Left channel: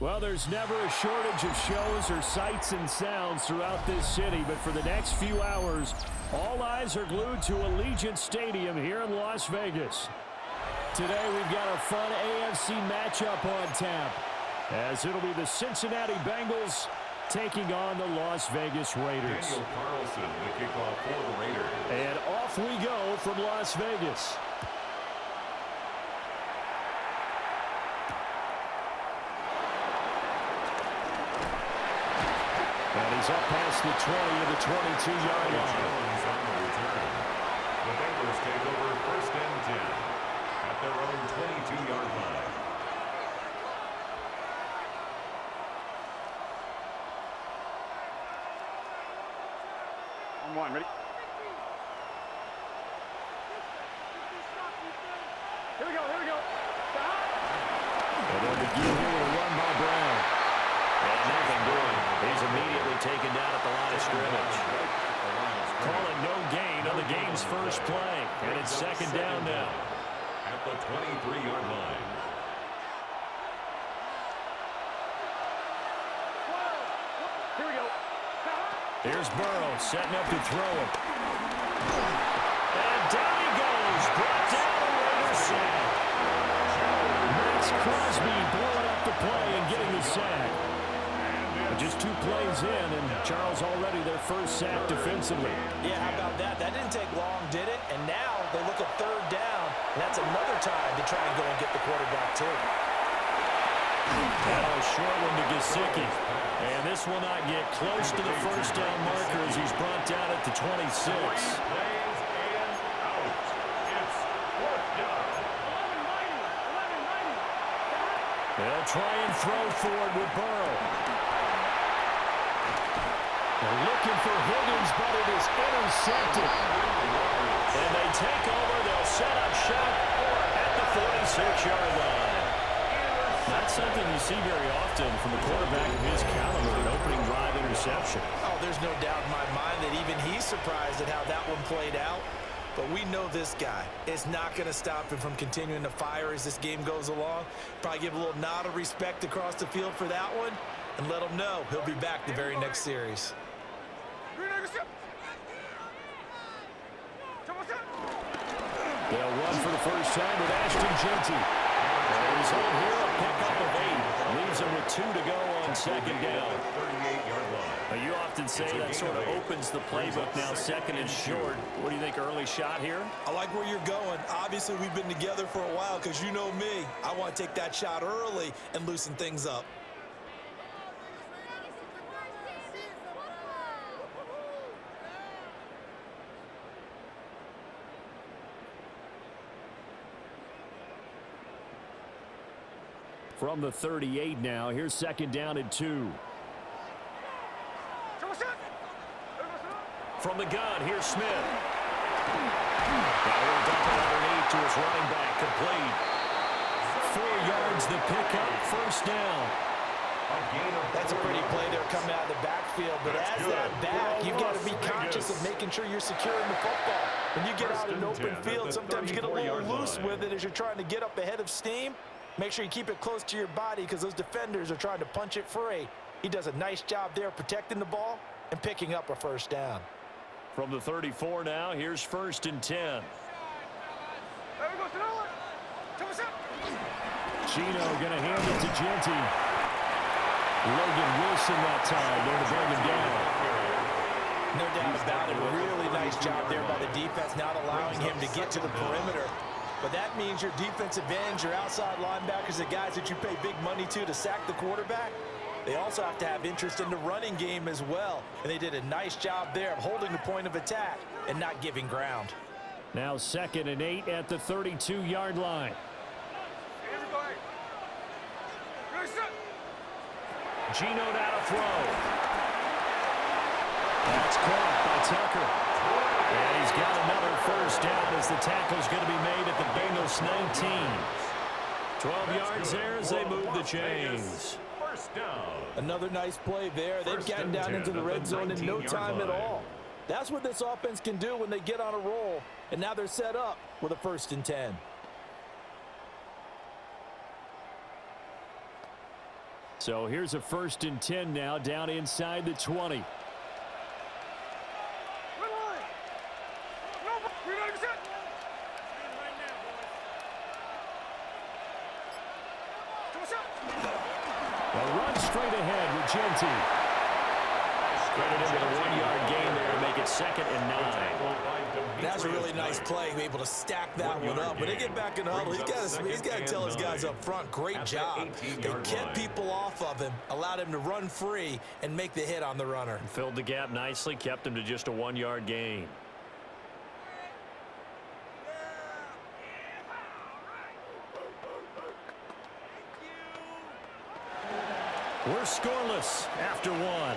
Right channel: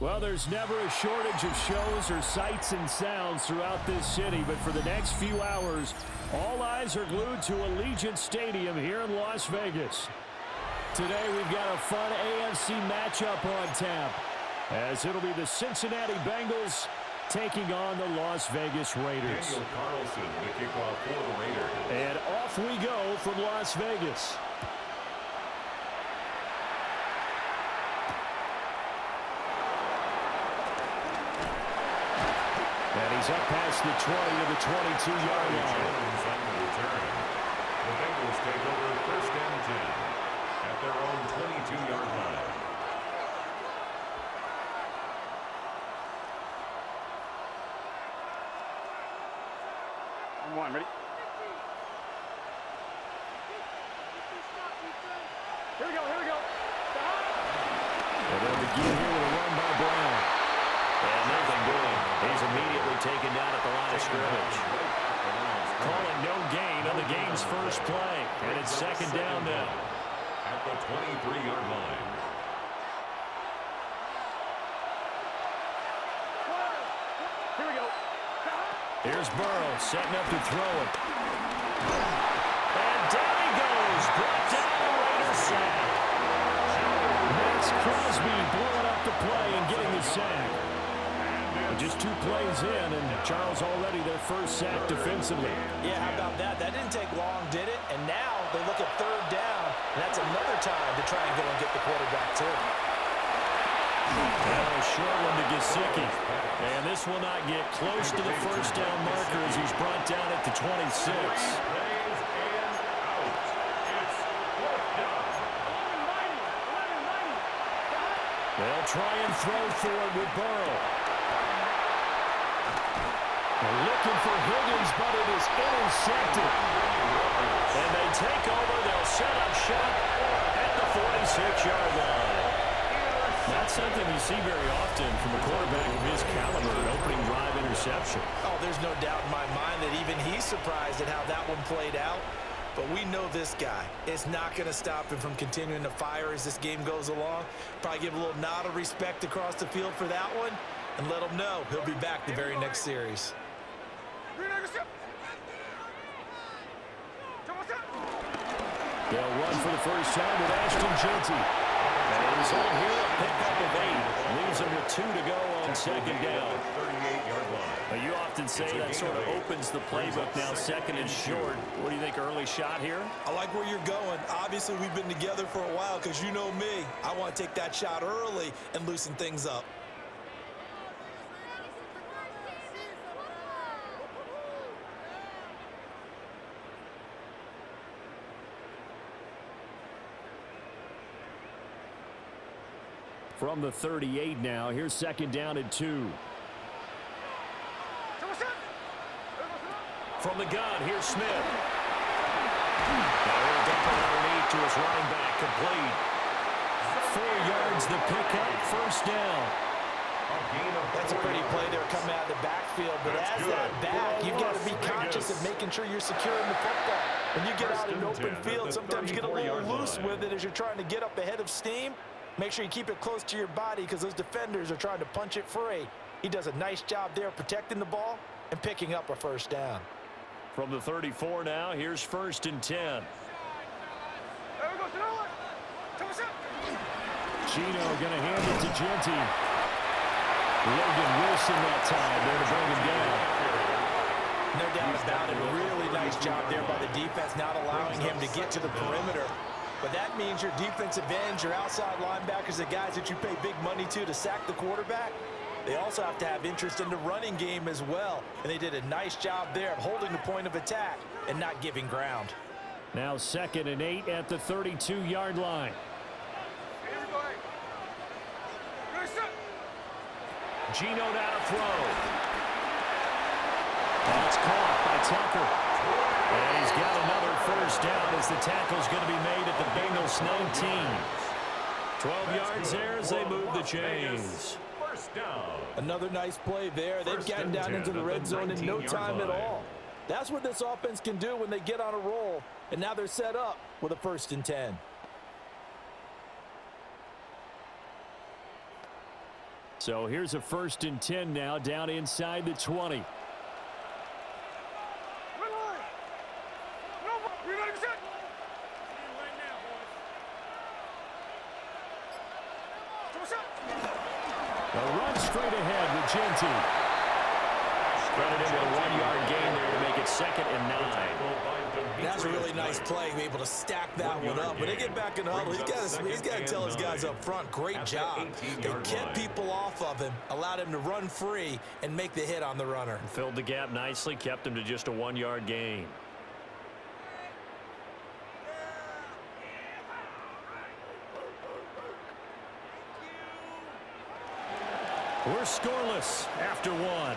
Well, there's never a shortage of shows or sights and sounds throughout this city, but for the next few hours, all eyes are glued to Allegiant Stadium here in Las Vegas. Today, we've got a fun AFC matchup on tap, as it'll be the Cincinnati Bengals taking on the Las Vegas Raiders. Daniel Carlson, the kickoff for the Raiders. And off we go from Las Vegas. And he's up past the 20 to the 22-yard line. On the return. The Bengals take over first and 10 at their own 22-yard line. On one, ready? Here we go, here we go. And they'll begin here with a run by Brown. And nothing doing. He's immediately taken down at the line of scrimmage. Call it no gain on the game's first play. And it's second down now. At the 23-yard line. Here we go. Here's Burrow setting up to throw it. And down he goes. Brought down a Raider sack. Max Crosby blowing up the play and getting the sack. Just 2 plays in, and Charles already their first sack defensively. Yeah, how about that? That didn't take long, did it? And now they look at third down, and that's another time to try and go and get the quarterback, too. Now a short one to Gesicki. And this will not get close to the first down marker as he's brought down at the 26. Plays and out. It's fourth down. 11-90. They'll try and throw forward with Burrow. They're looking for Higgins, but it is intercepted. And they take over. They'll set up shop at the 46-yard line. Not something you see very often from a quarterback of his caliber, an opening drive interception. Oh, there's no doubt in my mind that even he's surprised at how that one played out. But we know this guy is not going to stop him from continuing to fire as this game goes along. Probably give a little nod of respect across the field for that one and let him know he'll be back the very next series. They'll run for the first time with Ashton Jeanty. And a result here, a pickup of 8. Leaves him with 2 to go on second down. 38-yard line. You often say that sort of opens the playbook now, second and short. What do you think, early shot here? I like where you're going. Obviously, we've been together for a while because you know me. I want to take that shot early and loosen things up. From the 38 now, here's second down and 2. From the gun, here's Smith. Now he'll dump it underneath to his running back, complete. 4 yards the pickup, first down. That's a pretty play there coming out of the backfield, but as that back, you've got to be conscious of making sure you're securing the football. When you get out in an open field, sometimes you get a little loose with it as you're trying to get up ahead of steam. Make sure you keep it close to your body because those defenders are trying to punch it free. He does a nice job there protecting the ball and picking up a first down. From the 34 now, here's first and 10. Chino going to hand it to Jeanty. Logan Wilson that time there to bring him down. No doubt about it. Really nice job there by the defense, not allowing him to get to the perimeter. But that means your defensive ends, your outside linebackers, the guys that you pay big money to sack the quarterback, they also have to have interest in the running game as well. And they did a nice job there of holding the point of attack and not giving ground. Now second and 8 at the 32-yard line. Geno now to throw. That's caught by Tucker. And he's got another first down as the tackle's going to be made at the Bengals 19. 12 yards there as they move the chains. First down. Another nice play there. They've gotten down into the red zone in no time at all. That's what this offense can do when they get on a roll. And now they're set up with a first and 10. So here's a 1st and 10 now, down inside the 20. A run straight ahead with Genty. Credited with a 1-yard gain there to make it 2nd and 9. That's a really nice play, able to stack that one up. When they get back in the huddle, he's got to tell his guys up front, great job. They kept people off of him, allowed him to run free and make the hit on the runner. Filled the gap nicely, kept him to just a 1-yard gain. We're scoreless after 1.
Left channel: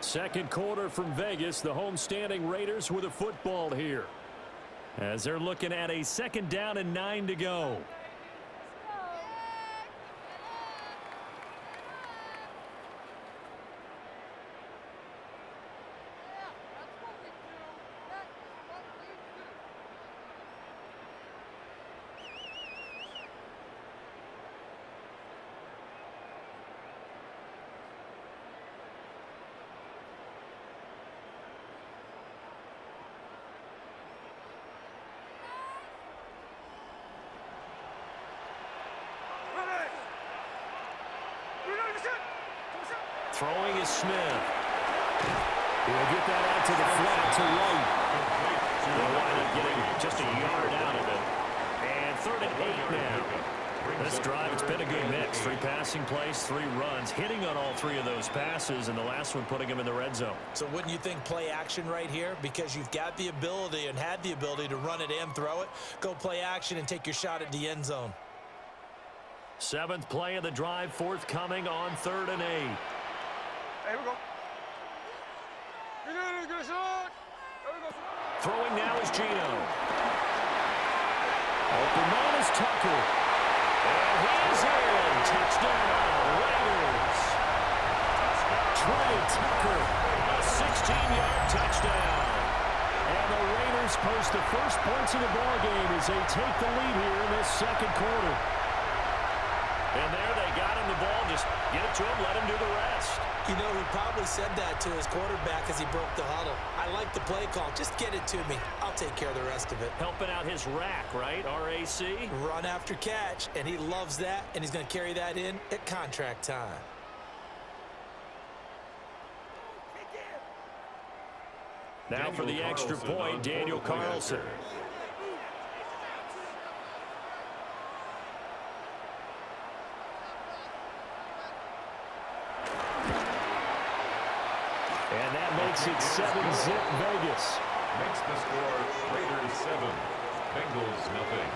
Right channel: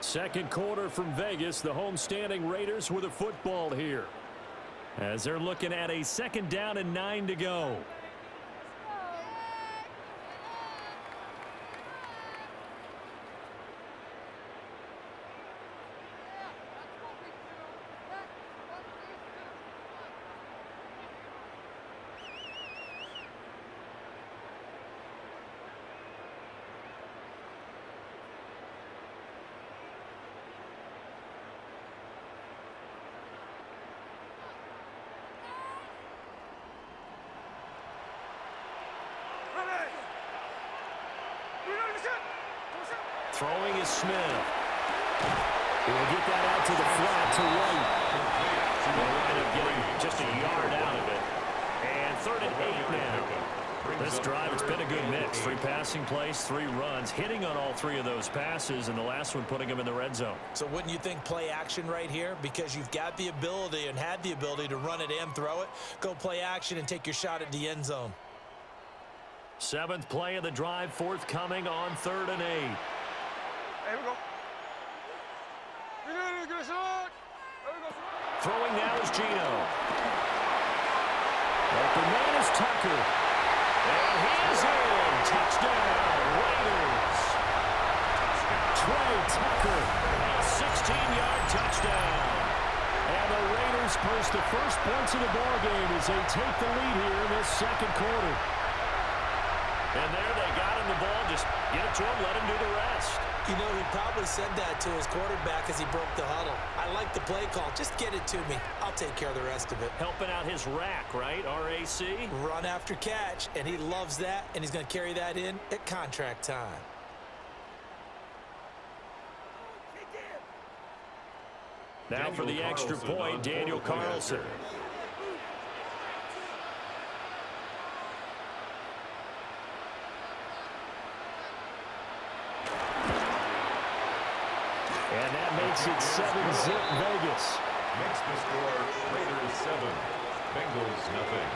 Second quarter from Vegas. The homestanding Raiders with a football here, as they're looking at a 2nd down and 9 to go. Throwing is Smith. He'll get that out to the flat to right. They'll wind up getting just a yard out of it. And 3rd and 8 now. This drive, it's been a good mix. 3 passing plays, 3 runs, hitting on all 3 of those passes, and the last one putting him in the red zone. So wouldn't you think play action right here? Because you've got the ability and had the ability to run it and throw it. Go play action and take your shot at the end zone. 7th play of the drive, forthcoming on 3rd and 8. Here we go. Throwing now is Gino. Open man is Tucker. And he is in. Touchdown, Raiders. Trey Tucker, a 16-yard touchdown. And the Raiders post the first points of the ballgame as they take the lead here in this 2nd quarter. And there they got him the ball. Just get it to him, let him do the rest. You know, he probably said that to his quarterback as he broke the huddle. I like the play call. Just get it to me. I'll take care of the rest of it. Helping out his rack, right? RAC? Run after catch, and he loves that, and he's going to carry that in at contract time. Now for the extra point, Daniel Carlson. And that makes it 7-zip Vegas. Makes the score Raiders 7, Bengals nothing.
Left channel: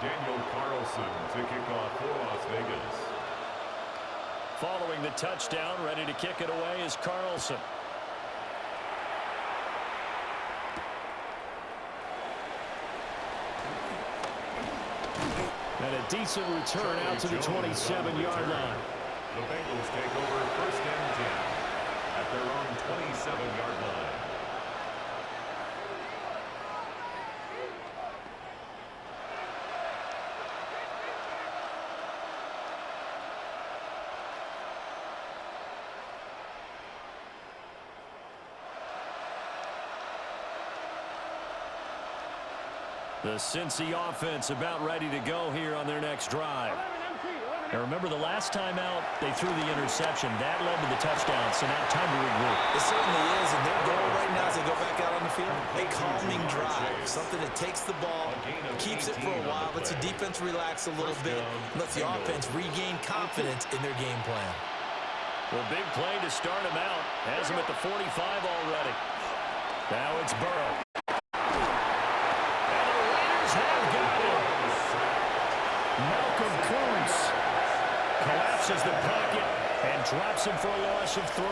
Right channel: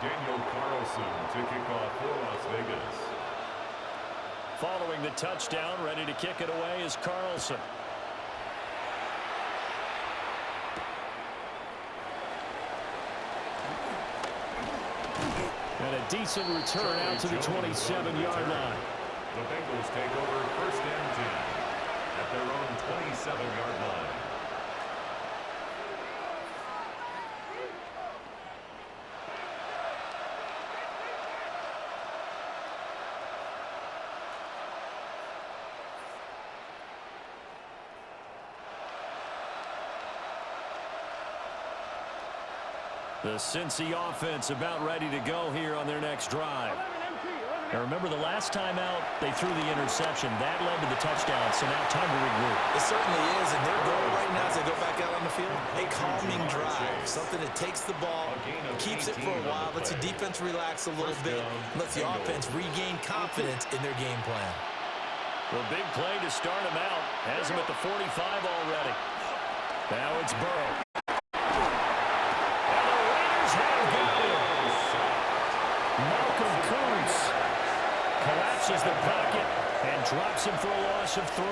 Daniel Carlson to kick off for Las Vegas. Following the touchdown, ready to kick it away is Carlson. And a decent return out to the 27-yard line. The Bengals take over 1st and 10 at their own 27-yard line. The Cincy offense about ready to go here on their next drive. Now remember, the last time out, they threw the interception. That led to the touchdown, so now time to regroup. It certainly is, and their goal right now as they go back out on the field, a calming drive. Something that takes the ball, keeps it for a while, lets the defense relax a little bit, lets the offense regain confidence in their game plan. The big play to start him out has him at the 45 already. Now it's Burrow. And the Raiders have got him. Malcolm Koonce collapses the pocket and drops him for a loss of 3.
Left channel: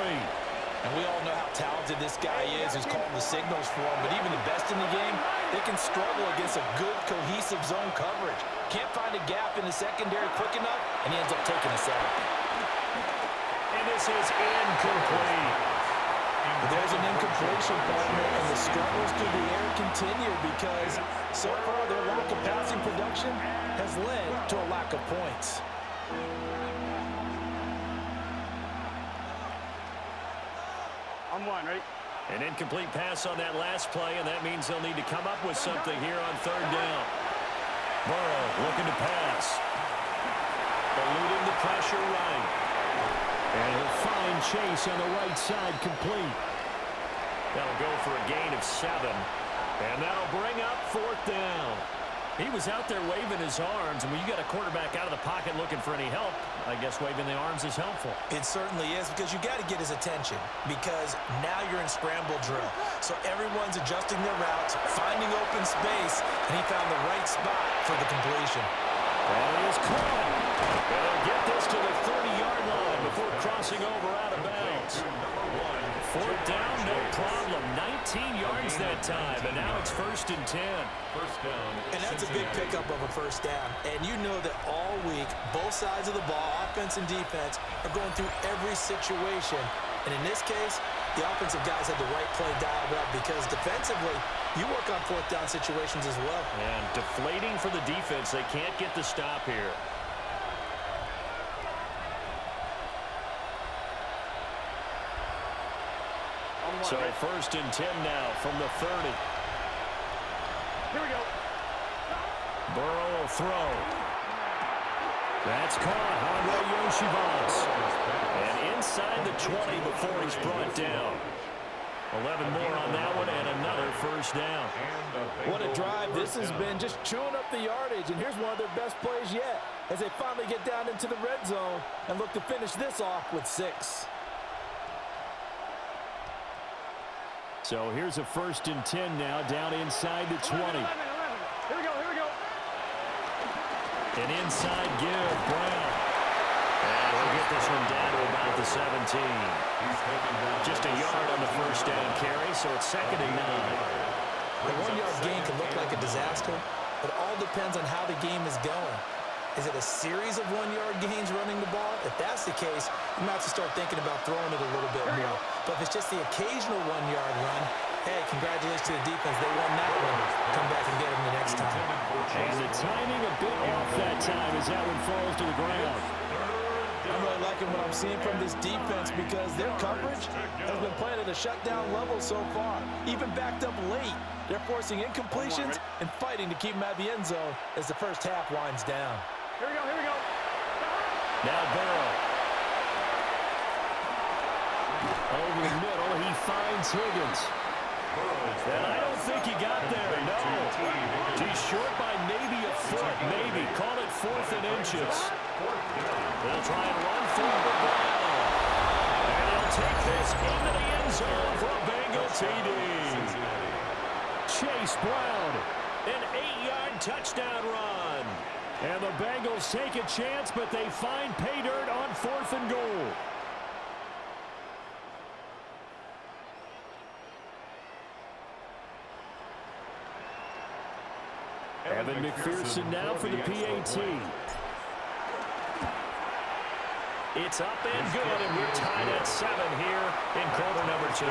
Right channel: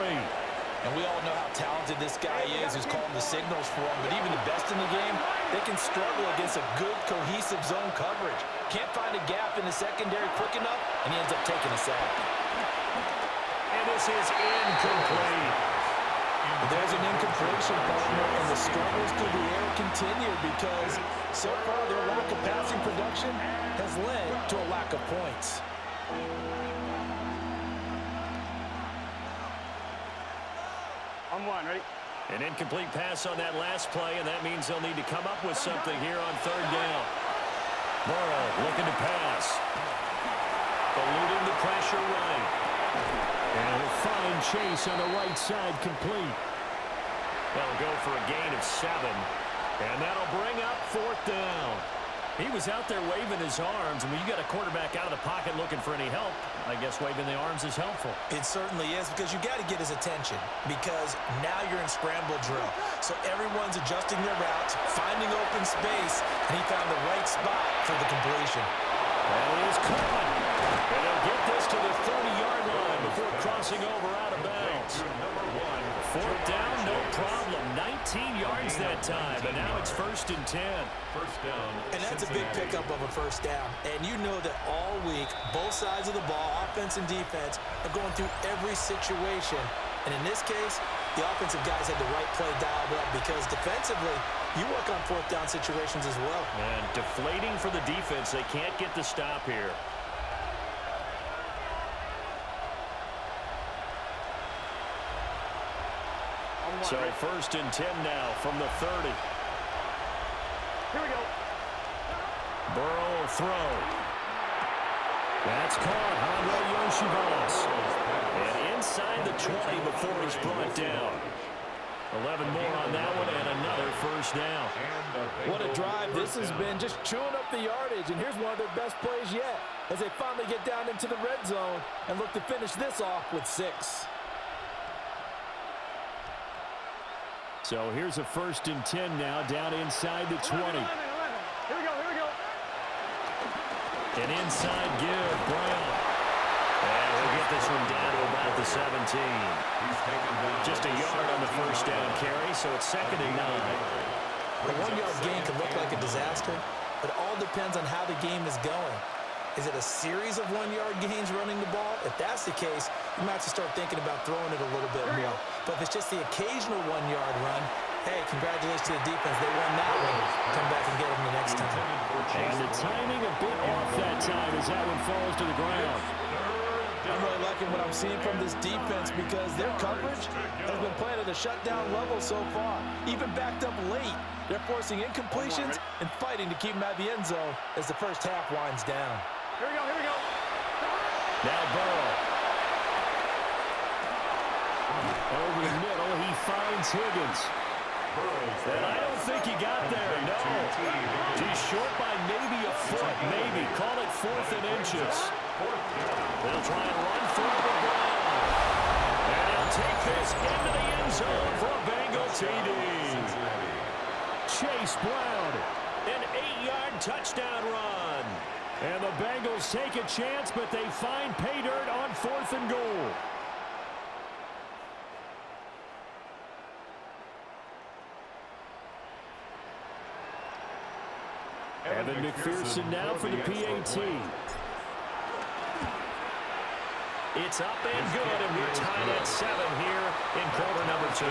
And we all know how talented this guy is, who's calling the signals for him. But even the best in the game, they can struggle against a good, cohesive zone coverage. Can't find a gap in the secondary quick enough, and he ends up taking a sack. And this is incomplete. But there's an incompletion, partner, and the struggles through the air continue because so far their lack of passing production has led to a lack of points. On one, ready? An incomplete pass on that last play, and that means they'll need to come up with something here on third down. Burrow looking to pass. Eluding the pressure right. And he'll find Chase on the right side complete. That'll go for a gain of 7. And that'll bring up fourth down. He was out there waving his arms, and when you got a quarterback out of the pocket looking for any help, I guess waving the arms is helpful. It certainly is, because you got to get his attention, because now you're in scramble drill. So everyone's adjusting their routes, finding open space, and he found the right spot for the completion. And he is caught. And he'll get this to the 30-yard line before crossing over out of bounds. Fourth down, no problem. 19 yards that time, and now it's 1st and 10. First down. And that's a big pickup of a first down. And you know that all week, both sides of the ball, offense and defense, are going through every situation. And in this case, the offensive guys had the right play dialed up because defensively, you work on fourth down situations as well. And deflating for the defense. They can't get the stop here. So 1st and 10 now from the 30. Here we go. Burrow will throw. That's caught. Andre Yoshivas. And inside the 20 before he's brought down. 11 more on that one and another first down. What a drive this has been, just chewing up the yardage. And here's one of their best plays yet as they finally get down into the red zone and look to finish this off with 6. So here's a 1st and 10 now down inside the 20. 11. Here we go, here we go. And inside give, Brown. And he'll get this one down to about the 17. Just a yard on the first down carry, so it's 2nd and 9. A 1-yard gain can look like a disaster, but it all depends on how the game is going. Is it a series of 1-yard gains running the ball? If that's the case, you might have to start thinking about throwing it a little bit more. But if it's just the occasional 1-yard run, hey, congratulations to the defense. They won that one. Come back and get them the next time. And the timing a bit off that time as that one falls to the ground. I'm really liking what I'm seeing from this defense because their coverage has been playing at a shutdown level so far. Even backed up late, they're forcing incompletions and fighting to keep them out of the end zone as the first half winds down. Here we go, here we go. Now Burrow. Over the middle, he finds Higgins. And I don't think he got there, no. He's short by maybe a foot, maybe. Call it 4th and inches. They'll try and run for the Brown. And he'll take this into the end zone for a Bengal TD. Chase Brown, an 8-yard touchdown run. And the Bengals take a chance, but they find pay dirt on 4th and goal. Evan McPherson now for the PAT. It's up and good, and we're tied at 7 here in quarter number 2.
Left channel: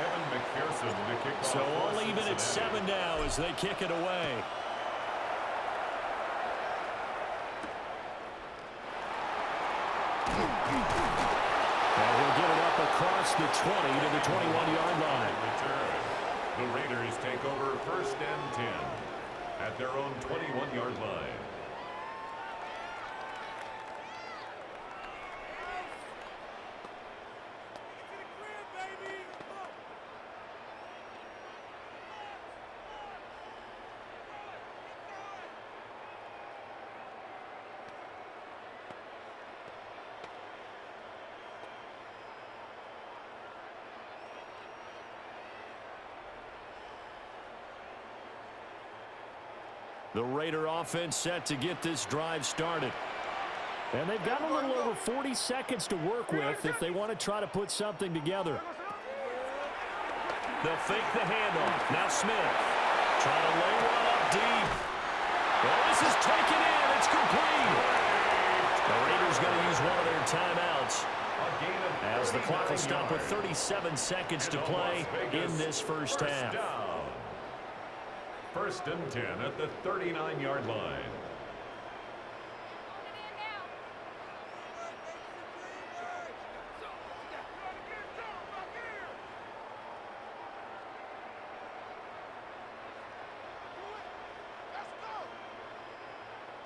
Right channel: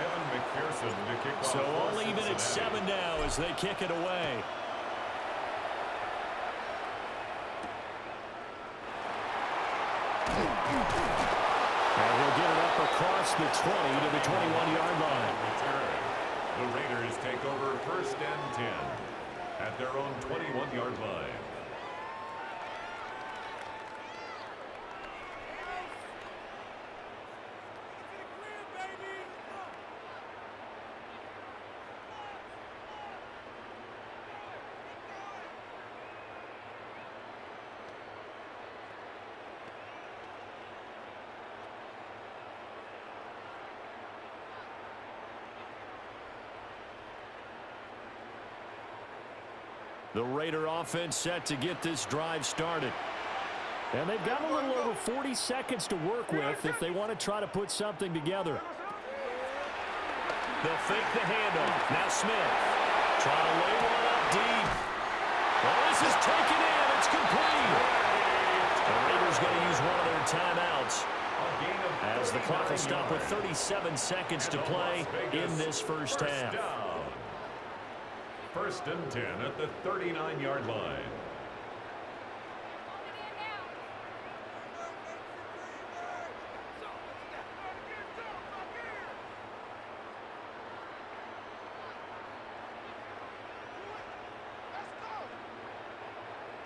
Evan McPherson to kick off. So all even at 7 now as they kick it away. And he'll get it up across the 20 to the 21-yard line. The Raiders take over 1st and 10 at their own 21-yard line. The Raider offense set to get this drive started. And they've got a little over 40 seconds to work with if they want to try to put something together. They'll fake the handoff. Now Smith trying to lay one up deep. Well, this is taken in. It's complete. The Raiders going to use one of their timeouts as the clock will stop with 37 seconds to play in this first half. First and 10 at the 39-yard line.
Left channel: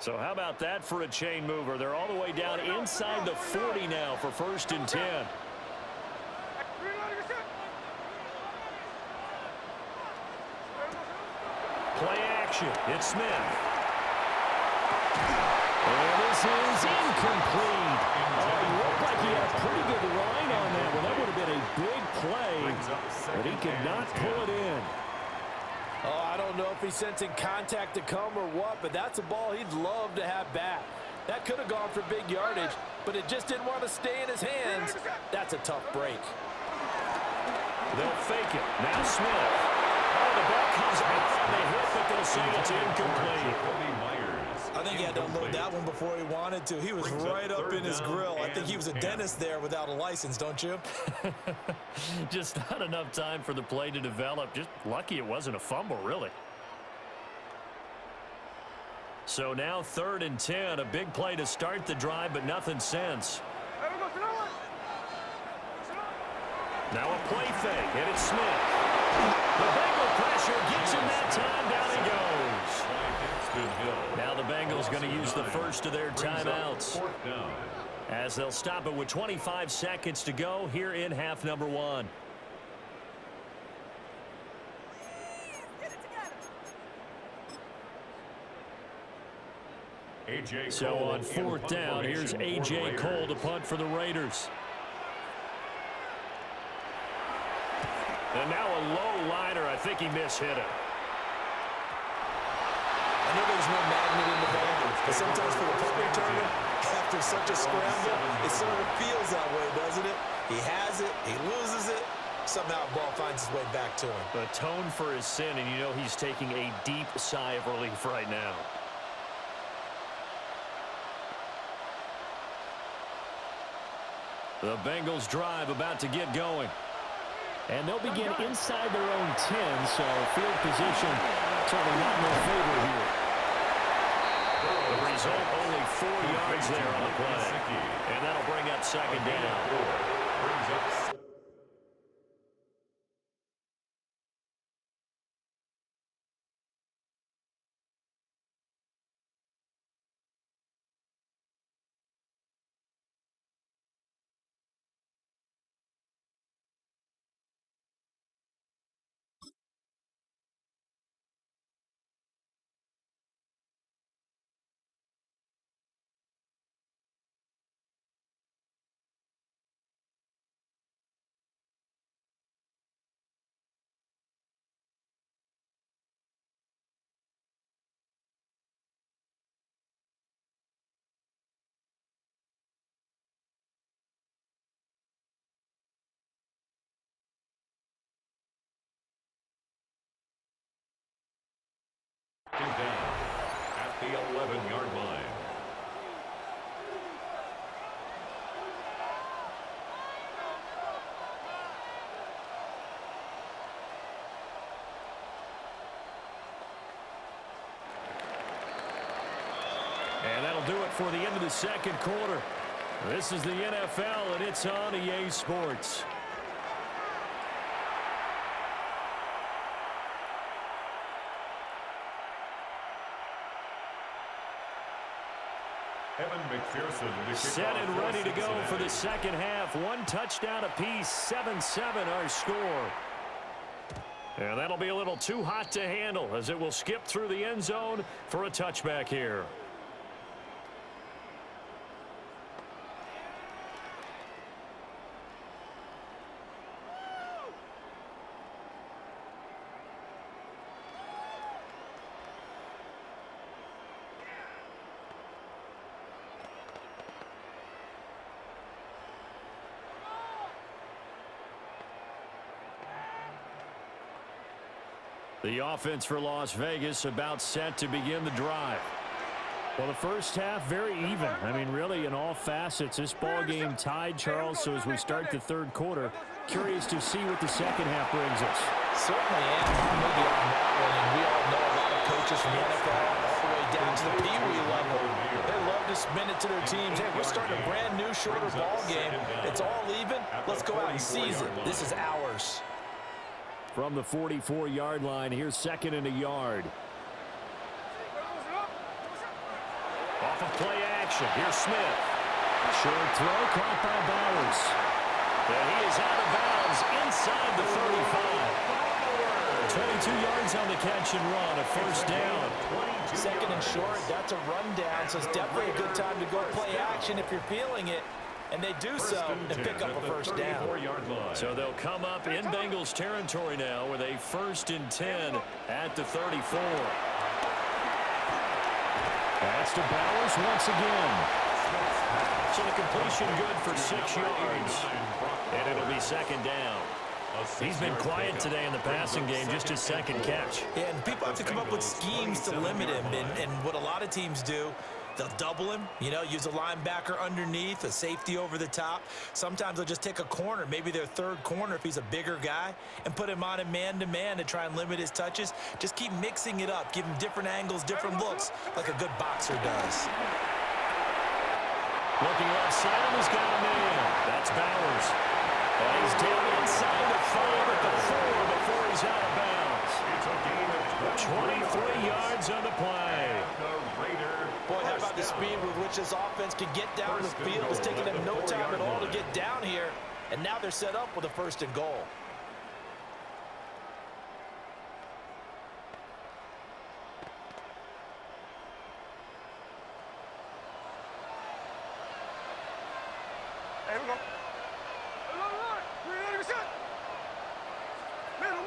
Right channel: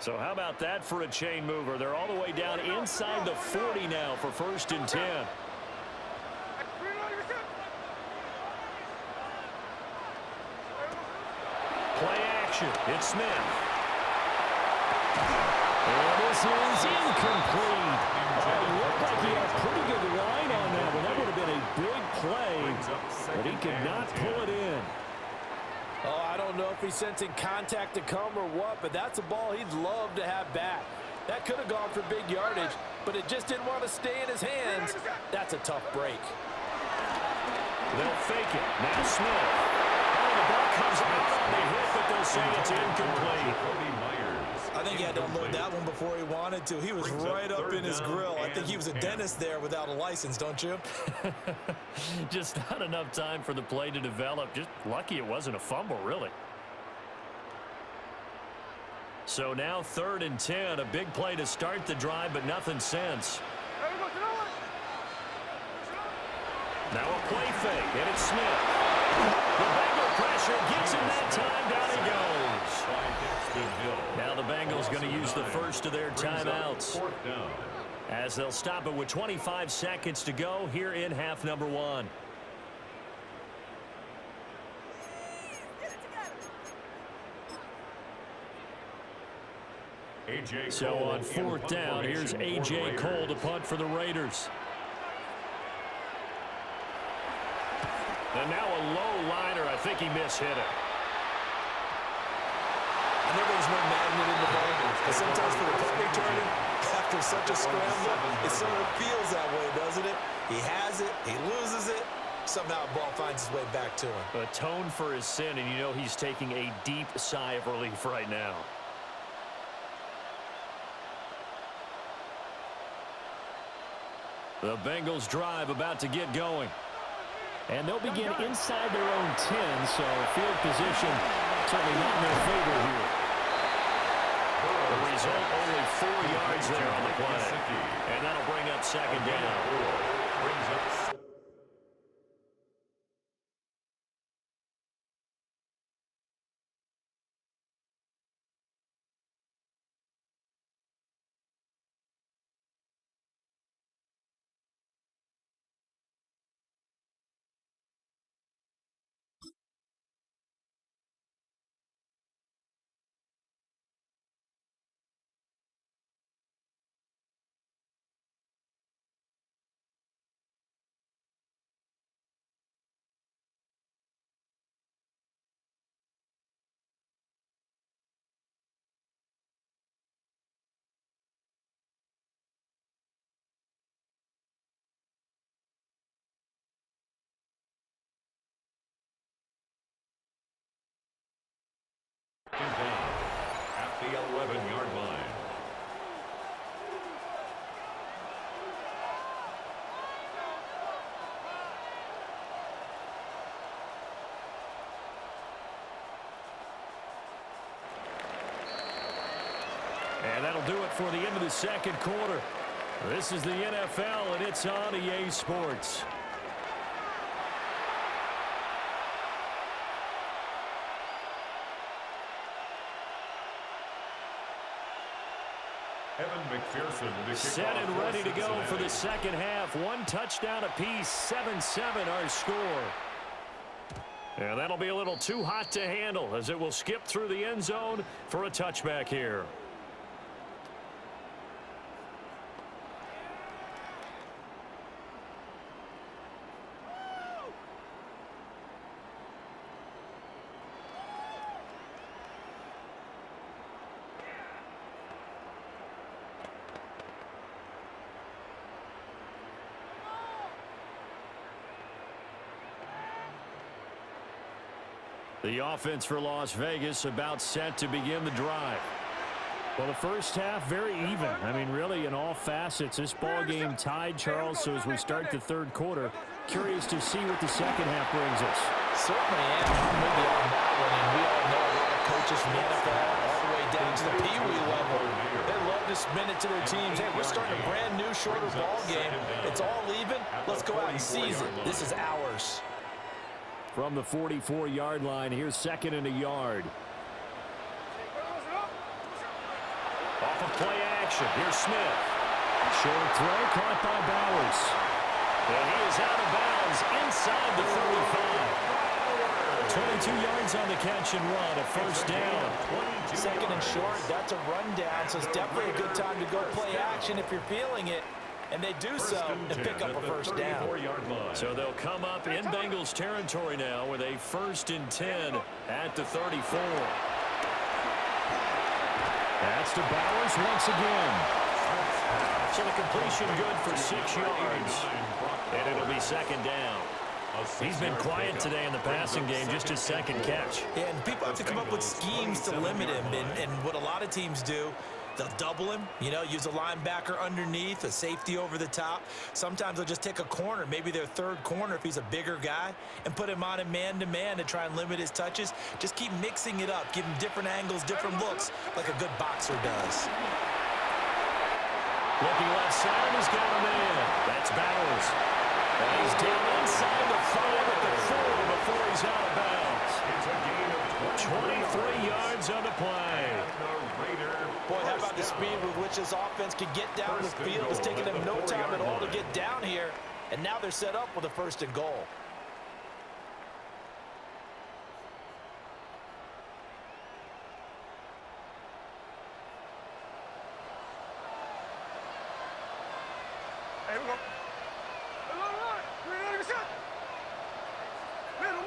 So how about that for a chain mover? They're all the way down inside the 40 now for first and 10. Play action. It's Smith. And this is incomplete. He looked like he had a pretty good line on that one. That would have been a big play, but he could not pull it in. Oh, I don't know if he's sensing contact to come or what, but that's a ball he'd love to have back. That could have gone for big yardage, but it just didn't want to stay in his hands. That's a tough break. They'll fake it. Now Smith. Oh, the ball comes out on the hit, but they'll say it's incomplete. I think he had to unload that one before he wanted to. He was right up in his grill. I think he was a dentist there without a license, don't you? Just not enough time for the play to develop. Just lucky it wasn't a fumble, really. So now 3rd and 10. A big play to start the drive, but nothing since. Now a play fake, and it's Smith. The Bengal pressure gets him that time. Down he goes. Now the Bengals going to use the first of their timeouts as they'll stop it with 25 seconds to go here in half number 1. So on 4th down, here's A.J. Cole to punt for the Raiders. And now a low liner. I think he mishit it. I know there's no magnet in the ball, but sometimes for the punt returner, after such a scramble, it sort of feels that way, doesn't it? He has it, he loses it, somehow the ball finds its way back to him. Atone for his sin, and you know he's taking a deep sigh of relief right now. The Bengals drive about to get going. And they'll begin inside their own 10, so field position certainly not in their favor here. The result, only 4 yards there on the play. And that'll bring up 2nd down. Down at the 11-yard line. And that'll do it for the end of the 2nd quarter. This is the NFL, and it's on EA Sports. Evan McPherson to set and ready to go for the 2nd half. 1 touchdown apiece, 7-7 our score. And that'll be a little too hot to handle as it will skip through the end zone for a touchback here. The offense for Las Vegas about set to begin the drive. Well, the first half, very even. I mean, really, in all facets, this ball game tied, Charles. So as we start the third quarter, curious to see what the second half brings us. Certainly am. I'm with you on that one. And we all know a lot of coaches from the NFL all the way down to the Pee-wee level. They love to spin it to their teams. Hey, we're starting a brand new, shorter ball game. It's all even. Let's go out and seize it. This is ours. From the 44-yard line, here's second and a yard. Off of play action, here's Smith. Short throw caught by Bowers. And he is out of bounds inside the 35. 22 yards on the catch and run, a first down. Second and short, that's a rundown, so it's definitely a good time to go play action if you're feeling it. And they do so and pick up a first down. So they'll come up in Bengals territory now with a 1st and 10 at the 34. That's to Bowers once again. So the completion good for 6 yards. And it'll be second down. He's been quiet today in the passing game, just his second catch. Yeah, and people have to come up with schemes to limit him. And what a lot of teams do, they'll double him, you know, use a linebacker underneath, a safety over the top. Sometimes they'll just take a corner, maybe their third corner if he's a bigger guy, and put him on a man-to-man to try and limit his touches. Just keep mixing it up, give him different angles, different looks, like a good boxer does. Looking left side, and he's got a man. That's Bowers. And he's down inside the 5 at the 4 before he's out of bounds. It's a gain of 23 yards on the play. Boy, how about the speed with which this offense can get down the field? It's taking them no time at all to get down here. And now they're set up with a 1st and goal. Here we go. Middle.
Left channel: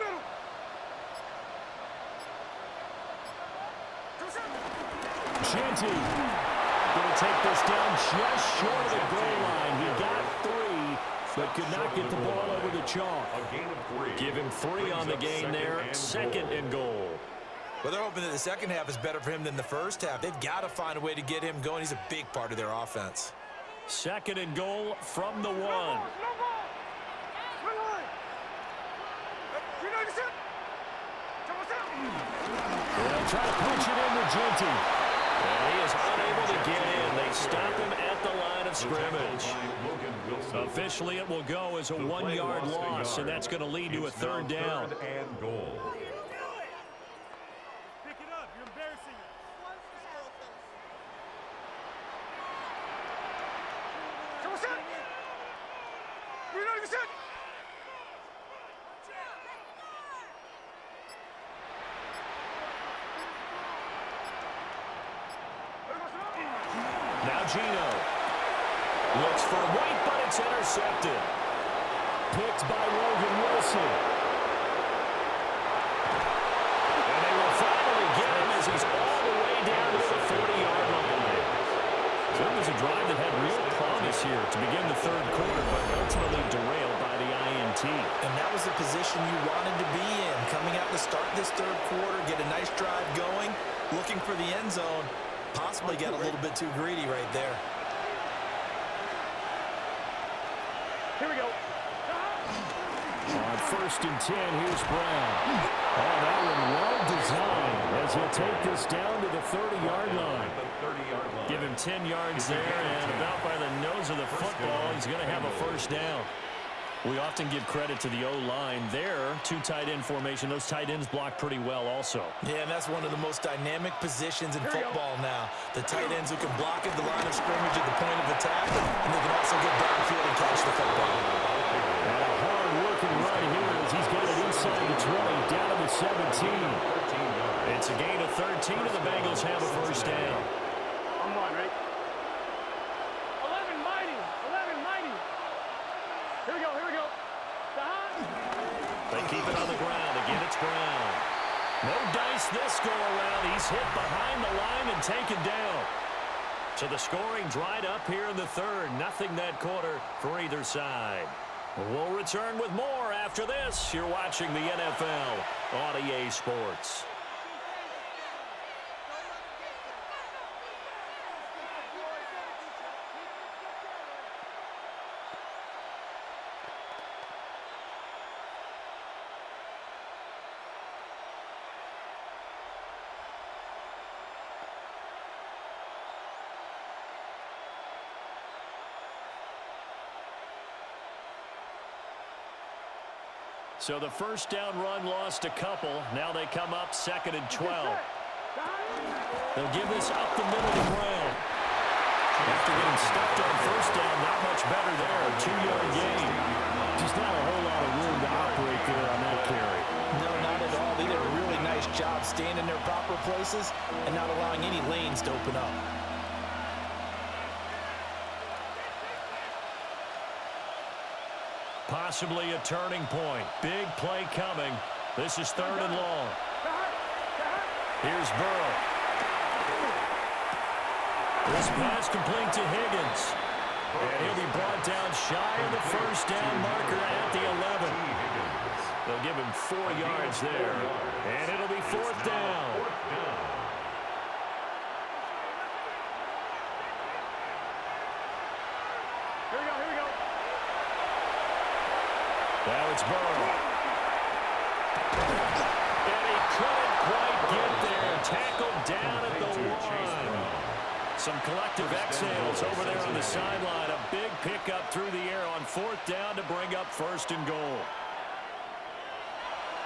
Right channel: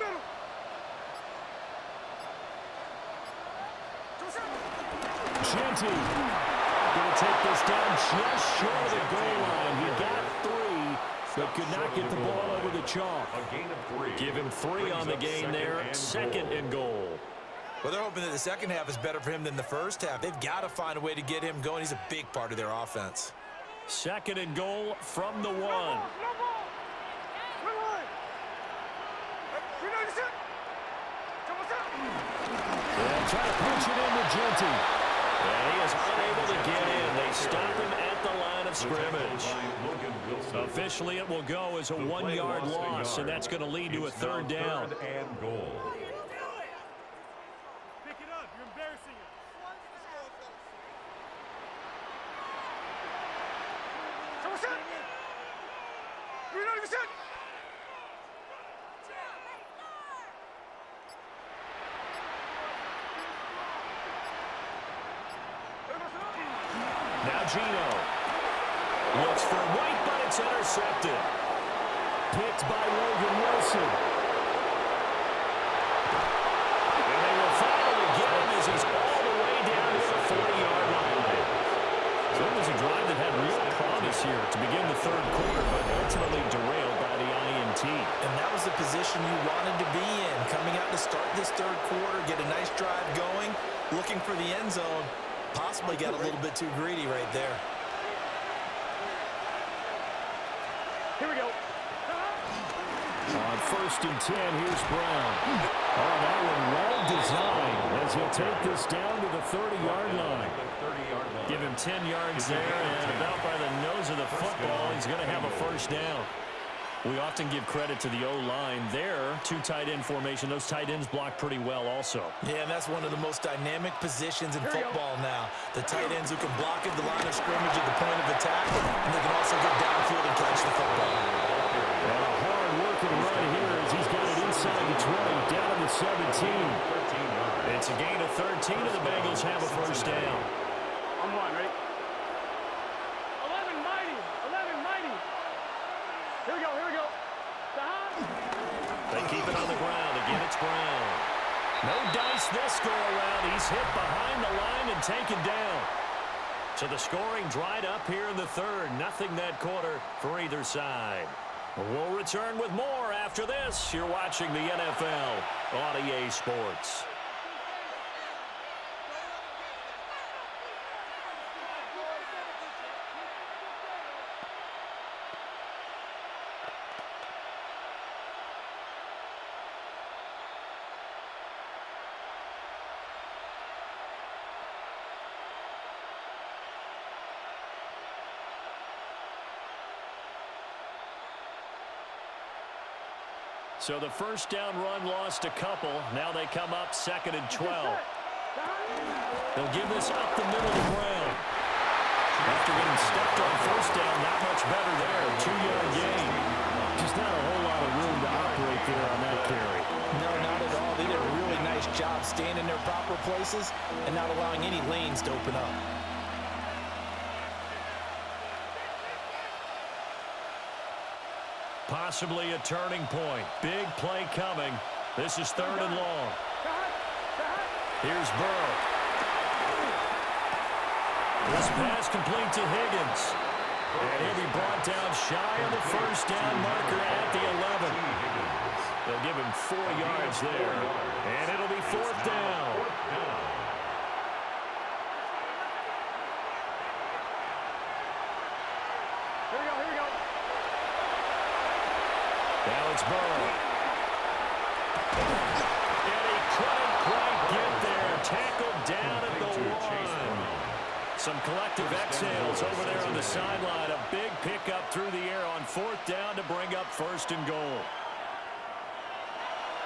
Genty going to take this down just short of the goal line. He got 3, but could not get the ball over the chalk. A gain of 3. Give him 3 on the gain there. 2nd and goal. Well, they're hoping that the second half is better for him than the first half. They've got to find a way to get him going. He's a big part of their offense. 2nd and goal from the 1. No ball. They'll try to punch it in with Genty. And he is unable to get in. They stop him at the line of scrimmage. Officially, it will go as a 1-yard loss, and that's going to lead to a 3rd down. 3rd and goal. Pick it up. You're embarrassing us. Now Gino looks for White, but it's intercepted. Picked by Logan Wilson. And they will finally get him as he's all the way down to the 40-yard line. So it was a drive that had real promise here to begin the 3rd quarter, but ultimately derailed by the INT. And that was the position you wanted to be in. Coming out to start this 3rd quarter, get a nice drive going, looking for the end zone. Possibly got a little bit too greedy right there. Here we go. On 1st and 10, here's Brown. Oh, that one well designed as he'll take this down to the 30-yard line. Give him 10 yards there, and about by the nose of the football, he's going to have a 1st down. We often give credit to the O-line there. 2 tight end formation. Those tight ends block pretty well also. Yeah, and that's one of the most dynamic positions in football now. The tight ends who can block at the line of scrimmage at the point of attack, and they can also get downfield and catch the football. And a hard-working run here as he's got it inside the 20, down to the 17. It's a gain of 13, and the Bengals have a 1st down. I'm 1, ready? 11 mighty. Here we go. They keep it on the ground. Again, it's Brown. No dice this go-around. He's hit behind the line and taken down. So the scoring dried up here in the 3rd. Nothing that quarter for either side. We'll return with more after this. You're watching the NFL on EA Sports. So the first down run lost a couple. Now they come up 2nd and 12. They'll give this up the middle to Brown. After getting stuffed on first down, not much better there. 2-yard gain. Just not a whole lot of room to operate there on that carry. No, not at all. They did a really nice job staying in their proper places and not allowing any lanes to open up. Possibly a turning point. Big play coming. This is 3rd and long. Here's Burrow. This pass complete to Higgins. And he'll be brought down shy of the first down marker at the 11. They'll give him 4 yards there. And it'll be 4th down. Here we go, here we go. Now it's Burrow. And he couldn't quite get there. Tackled down at the 1. Some collective exhales over there on the sideline. A big pickup through the air on 4th down to bring up 1st and goal.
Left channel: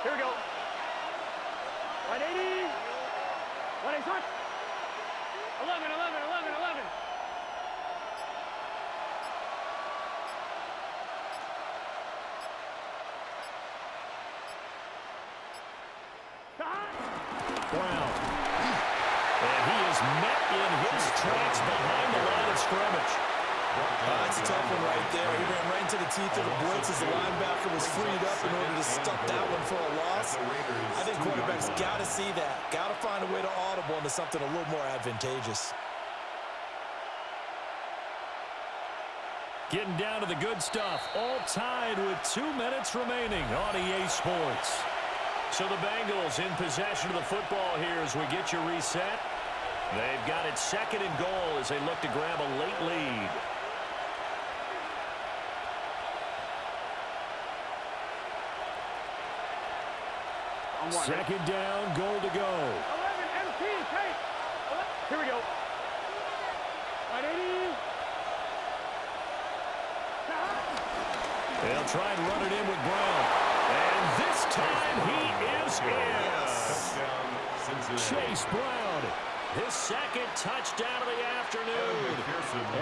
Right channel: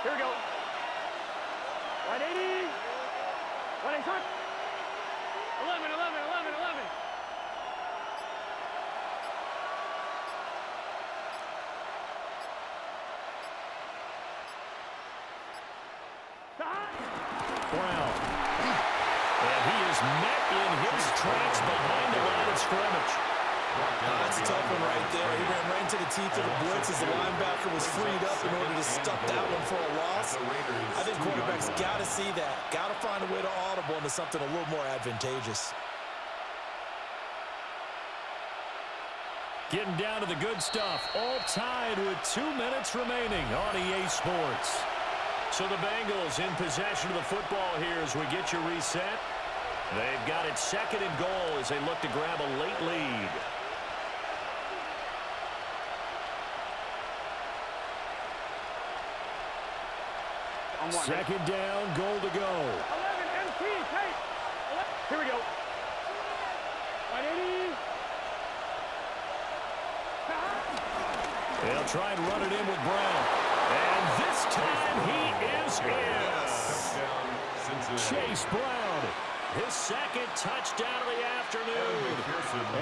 Here we go. 180. 180, touch. 11, 11, 11, 11. Brown. And he is met in his tracks behind the line of scrimmage. That's a tough one right there. He ran right into the teeth of the blitz as the linebacker was freed up in order to stop that one for a loss. I think quarterbacks got to see that. Got to find a way to audible into something a little more advantageous. Getting down to the good stuff. All tied with 2 minutes remaining on EA Sports. So the Bengals in possession of the football here as we get you reset. They've got it 2nd and goal as they look to grab a late lead. On 1. 2nd down, goal to go. 11, MT, tape. Here we go. 180. They'll try and run it in with Brown. And this time he is in. Chase Brown, his 2nd touchdown of the afternoon.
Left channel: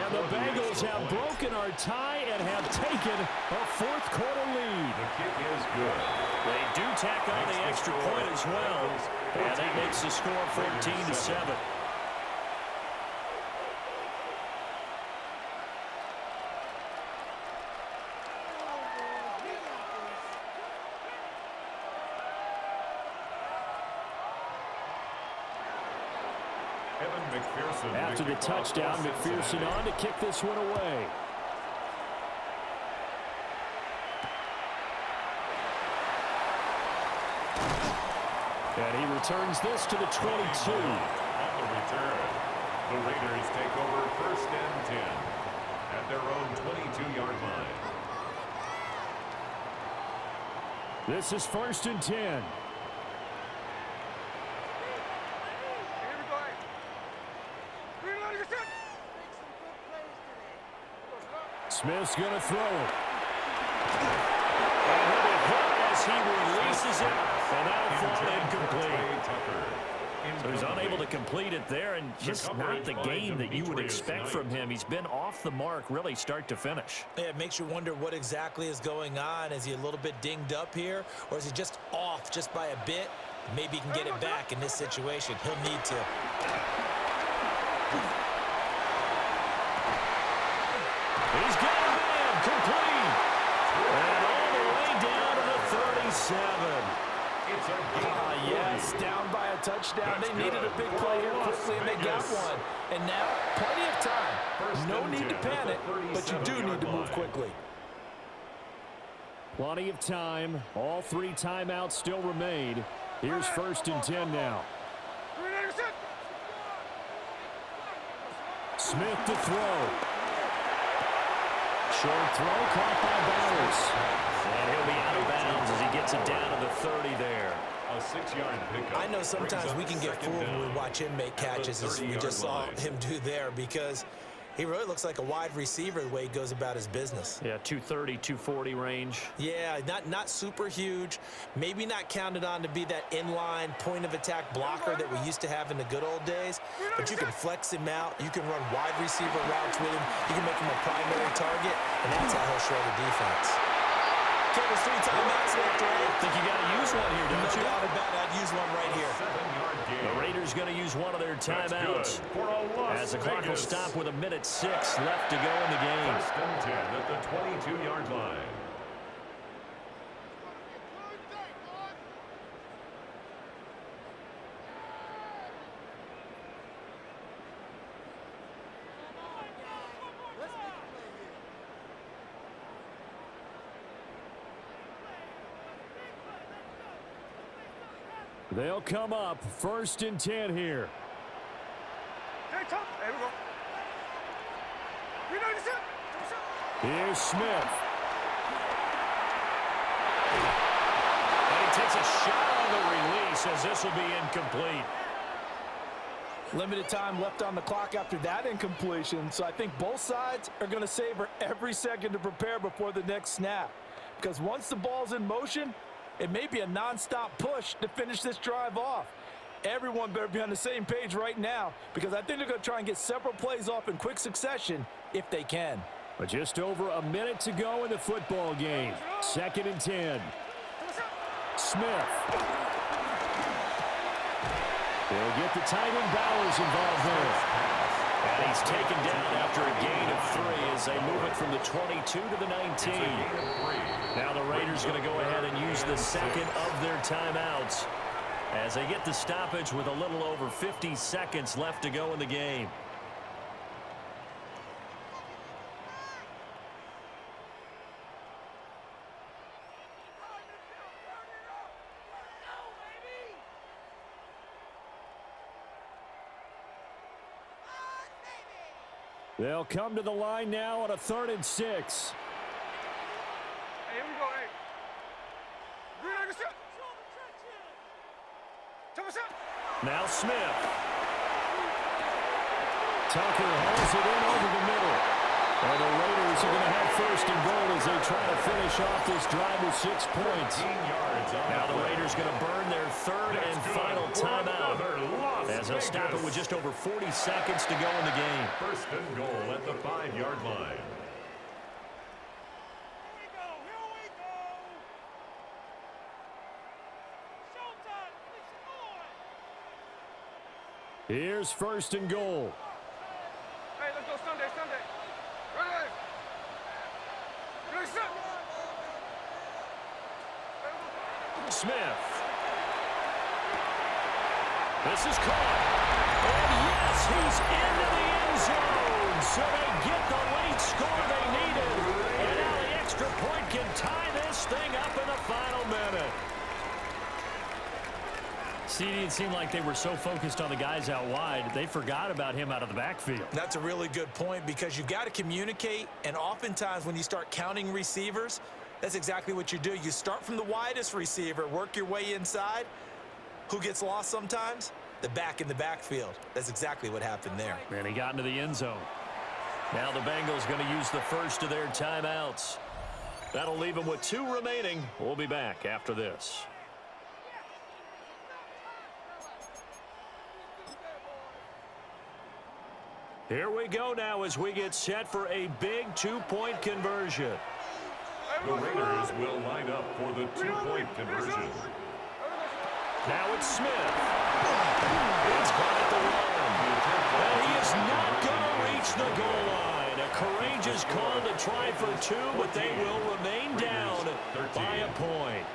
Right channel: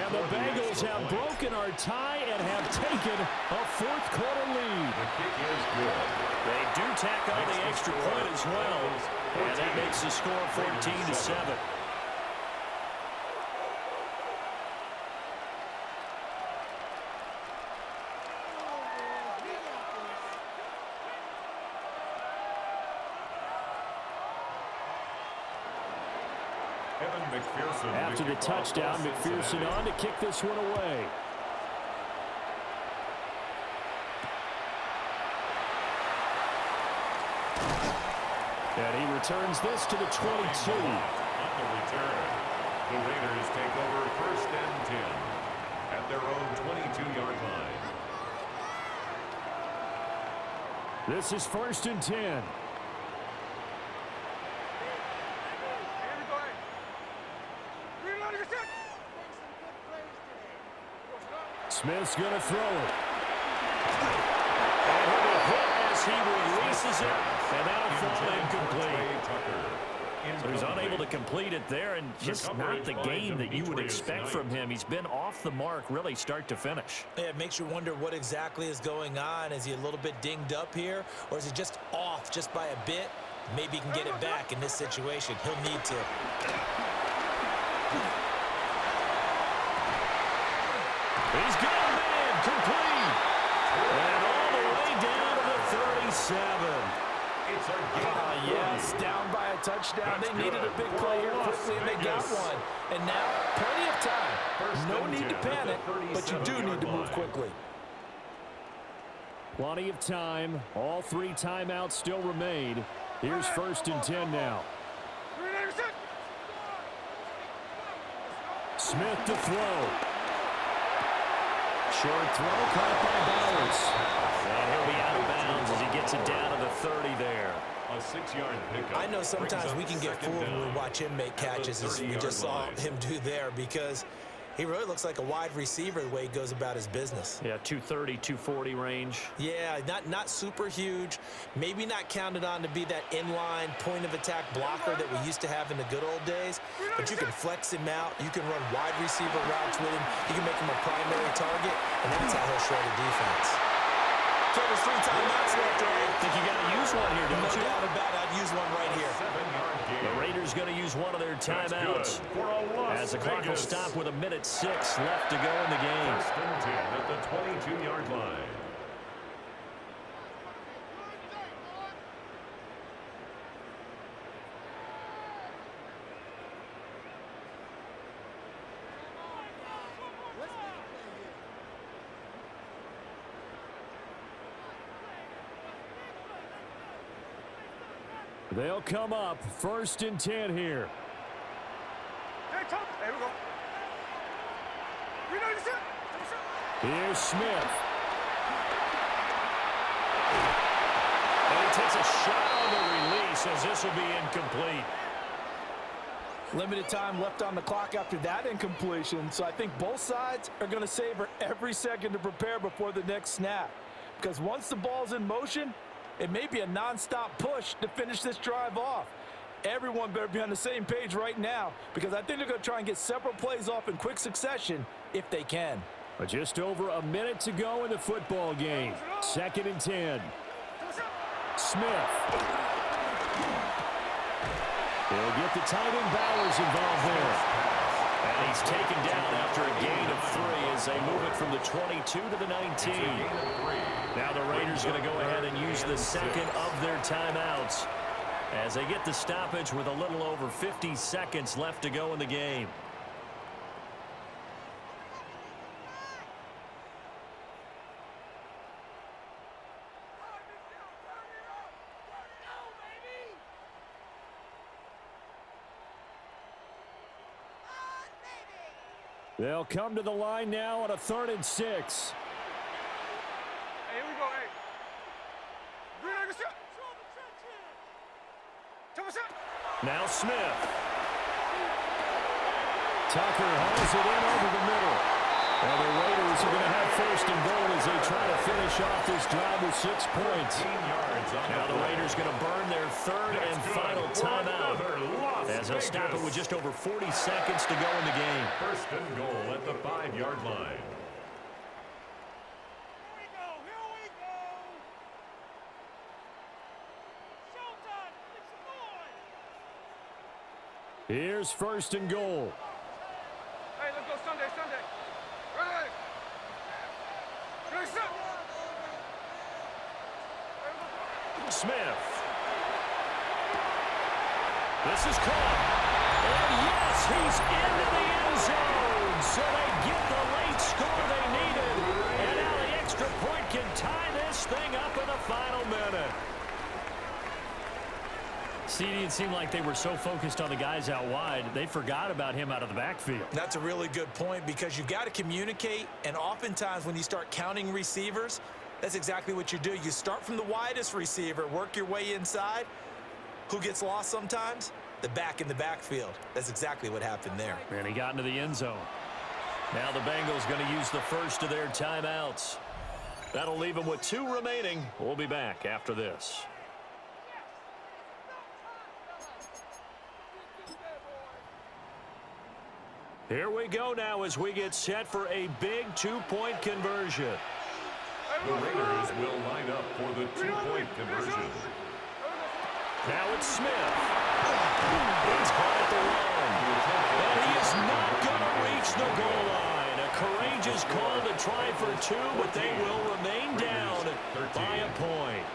And the Bengals have broken our tie and have taken a 4th quarter lead. The kick is good. They do tack on the extra point as well. And that makes the score 14-7. After the touchdown, McPherson on to kick this one away. And he returns this to the 22. On the return, the Raiders take over 1st and 10 at their own 22-yard line. This is 1st and 10. Smith's going to throw it. And he'll be hit as he releases it, and that'll fall incomplete. So he's unable to complete it there, and just not the game that you would expect from him. He's been off the mark really start to finish. Yeah, it makes you wonder what exactly is going on. Is he a little bit dinged up here, or is he just off just by a bit? Maybe he can get it back in this situation. He'll need to. He's got a man complete. And all the way down to the 37. Yes, down by a touchdown. They needed a big play here quickly, and they got one. And now, plenty of time. No need to panic, but you do need to move quickly. Plenty of time. All 3 timeouts still remain. Here's 1st and 10 now. Smith to throw. Short throw caught by Bowers. And he'll be out of bounds as he gets it down to the 30 there. A 6-yard pickup. I know sometimes we can get fooled when we watch him make catches, as we just saw him do there, because he really looks like a wide receiver the way he goes about his business. Yeah, 230, 240 range. Yeah, not super huge. Maybe not counted on to be that inline point-of-attack blocker that we used to have in the good old days. But you can flex him out. You can run wide receiver routes with him. You can make him a primary target, and that's how he'll shred a defense. Okay, there's 3 timeouts left, right? I think you got to use one here, don't you? No doubt about it. I'd use one right here. 7-yard gain. The Raiders going to use one of their timeouts as the clock will stop with 1:06 left to go in the game. 1st and 10 at the 22-yard line. They'll come up 1st and 10 here. Hey, we go. Here's Smith. And he takes a shot on the release as this will be incomplete. Limited time left on the clock after that incompletion, so I think both sides are going to savor every second to prepare before the next snap. Because once the ball's in motion, it may be a nonstop push to finish this drive off. Everyone better be on the same page right now, because I think they're going to try and get several plays off in quick succession if they can. But just over a minute to go in the football game. 2nd and 10. Smith. He'll get the tight end Bowers involved there. And he's taken down after a gain of 3 as they move it from the 22 to the 19. Now the Raiders going to go ahead and use the 2nd of their timeouts as they get the stoppage with a little over 50 seconds left to go in the game. They'll come to the line now on a 3rd and 6. Hey, here we go, hey. Now Smith. Tucker hauls it in over the middle. And the Raiders are going to have 1st and goal as they try to finish off this drive with 6 points. Now the Raiders going to burn their 3rd and final timeout as they'll stop it with just over 40 seconds to go in the game. 1st and goal at the 5-yard line. Here we go. Showtime. Here's 1st and goal. Hey, let's go Sunday. Ready? Smith. This is caught. And yes, he's into the end zone. So they get the late score they needed. And now the extra point can tie this thing up in the final minute. CD, it seemed like they were so focused on the guys out wide, they forgot about him out of the backfield. That's a really good point, because you've got to communicate, and oftentimes when you start counting receivers, that's exactly what you do. You start from the widest receiver, work your way inside. Who gets lost sometimes? The back in the backfield. That's exactly what happened there. And he got into the end zone. Now the Bengals going to use the 1st of their timeouts. That'll leave them with 2 remaining. We'll be back after this. Here we go now as we get set for a big 2-point conversion. The Raiders will line up for the 2-point conversion. Now it's Smith. It's caught at the 1. And he is not going to reach the goal line. A courageous call to try for 2, but they will remain down by a point.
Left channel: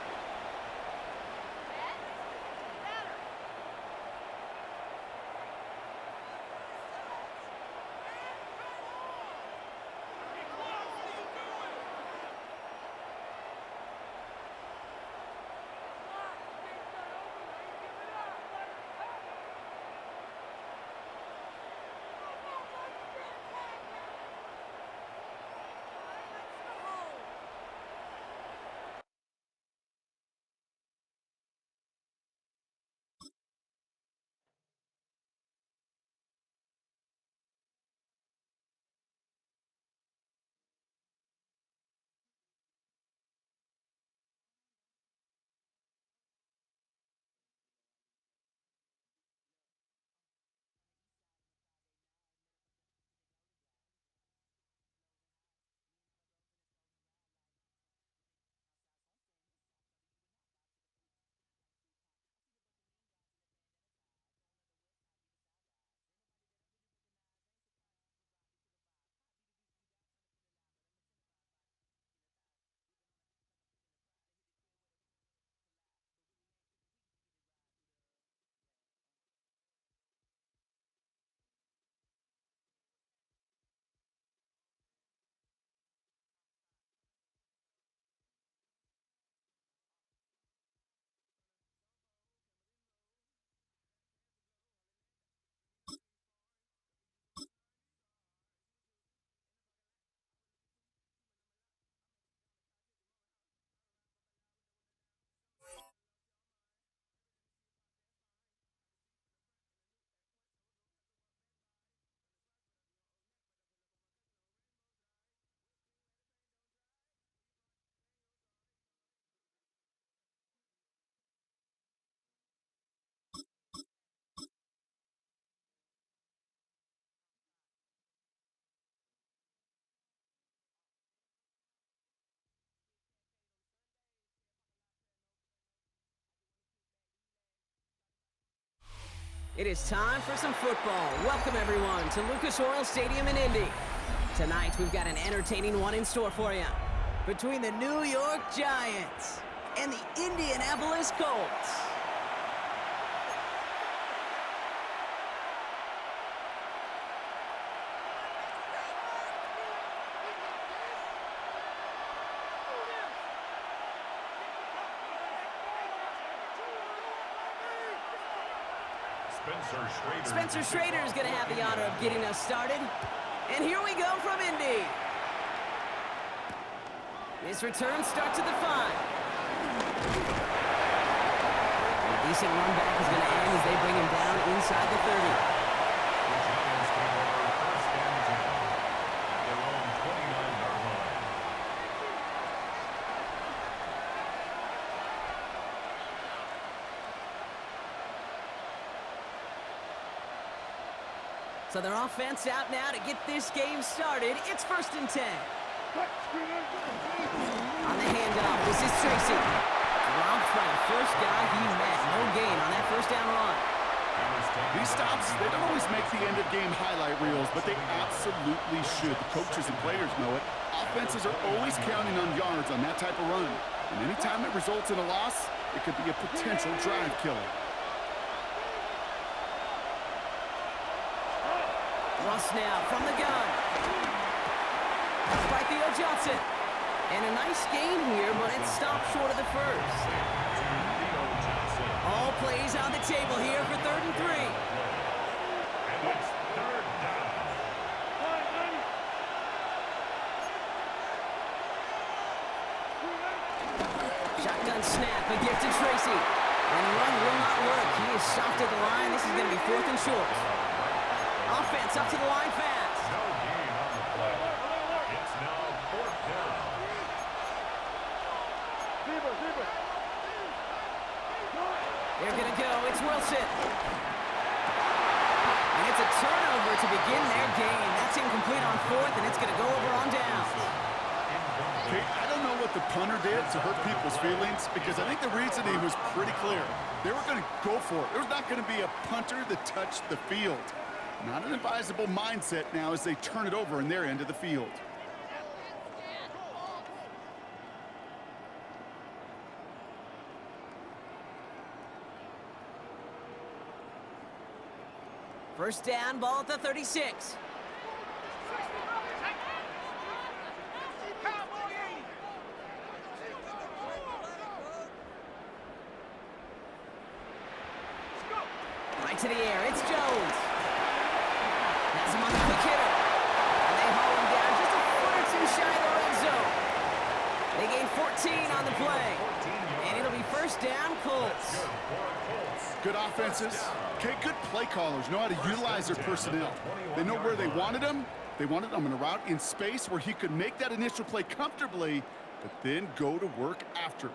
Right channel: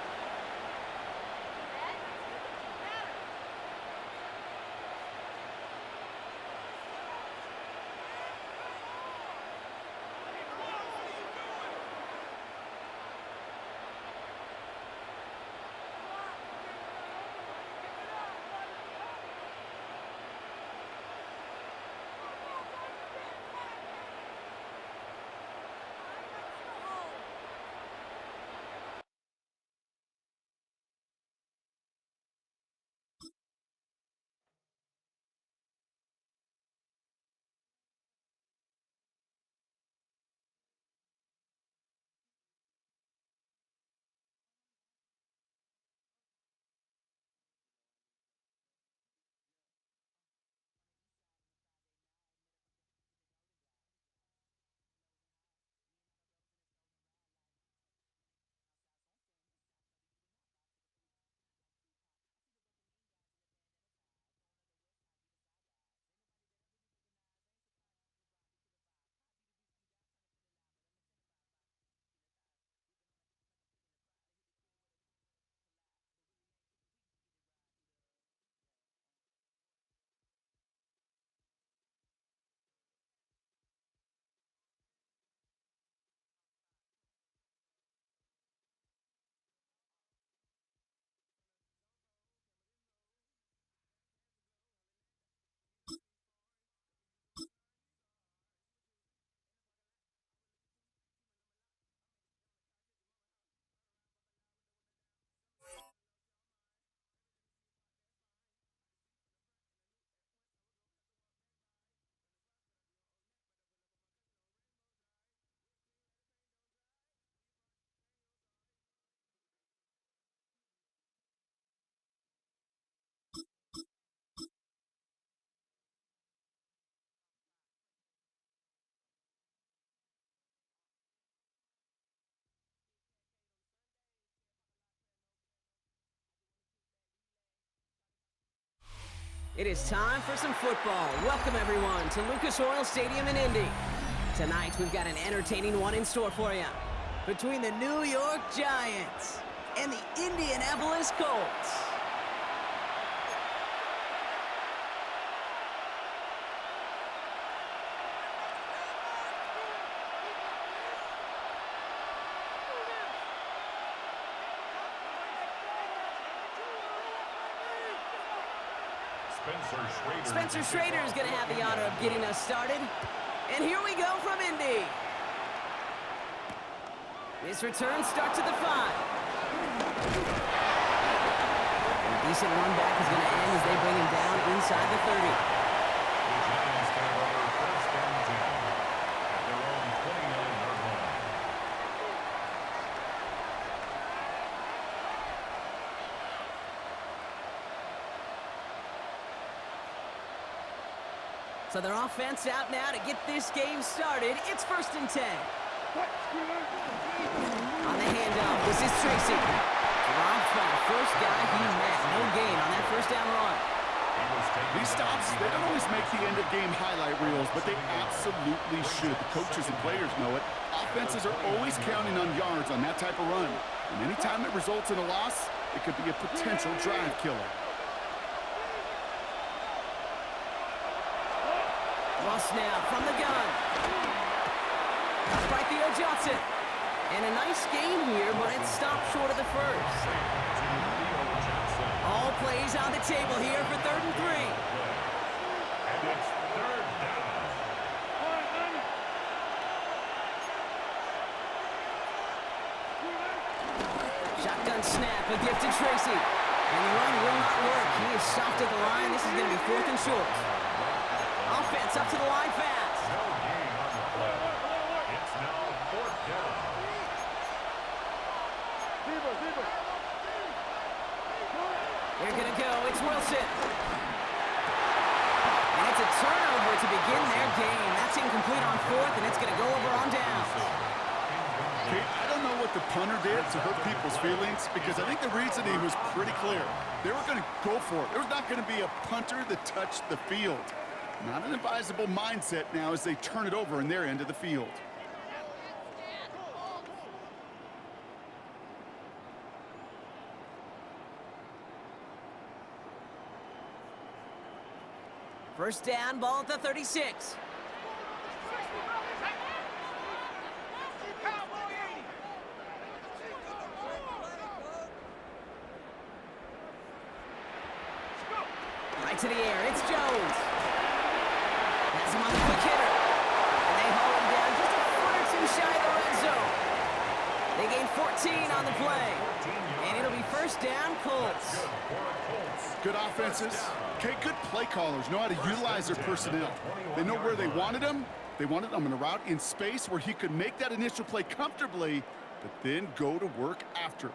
It is time for some football. Welcome, everyone, to Lucas Oil Stadium in Indy. Tonight, we've got an entertaining one in store for you. Between the New York Giants and the Indianapolis Colts. Spencer Schrader is going to have the honor of getting us started. And here we go from Indy. This return starts at the 5. And a decent run back is going to end as they bring him down inside the 30. The Giants take over first and 10 at their own 29-yard line. So their offense out now to get this game started. It's first and 10. On the handoff, this is Tracy. Dropped by the first guy he met. No gain on that first down run. These stops, they don't always make the end-of-game highlight reels, but they absolutely should. The coaches and players know it. Offenses are always counting on yards on that type of run. And anytime it results in a loss, it could be a potential drive killer. Ross now from the gun. Caught by Theo Johnson. And a nice gain here, but it's stopped short of the first. All plays on the table here for 3rd and 3. And it's 3rd down. Shotgun snap, a gift to Tracy. And the run will not work. He is stopped at the line. This is going to be 4th and short. Offense up to the line fast. No gain on the play. It's now 4th down. They're going to go. It's Wilson. And it's a turnover to begin their game. That's incomplete on 4th, and it's going to go over on downs. Okay, I don't know what the punter did to hurt people's feelings because I think the reasoning was pretty clear. They were going to go for it. There's not going to be a punter that touched the field. Not an advisable mindset now as they turn it over in their end of the field. First down, ball at the 36. Right to the air, it's Jones. Has him on the quick hitter. And they haul him down just a foot or two shy of the red zone. They gain 14 on the play. And it'll be first down, Colts. Good offenses. Okay, good play callers know how to utilize their personnel. They know where they wanted him. They wanted him in a route in space where he could make that initial play comfortably, but then go to work after.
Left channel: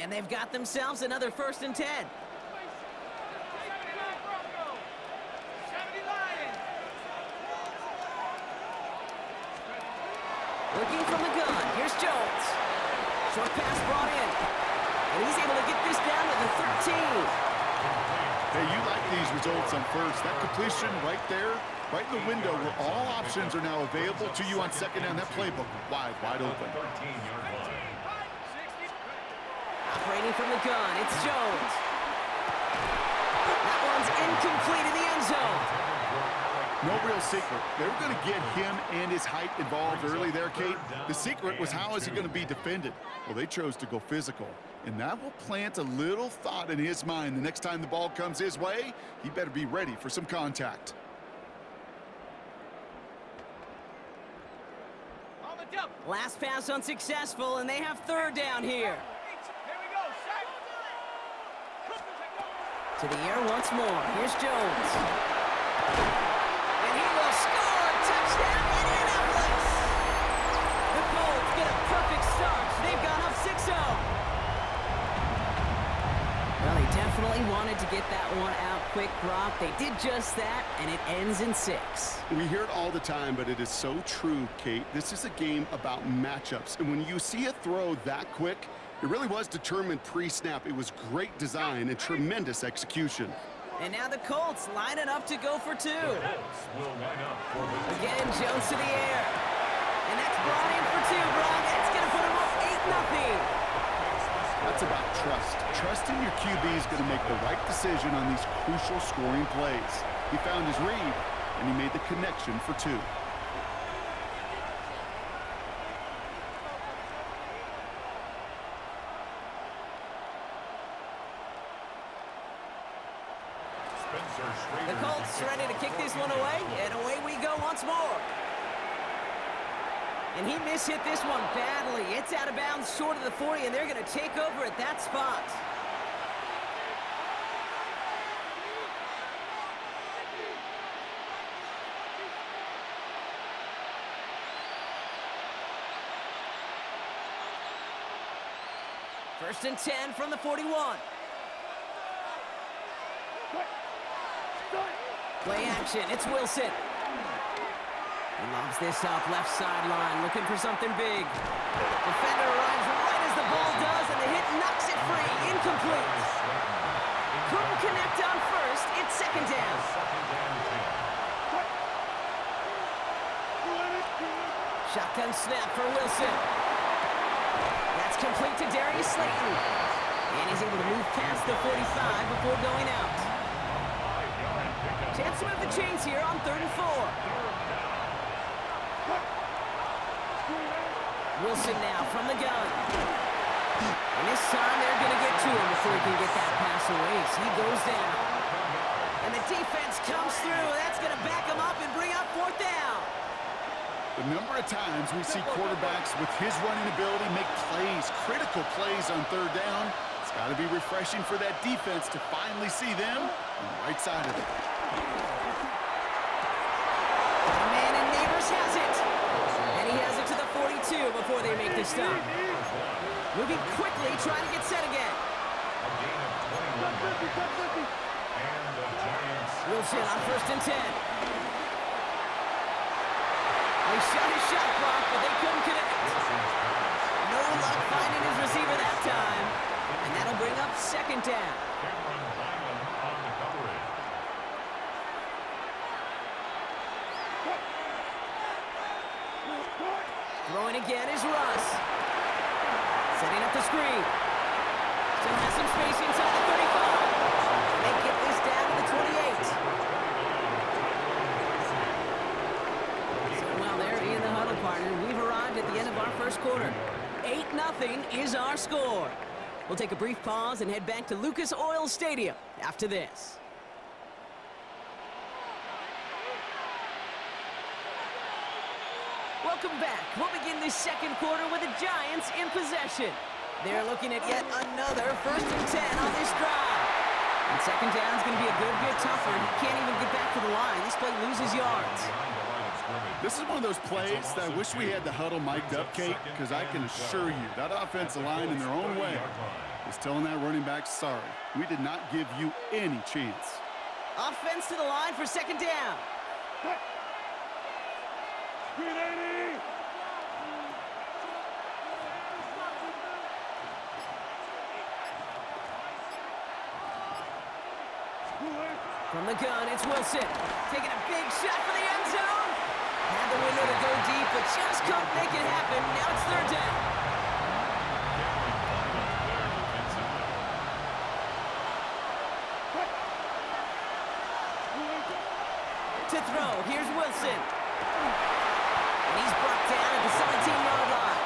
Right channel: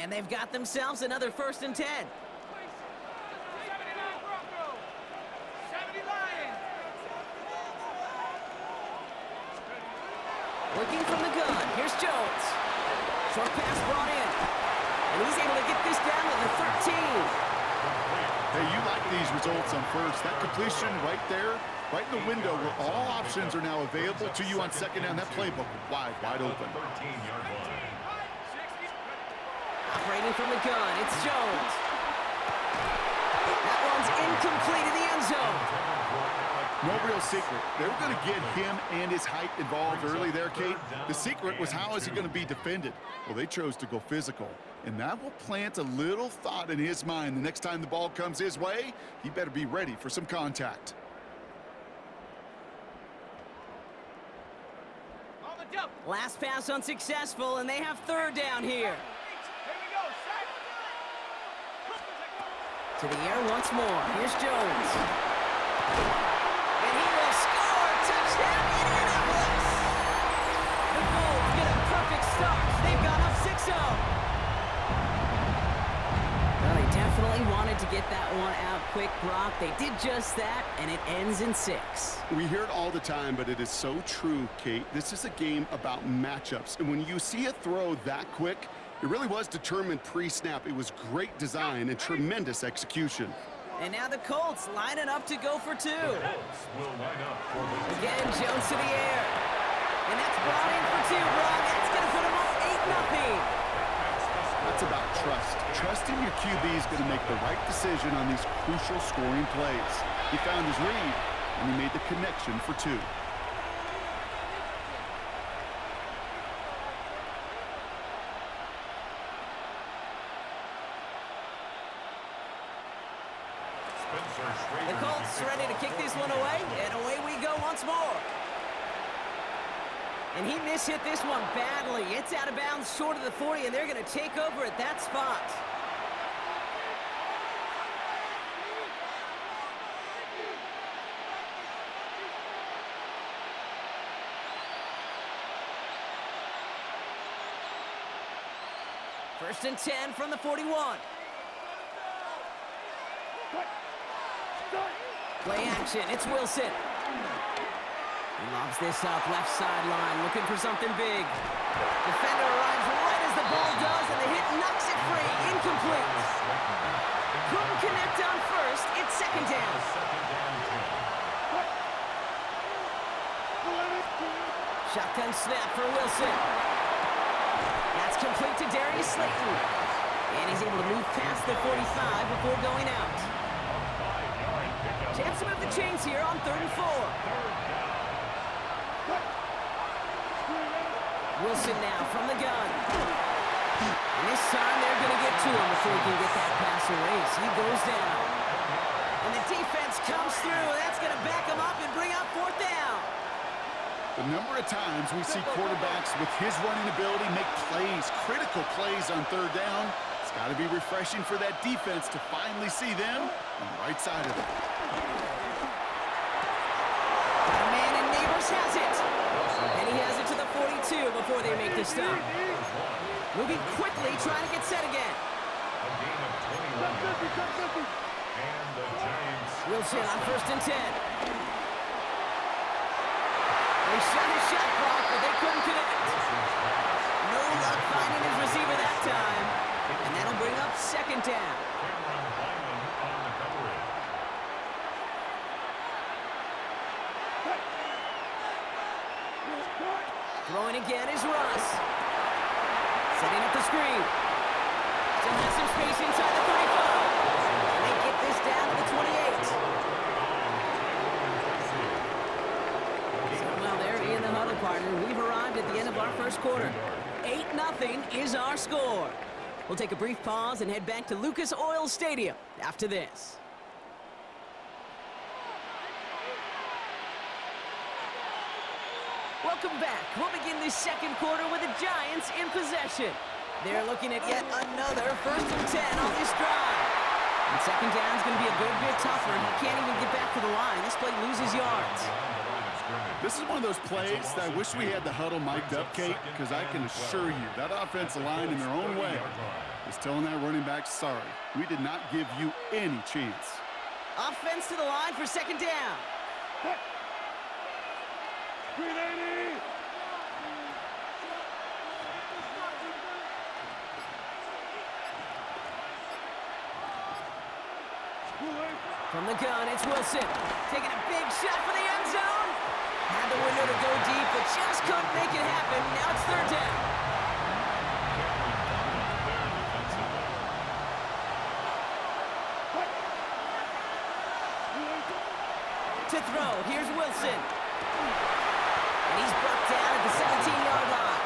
And they've got themselves another 1st and 10. Working from the gun. Here's Jones. Short pass brought in. And he's able to get this down to the 13. Hey, you like these results on first. That completion right there, right in the window where all options are now available to you on 2nd down. That playbook wide open. 13-yard line. Operating from the gun, it's Jones. That one's incomplete in the end zone. No real secret. They were going to get him and his height involved early there, Kate. The secret was how is he going to be defended? Well, they chose to go physical, and that will plant a little thought in his mind. The next time the ball comes his way, he better be ready for some contact. Last pass unsuccessful, and they have 3rd down here. To the air once more. Here's Jones. And he will score. Touchdown, Indianapolis. The Colts get a perfect start. They've gone up 6-0. Well, they definitely wanted to get that one out quick, Brock. They did just that, and it ends in 6. We hear it all the time, but it is so true, Kate. This is a game about matchups. And when you see a throw that quick, It really was determined pre-snap. It was great design and tremendous execution. And now the Colts lining up to go for two. The Colts will line up for the Again, Jones to the air. And that's brought in for two, Brock. That's going to put him up 8-0. That's about trust. Trusting your QB is going to make the right decision on these crucial scoring plays. He found his read, and he made the connection for two. The Colts ready to kick this one away, and away we go once more. And he mishit this one badly. It's out of bounds short of the 40, and they're going to take over at that spot. First and 10 from the 41. Play action, it's Wilson. He lobs this up, left sideline, looking for something big. Defender arrives right as the ball does, and the hit knocks it free, incomplete. Couldn't connect on first, it's second down. Shotgun snap for Wilson. That's complete to Darius Slayton. And he's able to move past the 45 before going out. Chance to move the chains here on 3rd and 4. Wilson now from the gun. And this time they're going to get to him before he can get that pass away. So he goes down. And the defense comes through. That's going to back him up and bring up 4th down. The number of times we see quarterbacks with his running ability make plays, critical plays on 3rd down, it's got to be refreshing for that defense to finally see them on the right side of it. Got a man, and Neighbors has it. And he has it to the 42 before they make the stop. Moving quickly, trying to get set again. A gain of 21 yards. And the Giants. Wilson on 1st and 10. They shot his shot clock, but they couldn't connect. No luck finding his receiver that time. And that'll bring up 2nd down. Cameron Lyman on the coverage. Throwing again is Russ. Setting up the screen. Still has some space inside the 35. And they get this down to the 28. So, well, there in the huddle, partner. We've arrived at the end of our first quarter. 8-0 is our score. We'll take a brief pause and head back to Lucas Oil Stadium after this. Welcome back. We'll begin this second quarter with the Giants in possession. They're looking at yet another 1st and 10 on this drive. And 2nd down is going to be a good bit tougher. He can't even get back to the line. This play loses yards. This is one of those plays that I wish we had the huddle mic'd up, Kate, because I can assure you that offensive line in their own way is telling that running back, sorry, we did not give you any chance. Offense to the line for 2nd down. 380! From the gun, it's Wilson. Taking a big shot for the end zone. Had the window to go deep, but just couldn't make it happen. Now it's 3rd down. To throw, here's Wilson. And he's brought down at the 17-yard line.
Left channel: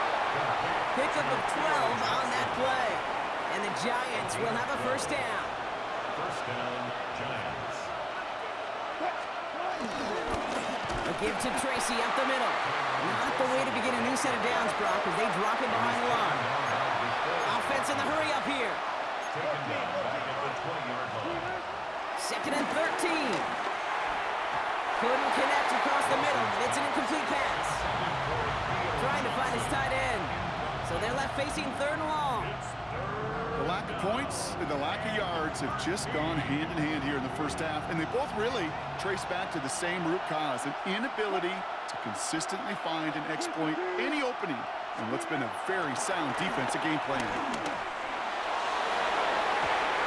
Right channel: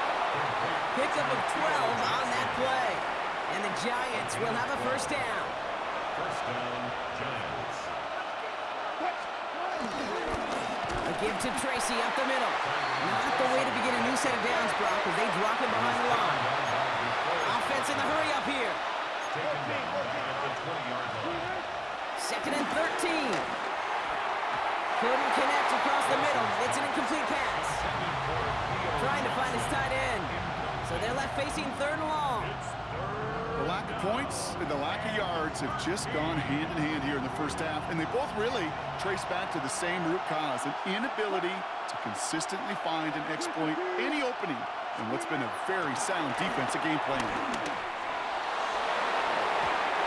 Pickup of 12 on that play. And the Giants will have a 1st down. 1st down, Giants. A give to Tracy up the middle. Not the way to begin a new set of downs, Brock, as they drop him behind the line. Offense in the hurry up here. Taken down back at the 20-yard line. 2nd and 13. Couldn't connect across the middle. It's an incomplete pass. Trying to find his tight end. So they're left facing 3rd and long. The lack of points and the lack of yards have just gone hand in hand here in the first half, and they both really trace back to the same root cause, an inability to consistently find and exploit any opening in what's been a very sound defensive game plan.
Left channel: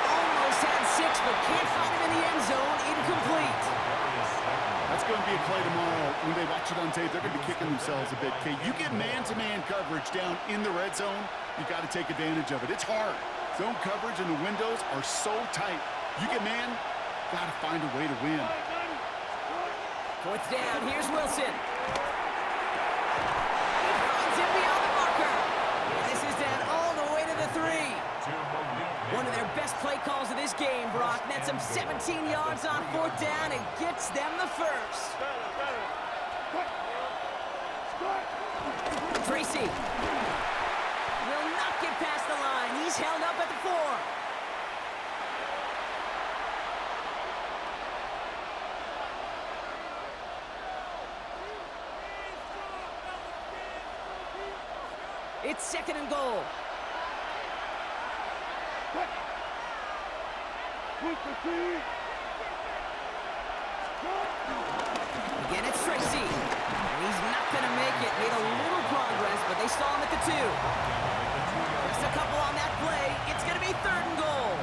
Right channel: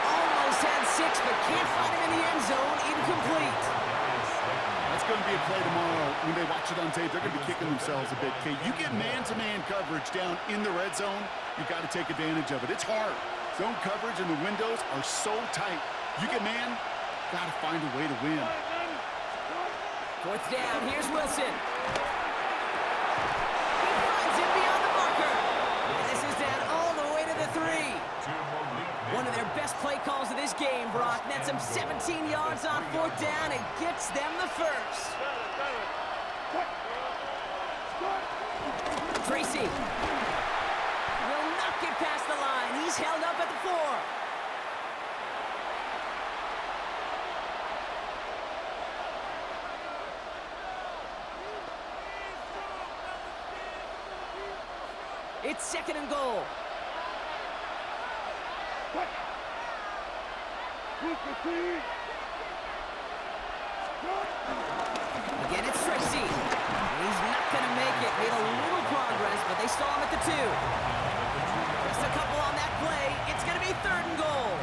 Almost had 6, but can't find him in the end zone. Incomplete. That's going to be a play tomorrow. When they watch it on tape, they're going to be kicking themselves a bit, Kate. You get man-to-man coverage down in the red zone, you got to take advantage of it. It's hard. Zone coverage and the windows are so tight. You get man, got to find a way to win. 4th down, here's Wilson. He finds him beyond the marker. And this is down all the way to the 3. One of their best play calls of this game, Brock. Nets them 17 yards on 4th down and gets them the first. Tracy will not get past the line. He's held up at the 4. It's 2nd and goal. Again, it's Tracy. He's not going to make it. Made a little progress, but they stall him at the 2. Just a couple on that play. It's going to be 3rd and goal.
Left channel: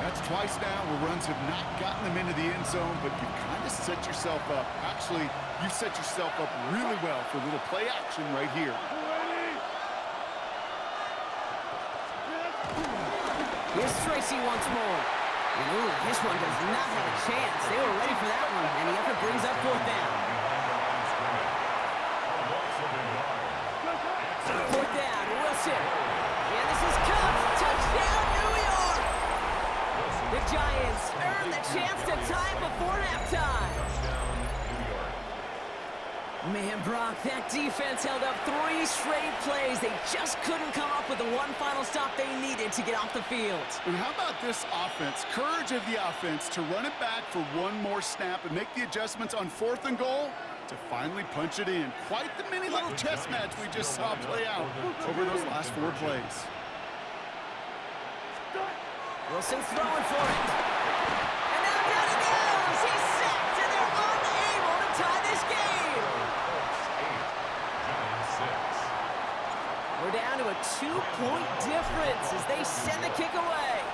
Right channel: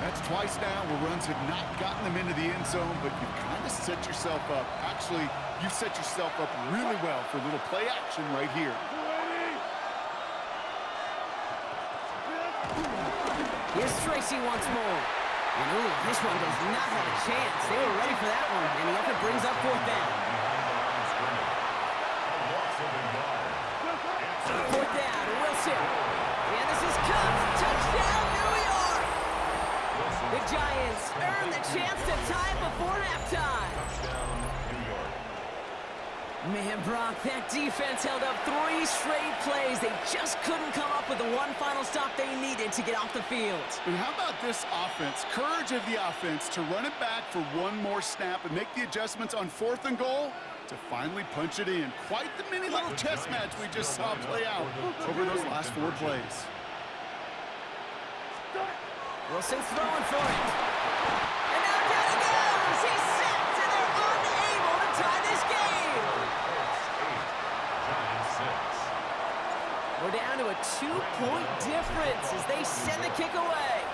That's twice now where runs have not gotten them into the end zone, but you've kind of set yourself up. Actually, you've set yourself up really well for a little play action right here. Here's Tracy once more. And ooh, this one does not have a chance. They were ready for that one, and the effort brings up 4th down. 4th down, Wilson. And this is Cubs. Touchdown, New York! The Giants earn the chance to tie before halftime. Touchdown, New York. Man, Brock, that defense held up 3 straight plays. They just couldn't come up with the one final stop they needed to get off the field. And how about this offense? Courage of the offense to run it back for one more snap and make the adjustments on 4th and goal to finally punch it in. Quite the mini little chess match we just saw play out over those last 4 plays. Wilson's throwing for it. And now down he goes. He's sacked, and they're unable to tie this game. We're down to a 2-point difference as they send the kick away.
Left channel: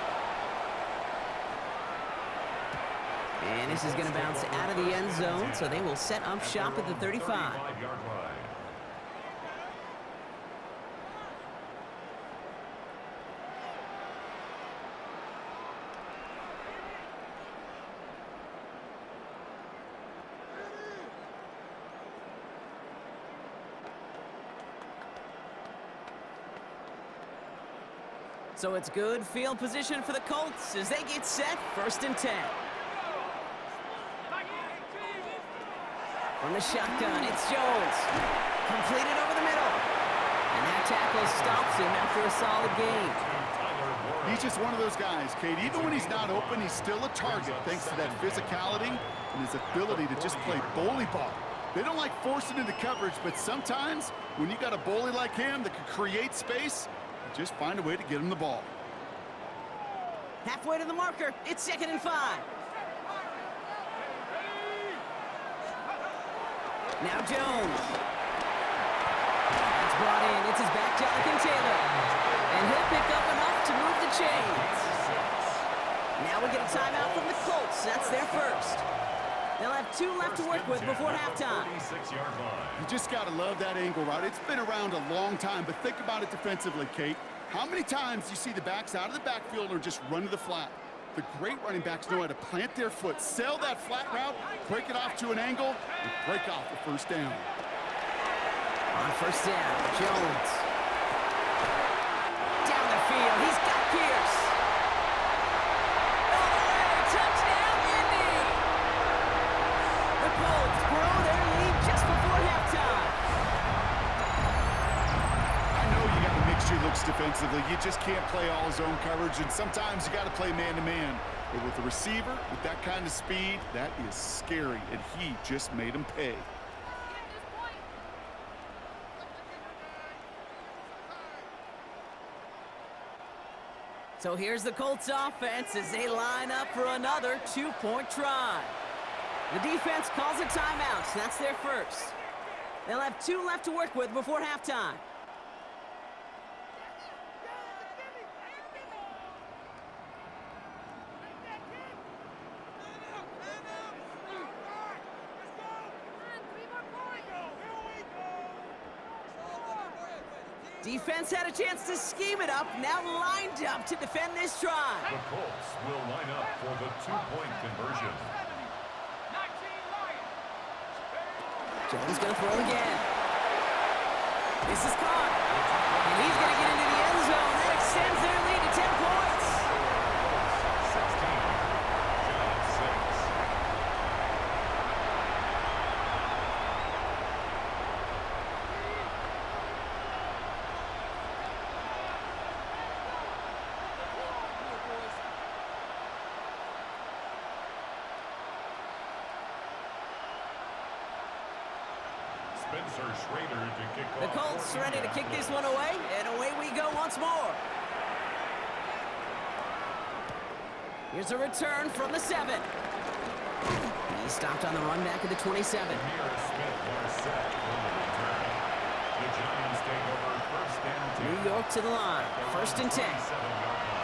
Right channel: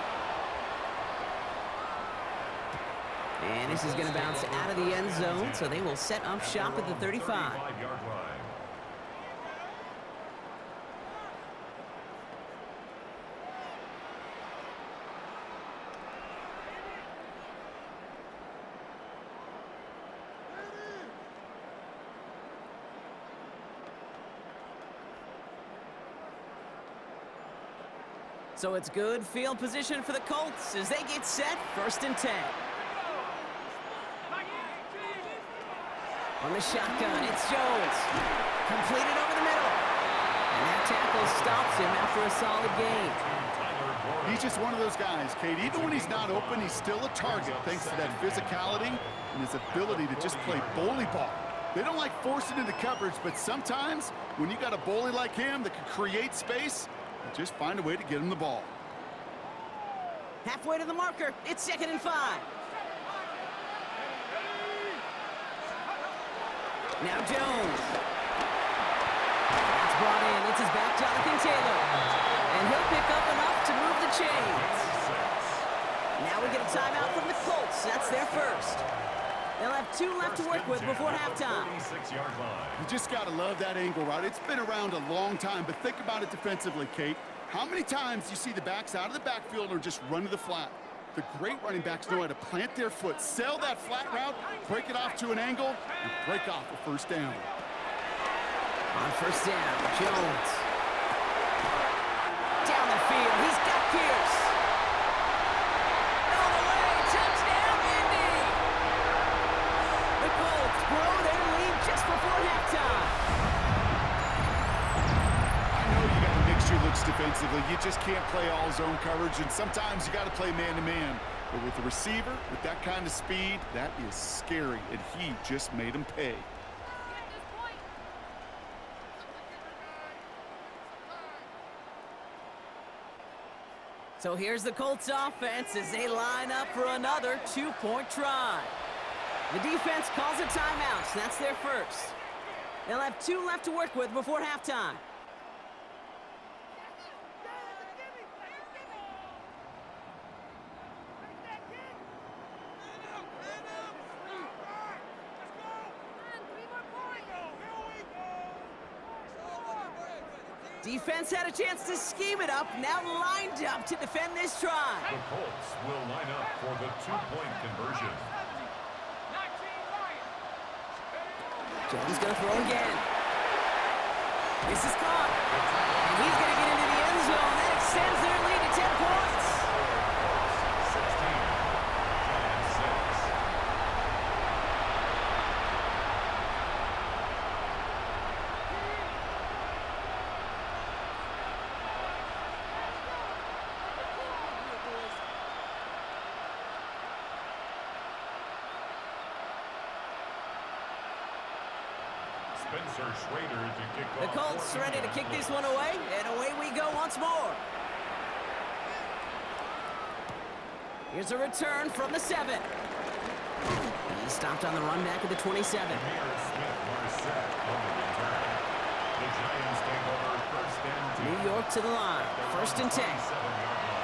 And this is going to bounce out of the end zone, so they will set up shop at the 35. 35-yard line. So it's good field position for the Colts as they get set, 1st and 10. From the shotgun, it's Jones. Completed over the middle. And that tackle stops him after a solid gain. He's just one of those guys, Kate. Even when he's not open, he's still a target thanks to that physicality and his ability to just play bully ball. They don't like forcing into coverage, but sometimes when you got a bully like him that can create space, just find a way to get him the ball. Halfway to the marker. It's 2nd and 5. Now Jones. That's brought in. It's his back, Jonathan Taylor. And he'll pick up enough to move the chains. Now we get a timeout from the Colts. That's their first. They'll have 2 left to work with before halftime. 36-yard line. You just got to love that angle route. It's been around a long time, but think about it defensively, Kate. How many times do you see the backs out of the backfield or just run to the flat? The great running backs know how to plant their foot, sell that flat route, break it off to an angle, and break off the 1st down. On 1st down, Jones. Down the field, he's got Pierce. All the way, touchdown, Indy! The Colts grow their lead just before halftime. I know you got to mix your looks defensively. You just can't play all zone coverage, and sometimes you got to play man-to-man. But with the receiver, with that kind of speed, that is scary, and he just made him pay. So here's the Colts offense as they line up for another 2-point try. The defense calls a timeout. That's their first. They'll have 2 left to work with before halftime. Defense had a chance to scheme it up, now lined up to defend this try. The Colts will line up for the 2-point conversion. Jones going to throw again. This is caught. And he's going to get into the end zone. That extends their lead to 10 points. 16, Giants 6. Spencer Schrader to kick off. The Colts ready to kick this one away, and away we go once more. Here's a return from the 7. He stopped on the run back at the 27. Smith-Marset on the return. The Giants take over first and 10. New York to the line, first and 10. 7-yard line.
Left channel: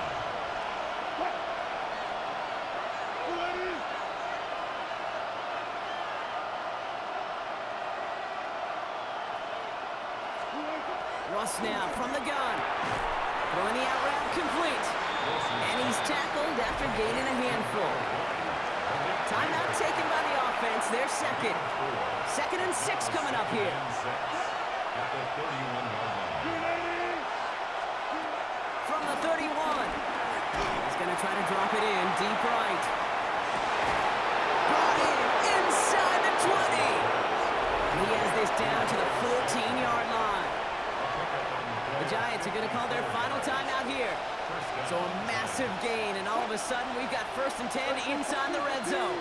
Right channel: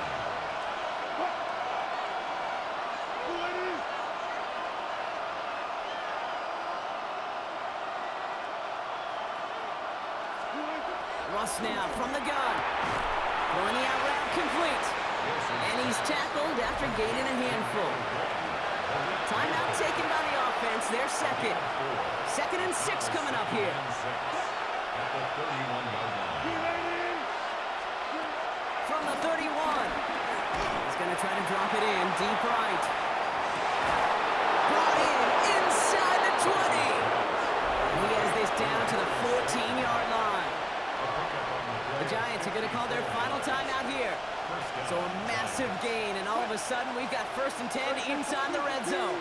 Russ now from the gun. Throwing the out route complete. And he's tackled after gaining a handful. Timeout taken by the offense, their second. 2nd and 6 coming up here. At the 31-yard line. From the 31. He's going to try to drop it in deep right. Brought in inside the 20. And he has this down to the 14-yard line. The Giants are going to call their final timeout here. So a massive gain, and all of a sudden we've got 1st and 10 inside the red zone.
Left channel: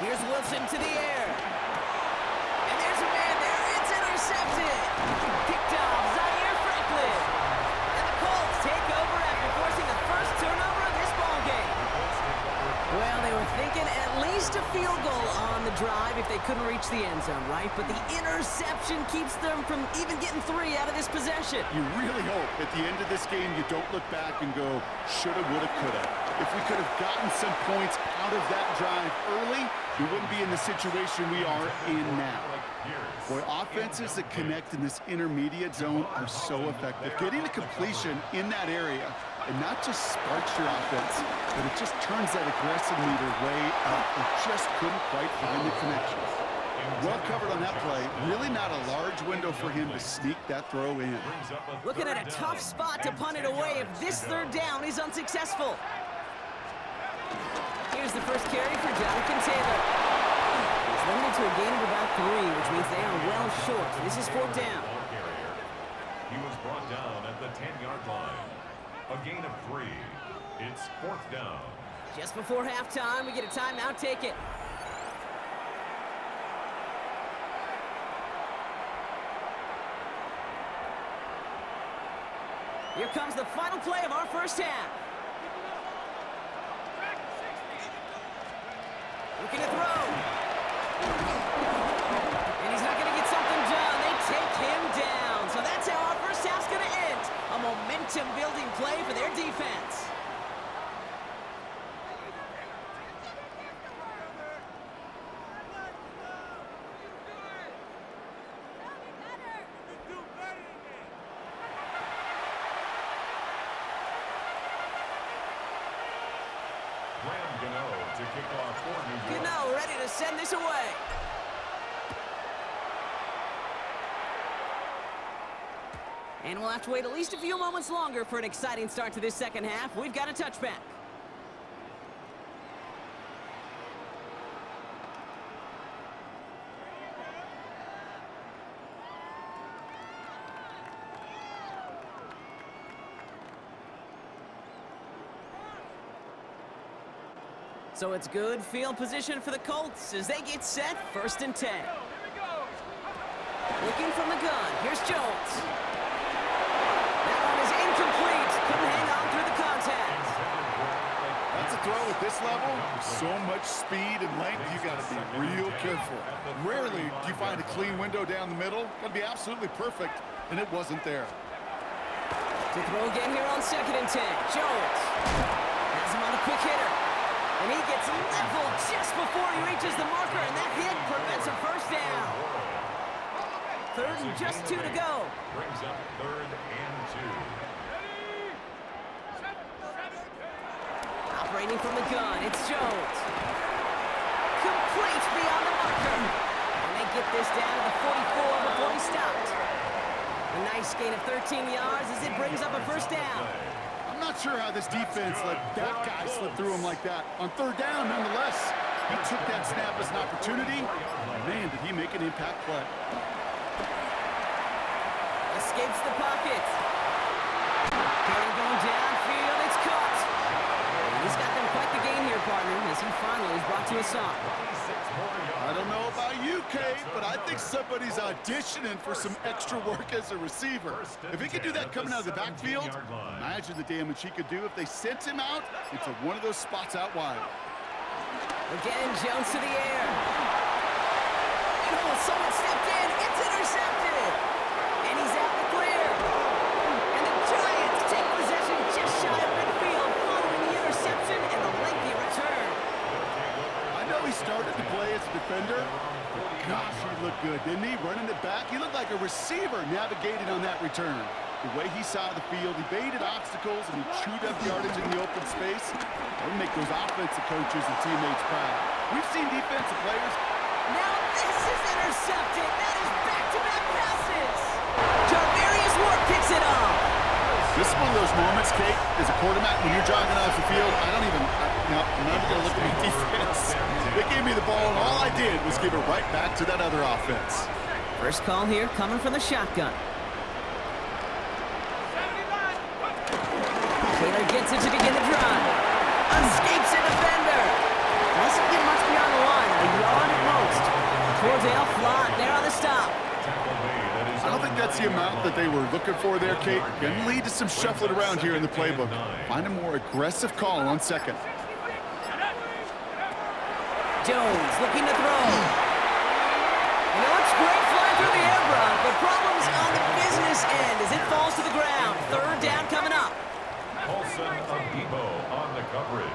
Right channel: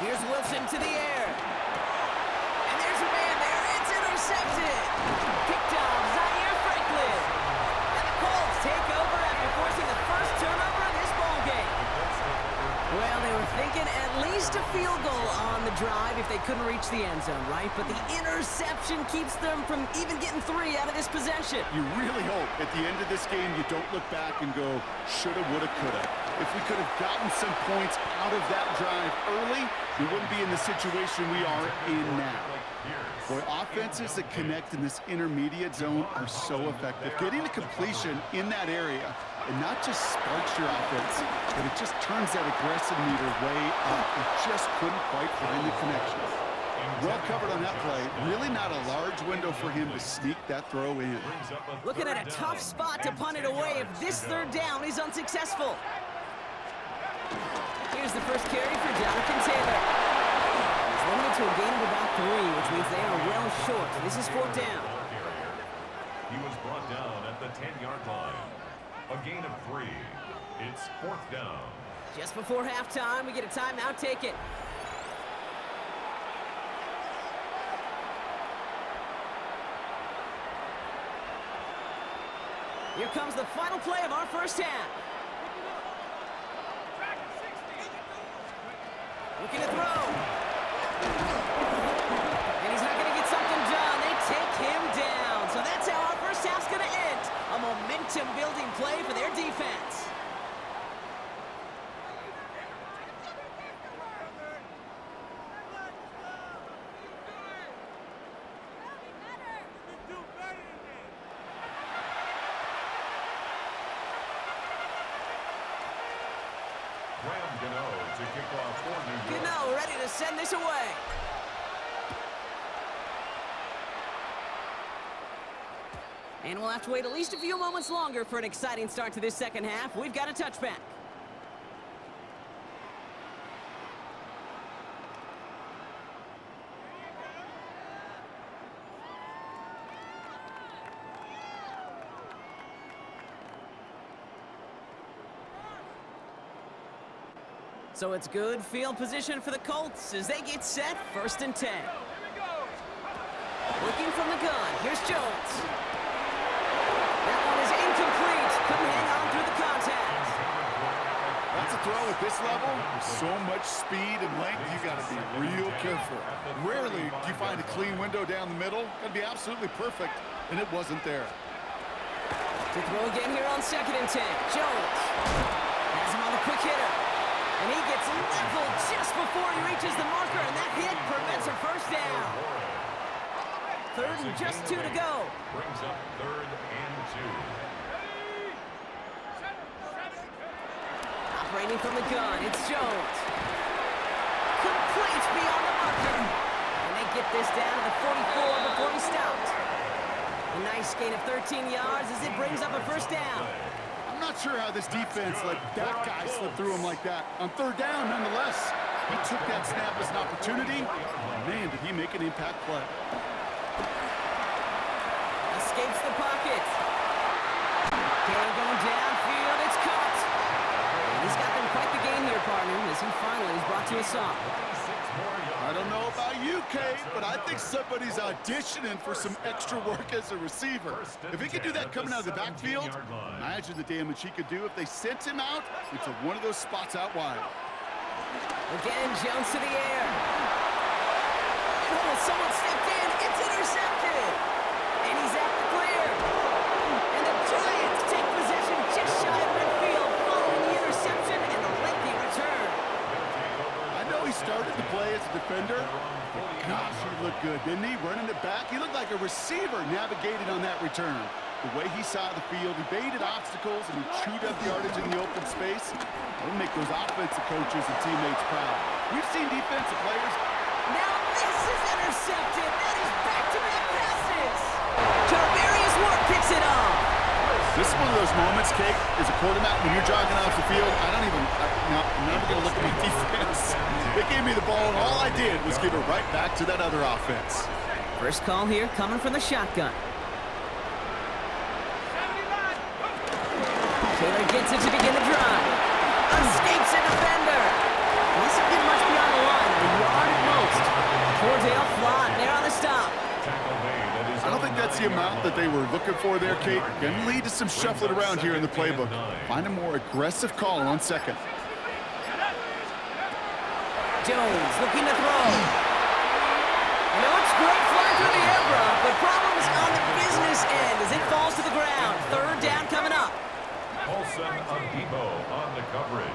Here's Wilson to the air. And there's a man there. It's intercepted. Picked off Zaire Franklin. And the Colts take over after forcing the first turnover of this ballgame. Well, they were thinking at least a field goal on the drive if they couldn't reach the end zone, right? But the interception keeps them from even getting 3 out of this possession. You really hope at the end of this game you don't look back and go, shoulda, woulda, coulda. If we could have gotten some points out of that drive early, we wouldn't be in the situation we are in now. Boy, offenses that connect in this intermediate zone are so effective. Getting a completion in that area, and not just sparks your offense, but it just turns that aggressive meter way up. It just couldn't quite find the connection. Well covered on that play. Really not a large window for him to sneak that throw in. Looking at a tough spot to punt it away if this 3rd down is unsuccessful. Here's the first carry for Jonathan Taylor. He's limited to a gain of about 3, which means they are well short. This is 4th down. He was brought down at the 10-yard line. A gain of 3. It's 4th down. Just before halftime, we get a timeout taken. Here comes the final play of our first half. Looking to throw. And he's not going to get something done. They take him down. So that's how our first half's going to end. A momentum-building play for their defense. To kick off for New York. Gano ready to send this away. And we'll have to wait at least a few moments longer for an exciting start to this second half. We've got a touchback. So it's good field position for the Colts as they get set, 1st and 10. Looking from the gun, here's Jones. That one is incomplete. Couldn't hang on through the contact. That's a throw at this level. With so much speed and length, you got to be real careful. Rarely do you find a clean window down the middle. Got to be absolutely perfect, and it wasn't there. To throw again here on 2nd and 10. Jones has him on the quick hitter. And he gets leveled just before he reaches the marker, and that hit prevents a first down. 3rd and just 2 to go. Brings up 3rd and 2. Operating from the gun, it's Jones. Complete beyond the marker. And they get this down to the 44 before he stopped. A nice gain of 13 yards as it brings up a first down. I'm not sure how this defense let that guy slip through him like that. On 3rd down, nonetheless, he took that snap as an opportunity. Man, did he make an impact play. Escapes the pocket. Taylor going downfield, it's caught. And he's got them quite the gain here, partner, as he finally is brought to a stop. I don't know about you, Kate, but I think somebody's auditioning for some extra work as a receiver. If he could do that coming out of the backfield, imagine the damage he could do if they sent him out into one of those spots out wide. Again, Jones to the air. And oh, someone stepped in. It's intercepted. And he's at the clear. And the Giants take possession just shy of midfield following the interception and the lengthy return. I know he started to play as a defender, but gosh, he looked good, didn't he? Running it back, he looked like a receiver navigating on that return. The way he saw the field, he baited obstacles, and he chewed up yardage in the open space. That would make those offensive coaches and teammates proud. We've seen defensive players. Now this is intercepted. That is back-to-back passes. Jarvarius Ward picks it off. This is one of those moments, Kate, as a quarterback, when you're jogging off the field, I'm not even going to look at my defense. They gave me the ball, and all I did was give it right back to that other offense. First call here coming from the shotgun. Taylor gets it to begin the drive. Escapes a defender. Doesn't get much beyond the line, a yard at most. Cordell Flott there on the stop. I don't think that's the amount that they were looking for there, Kate. Going to lead to some shuffling around here in the playbook. Find a more aggressive call on 2nd. Jones looking to throw. You know, it's great flying through the air, bro, but problems on the business end as it falls to the ground. 3rd down coming up. Paulson Adebo on the coverage.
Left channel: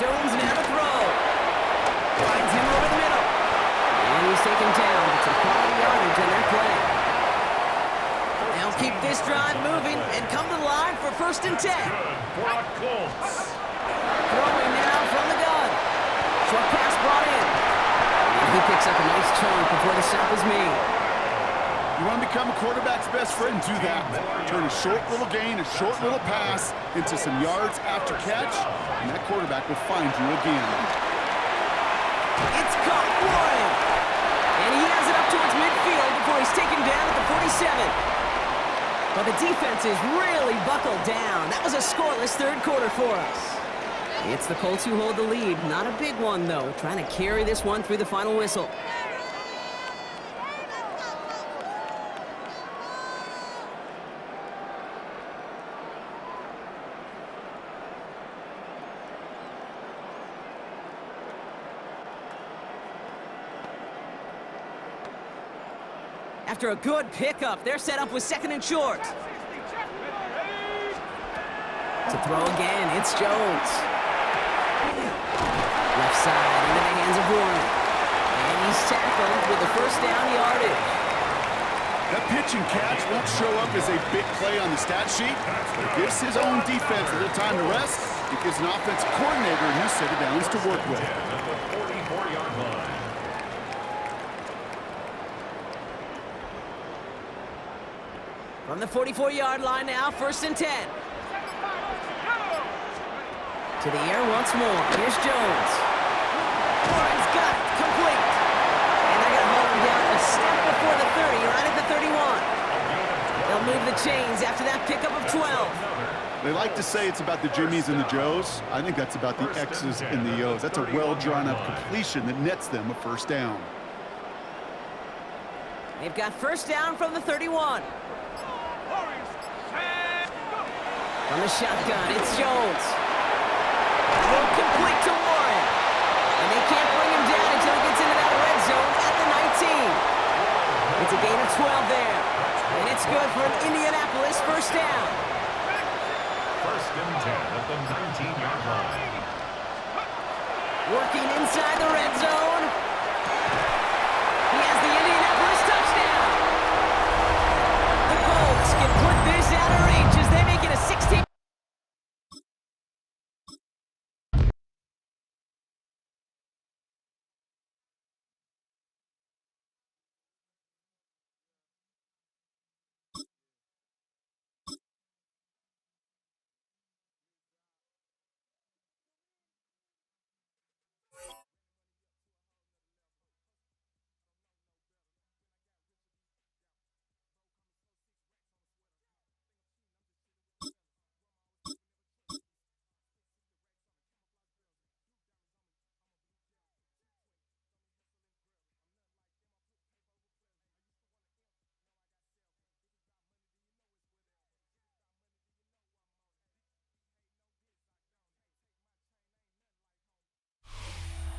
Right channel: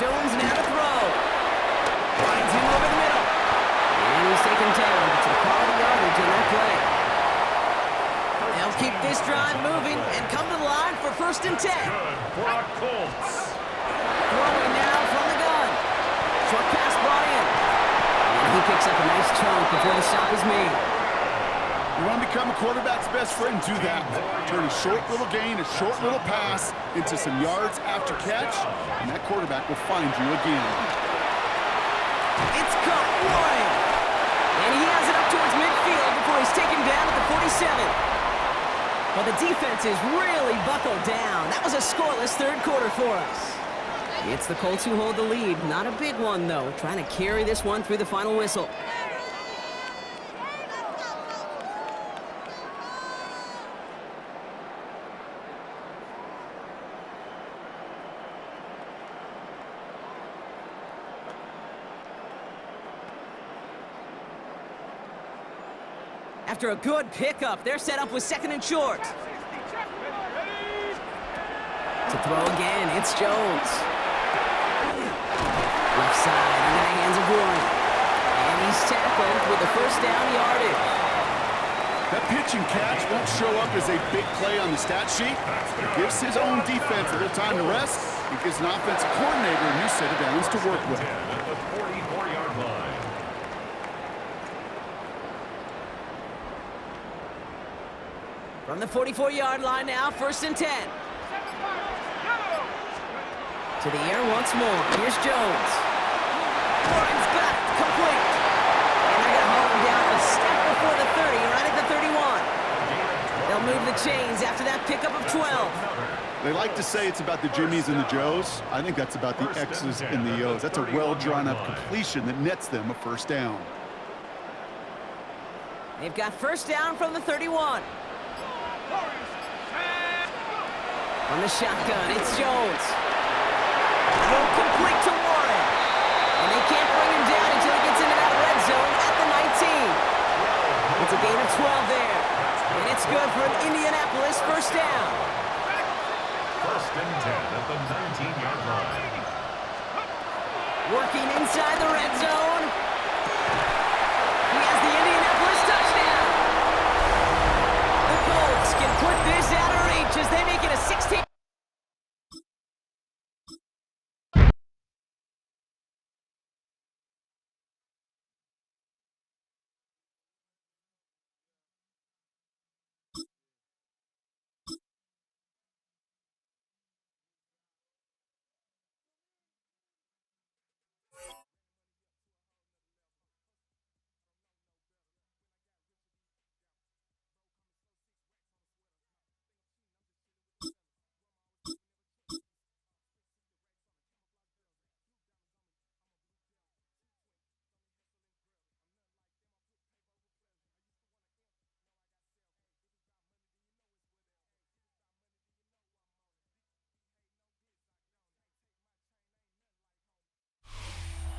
Jones now to throw. Finds him over the middle. And he's taken down. It's a quality yardage on that play. They'll keep this drive moving and come to the line for 1st and 10. Good for a Colts. Throwing now from the gun. Short pass brought in. And he picks up a nice chunk before the stop is made. You want to become a quarterback's best friend, do that. Turn a short little gain, a short little pass into some yards after catch, and that quarterback will find you again. It's caught, Warren. And he has it up towards midfield before he's taken down at the 47. But the defense is really buckled down. That was a scoreless 3rd quarter for us. It's the Colts who hold the lead. Not a big one, though. Trying to carry this one through the final whistle. After a good pickup, they're set up with 2nd and short. To throw again, it's Jones. Left side into the hands of Warren. And he's tackled with the 1st down yardage. That pitch and catch won't show up as a big play on the stat sheet, but it gives his own defense a little time to rest. It gives an offensive coordinator a new set of downs to work with. At the 44-yard line. From the 44-yard line now, 1st and 10. To the air once more. Here's Jones. Warren's got it. Complete. And they're going to hold him down a step before the 30, right at the 31. They'll move the chains after that pickup of 12. They like to say it's about the Jimmies and the Joes. I think that's about the X's and the O's. That's a well-drawn-up completion that nets them a 1st down. They've got 1st down from the 31. On the shotgun, it's Jones. Throw complete to Warren. And they can't bring him down until he gets into that red zone at the 19. It's a gain of 12 there. And it's good for an Indianapolis first down. First and 10 at the 19-yard line. Working inside the red zone. He has the Indianapolis touchdown. The Colts can put this out of reach as they make it a 16.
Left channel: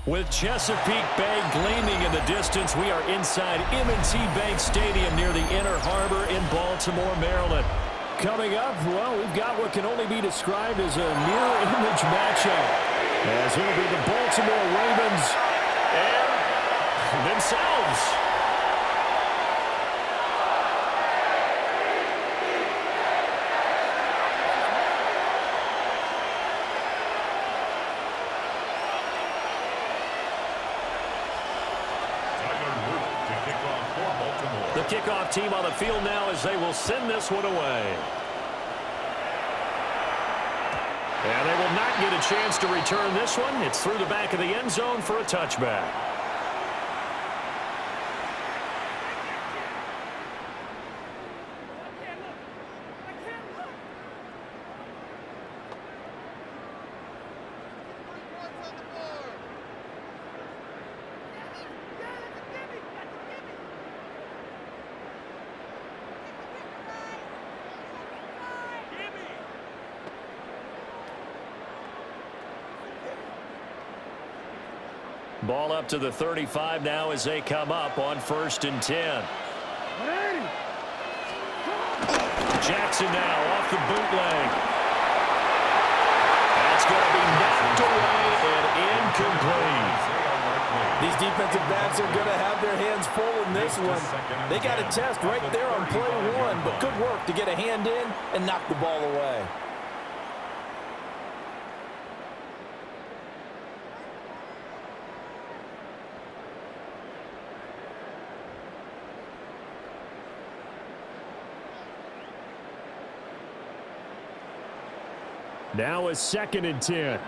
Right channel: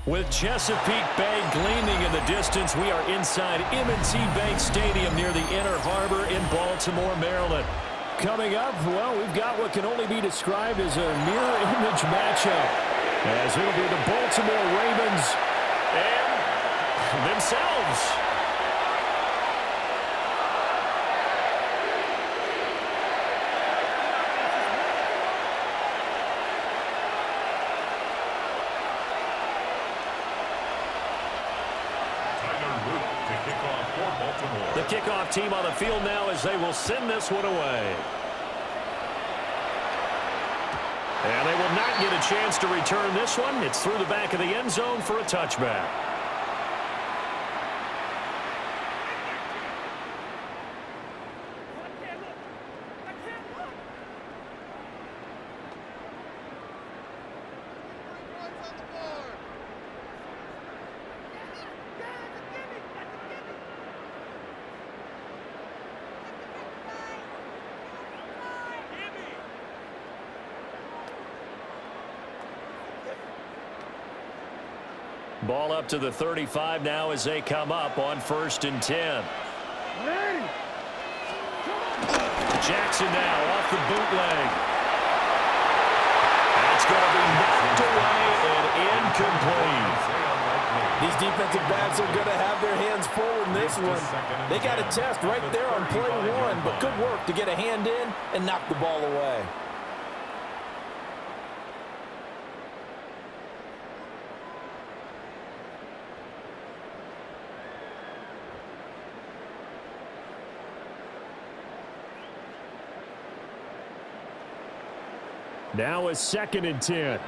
With Chesapeake Bay gleaming in the distance, we are inside M&T Bank Stadium near the Inner Harbor in Baltimore, Maryland. Coming up, well, we've got what can only be described as a mirror image matchup, as it'll be the Baltimore Ravens and themselves. The kickoff team on the field now as they will send this one away. And they will not get a chance to return this one. It's through the back of the end zone for a touchback. Ball up to the 35 now as they come up on 1st and 10. Jackson now off the bootleg. That's going to be knocked away and incomplete. These defensive backs are going to have their hands full in this one. They got a test right there on play one, but good work to get a hand in and knock the ball away. Now a 2nd and 10.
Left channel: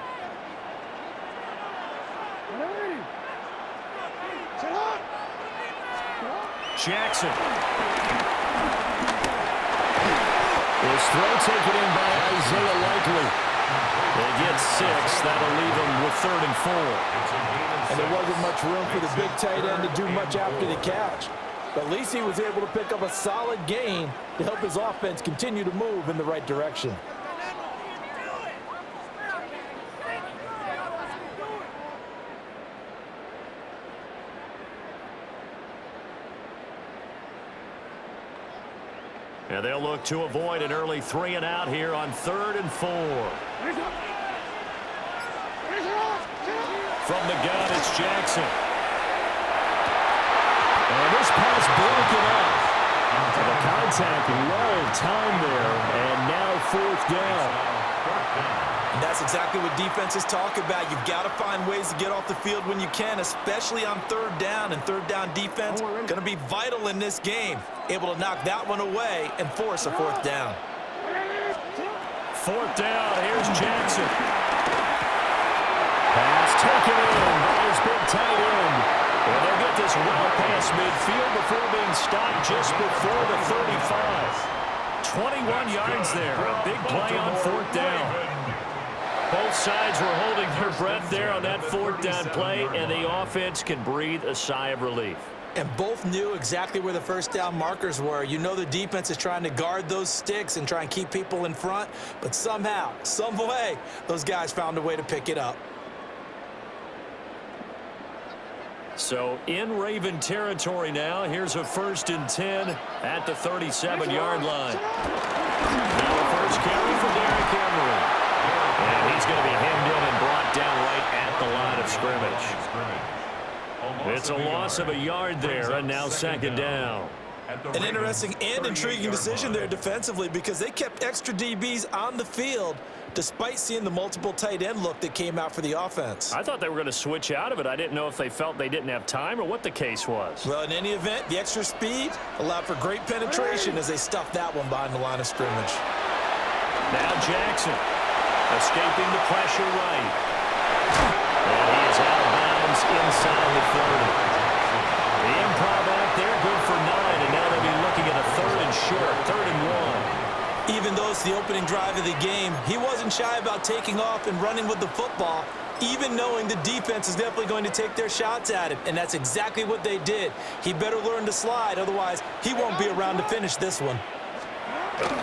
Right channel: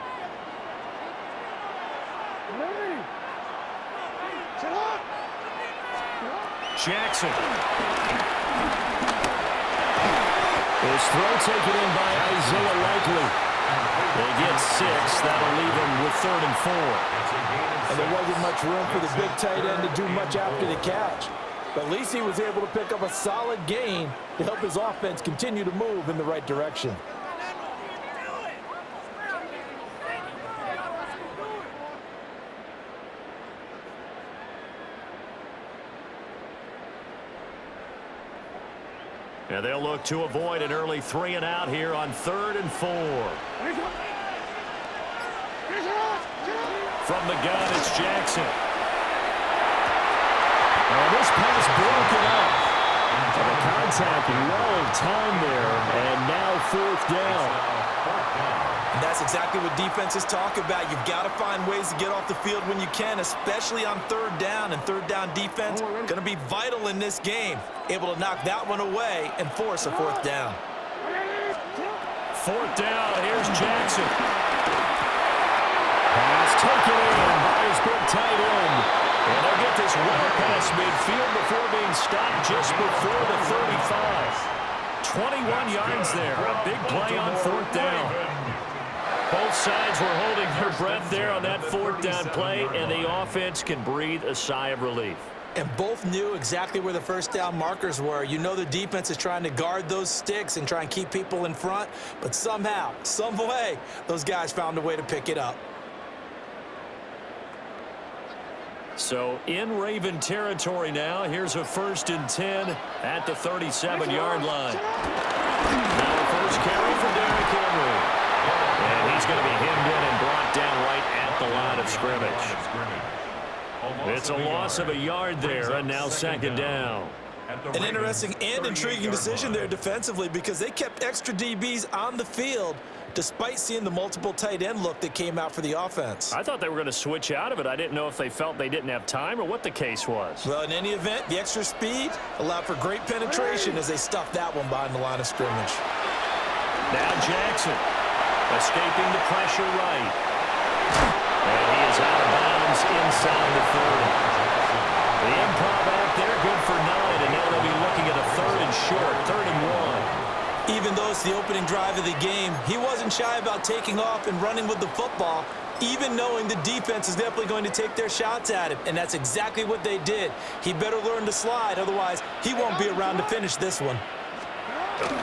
Jackson. His throw taken in by Isaiah Likely. They get 6. That'll leave them with 3rd and 4. And there wasn't much room for the big tight end to do much after the catch. But at least he was able to pick up a solid gain to help his offense continue to move in the right direction. And they'll look to avoid an early 3 and out here on 3rd and 4. From the gun, it's Jackson. And this pass broken up. And the contact well timed there. And now 4th down. And that's exactly what defenses talk about. You've got to find ways to get off the field when you can, especially on 3rd down. And 3rd down defense going to be vital in this game. Able to knock that one away and force a 4th down. 4th down. Here's Jackson. Pass taken in by his big tight end. And they'll get this well past midfield before being stopped just before the 35. 21 yards there. A big play on 4th down. Both sides were holding their breath there on that 4th down play, and the offense can breathe a sigh of relief. and both knew exactly where the first down markers were. You know the defense is trying to guard those sticks and try and keep people in front, but somehow, some way, those guys found a way to pick it up. So in Raven territory now, here's a 1st and 10 at the 37-yard line. Now a first carry for Derrick Henry. And he's going to be hemmed in and brought down right at the line of scrimmage. It's a loss of a yard there, and now 2nd down. An interesting and intriguing decision there defensively, because they kept extra DBs on the field despite seeing the multiple tight end look that came out for the offense. I thought they were going to switch out of it. I didn't know if they felt they didn't have time or what the case was. Well, in any event, the extra speed allowed for great penetration as they stuffed that one behind the line of scrimmage. Now Jackson escaping the pressure right. And he is out of bounds inside the 30. The improv out there, good for 9, and now they'll be looking at a 3rd and short, 3rd and 1. Even though it's the opening drive of the game, he wasn't shy about taking off and running with the football, even knowing the defense is definitely going to take their shots at him, and that's exactly what they did. He better learn to slide, otherwise he won't be around to finish this one. Going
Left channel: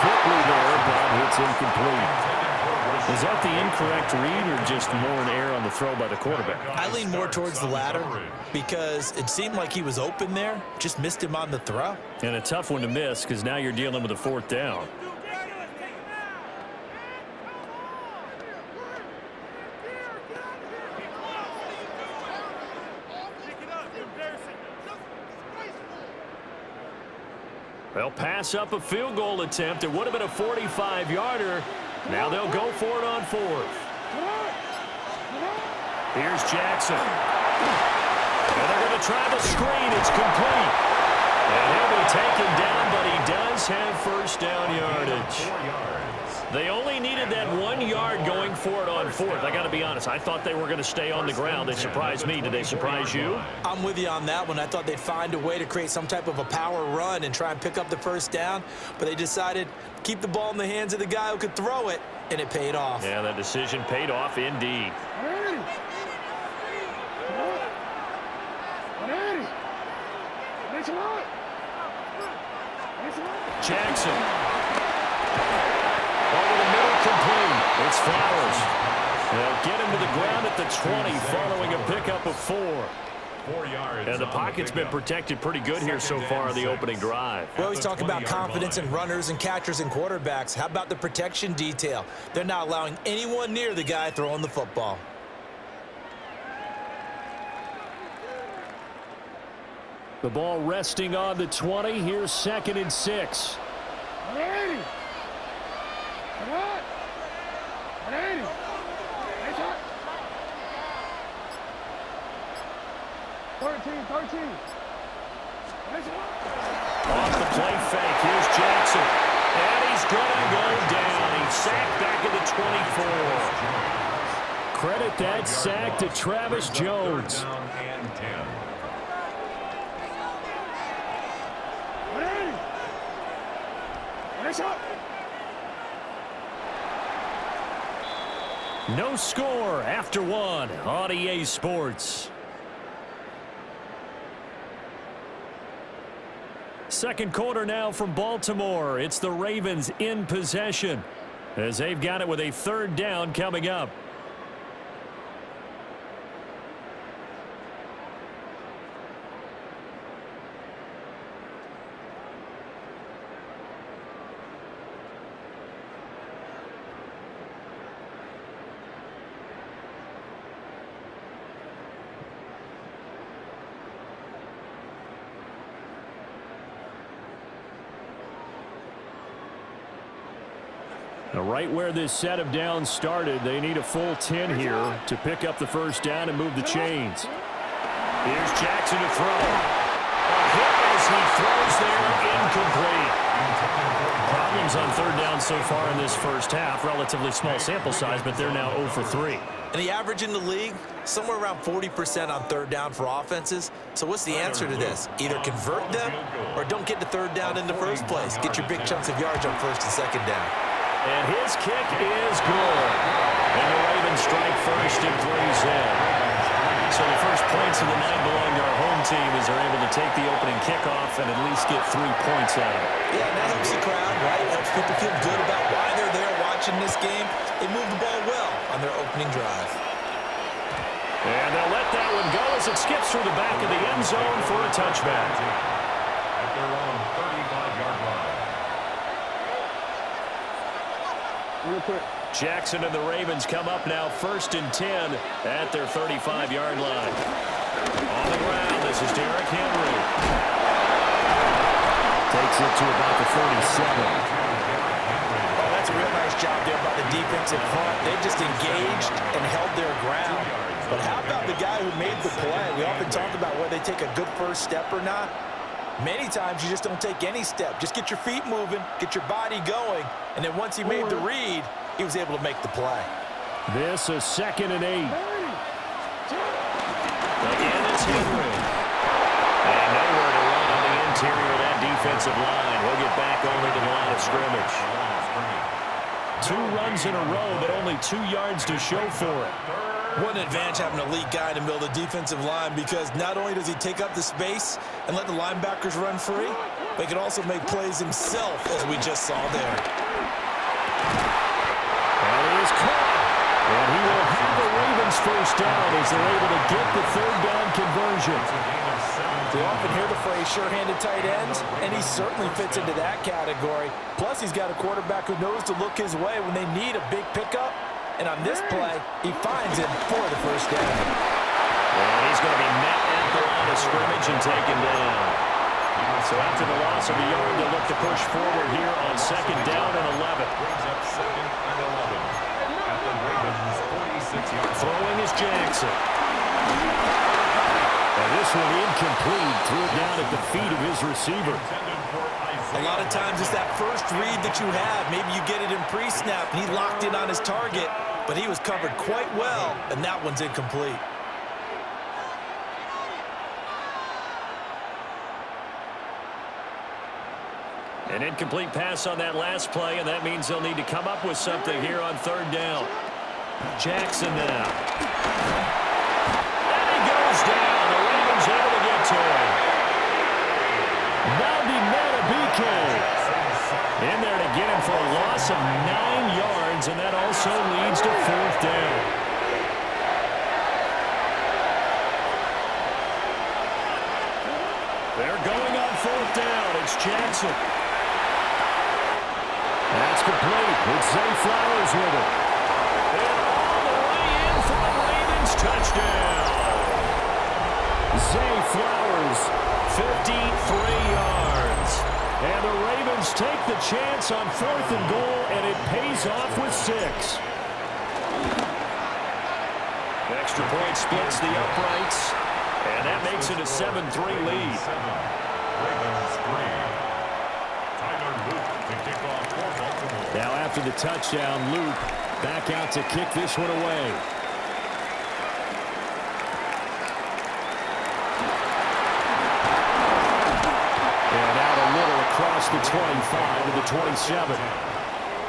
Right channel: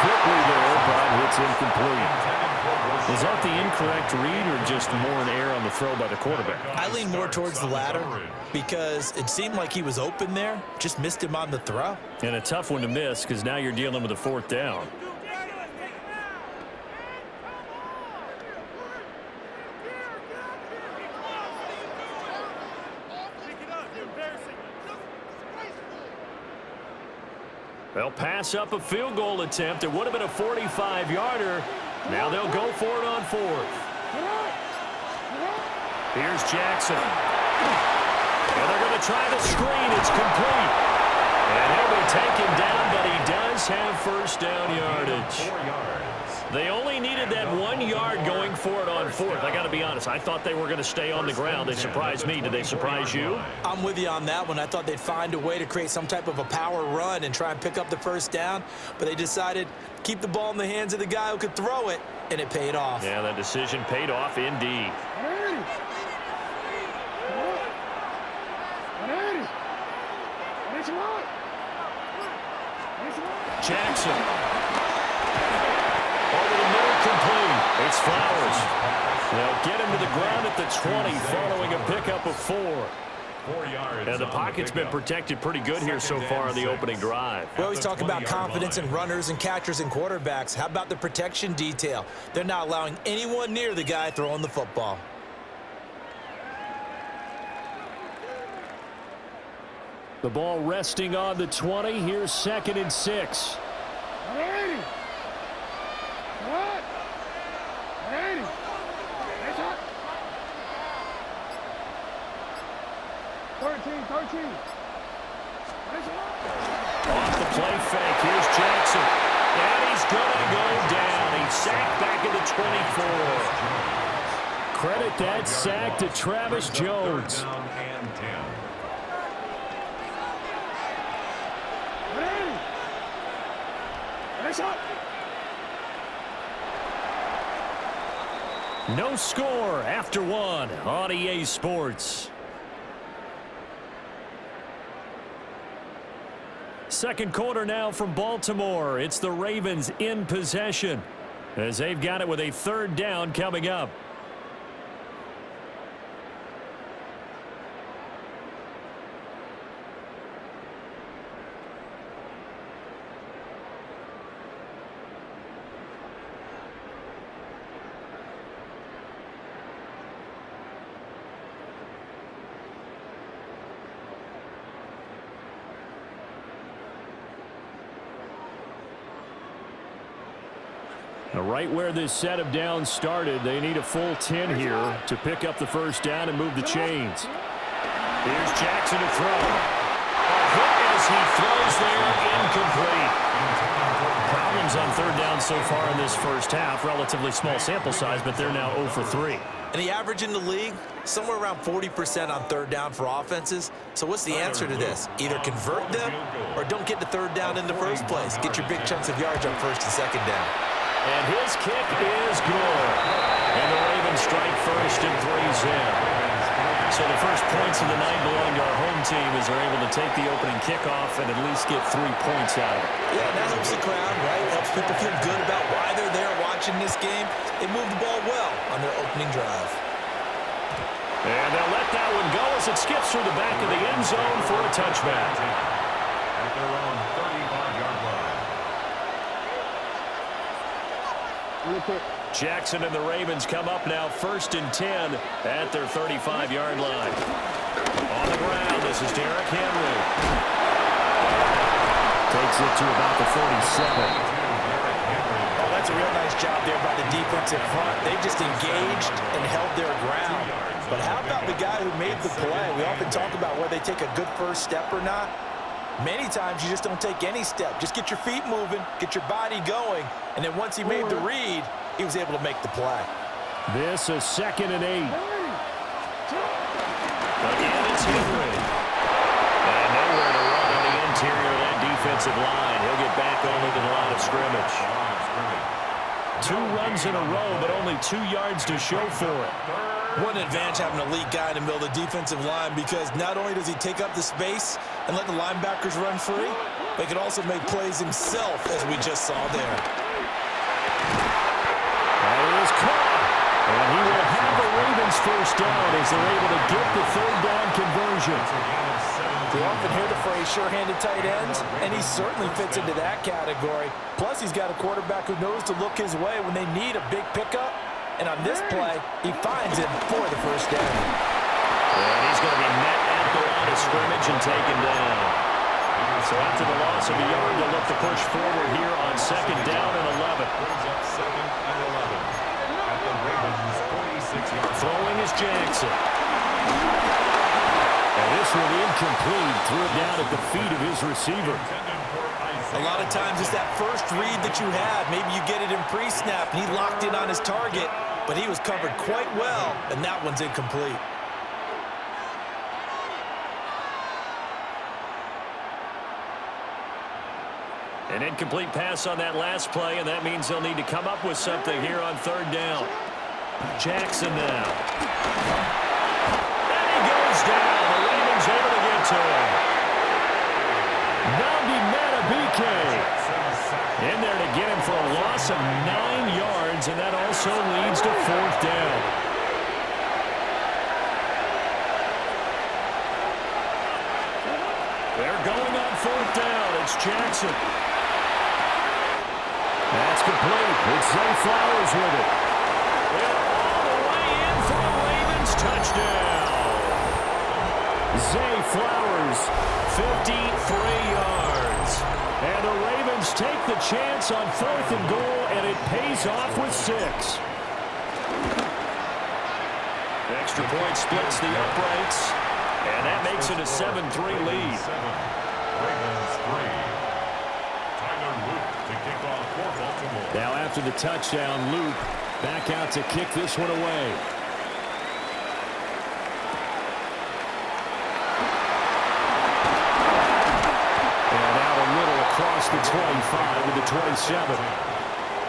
quickly there, but it's incomplete. Was that the incorrect read or just more an error on the throw by the quarterback? I lean more towards the latter because it seemed like he was open there, just missed him on the throw. And a tough one to miss because now you're dealing with a 4th down. They'll pass up a field goal attempt. It would have been a 45-yarder. Now they'll go for it on 4th. Here's Jackson. And they're going to try the screen. It's complete. And he'll be taken down, but he does have 1st down yardage. 4 yards. They only needed that 1 yard going for it on 4th. I got to be honest. I thought they were going to stay on the ground. They surprised me. Did they surprise you? I'm with you on that one. I thought they'd find a way to create some type of a power run and try and pick up the 1st down, but they decided to keep the ball in the hands of the guy who could throw it, and it paid off. Yeah, that decision paid off indeed. Jackson. Over the middle, complete. It's Flowers. They'll get him to the ground at the 20 following a pickup of 4. 4 yards. And the pocket's been protected pretty good here so far in the opening drive. We always talk about confidence in runners and catchers and quarterbacks. How about the protection detail? They're not allowing anyone near the guy throwing the football. The ball resting on the 20. Here's 2nd and 6. 13. Off the play fake. Here's Jackson. And he's going to go down. He's sacked back at the 24. Credit that sack to Travis Jones. 3rd down and 10. No score after 1 on EA Sports. 2nd quarter now from Baltimore. It's the Ravens in possession as they've got it with a 3rd down coming up. Now, right where this set of downs started, they need a full 10 here to pick up the 1st down and move the chains. Here's Jackson to throw. A hit as he throws there, incomplete. Problems on 3rd down so far in this first half. Relatively small sample size, but they're now 0 for 3. And the average in the league, somewhere around 40% on 3rd down for offenses. So what's the answer to this? Either convert them or don't get to 3rd down in the first place. Get your big chunks of yards on 1st and 2nd down. And his kick is good. And the Ravens strike first and 3's in. So the first points of the night belong to our home team as they're able to take the opening kickoff and at least get 3 points out of it. Yeah, and that helps the crowd, right? Helps people feel good about why they're there watching this game. They moved the ball well on their opening drive. And they'll let that one go as it skips through the back of the end zone for a touchback. At their own 35-yard line. Jackson and the Ravens come up now 1st and 10 at their 35-yard line. On the ground, this is Derrick Henry. Takes it to about the 47. Oh, that's a real nice job there by the defensive front. They just engaged and held their ground. But how about the guy who made the play? We often talk about whether they take a good first step or not. Many times you just don't take any step. Just get your feet moving, get your body going, and then once he made the read, he was able to make the play. This is 2nd and 8. Again, it's Henry. And nowhere to run on the interior of that defensive line. He'll get back only to the line of scrimmage. 2 runs in a row, but only 2 yards to show for it. What an advantage having an elite guy in the middle of the defensive line, because not only does he take up the space and let the linebackers run free, but he can also make plays himself, as we just saw there. That is caught. And he will have the Ravens first down as they're able to get the 3rd down conversion. We often hear the phrase sure-handed tight ends, and he certainly fits into that category. Plus, he's got a quarterback who knows to look his way when they need a big pickup. And on this play, he finds him for the first down. And he's going to be met at the line of scrimmage and taken down. So after the loss of a yard, they'll look to push forward here on 2nd down and 11. Brings up 2nd and 11 at the Ravens' 46-yard line. Throwing is Jackson. And this one incomplete. Threw it down at the feet of his receiver. A lot of times it's that first read that you have. Maybe you get it in pre-snap, and he locked in on his target, but he was covered quite well, and that one's incomplete. An incomplete pass on that last play, and that means they'll need to come up with something here on 3rd down. Jackson now. And he goes down. The Ravens able to get to him. Nnamdi Madubuike in there to get him for a loss of 9 yards, and that also leads to 4th down. They're going on 4th down. It's Jackson. That's complete. It's Zay Flowers with it. And all the way in for a Ravens touchdown. Zay Flowers, 53 yards. And the Ravens take the chance on 4th and goal, and it pays off with 6. Extra point splits the uprights, and that makes it a 7-3 lead. Ravens 3. Tyler Luke to kick off for Baltimore. Now after the touchdown, Luke back out to kick this one away. And out a little across the 25 to the 27.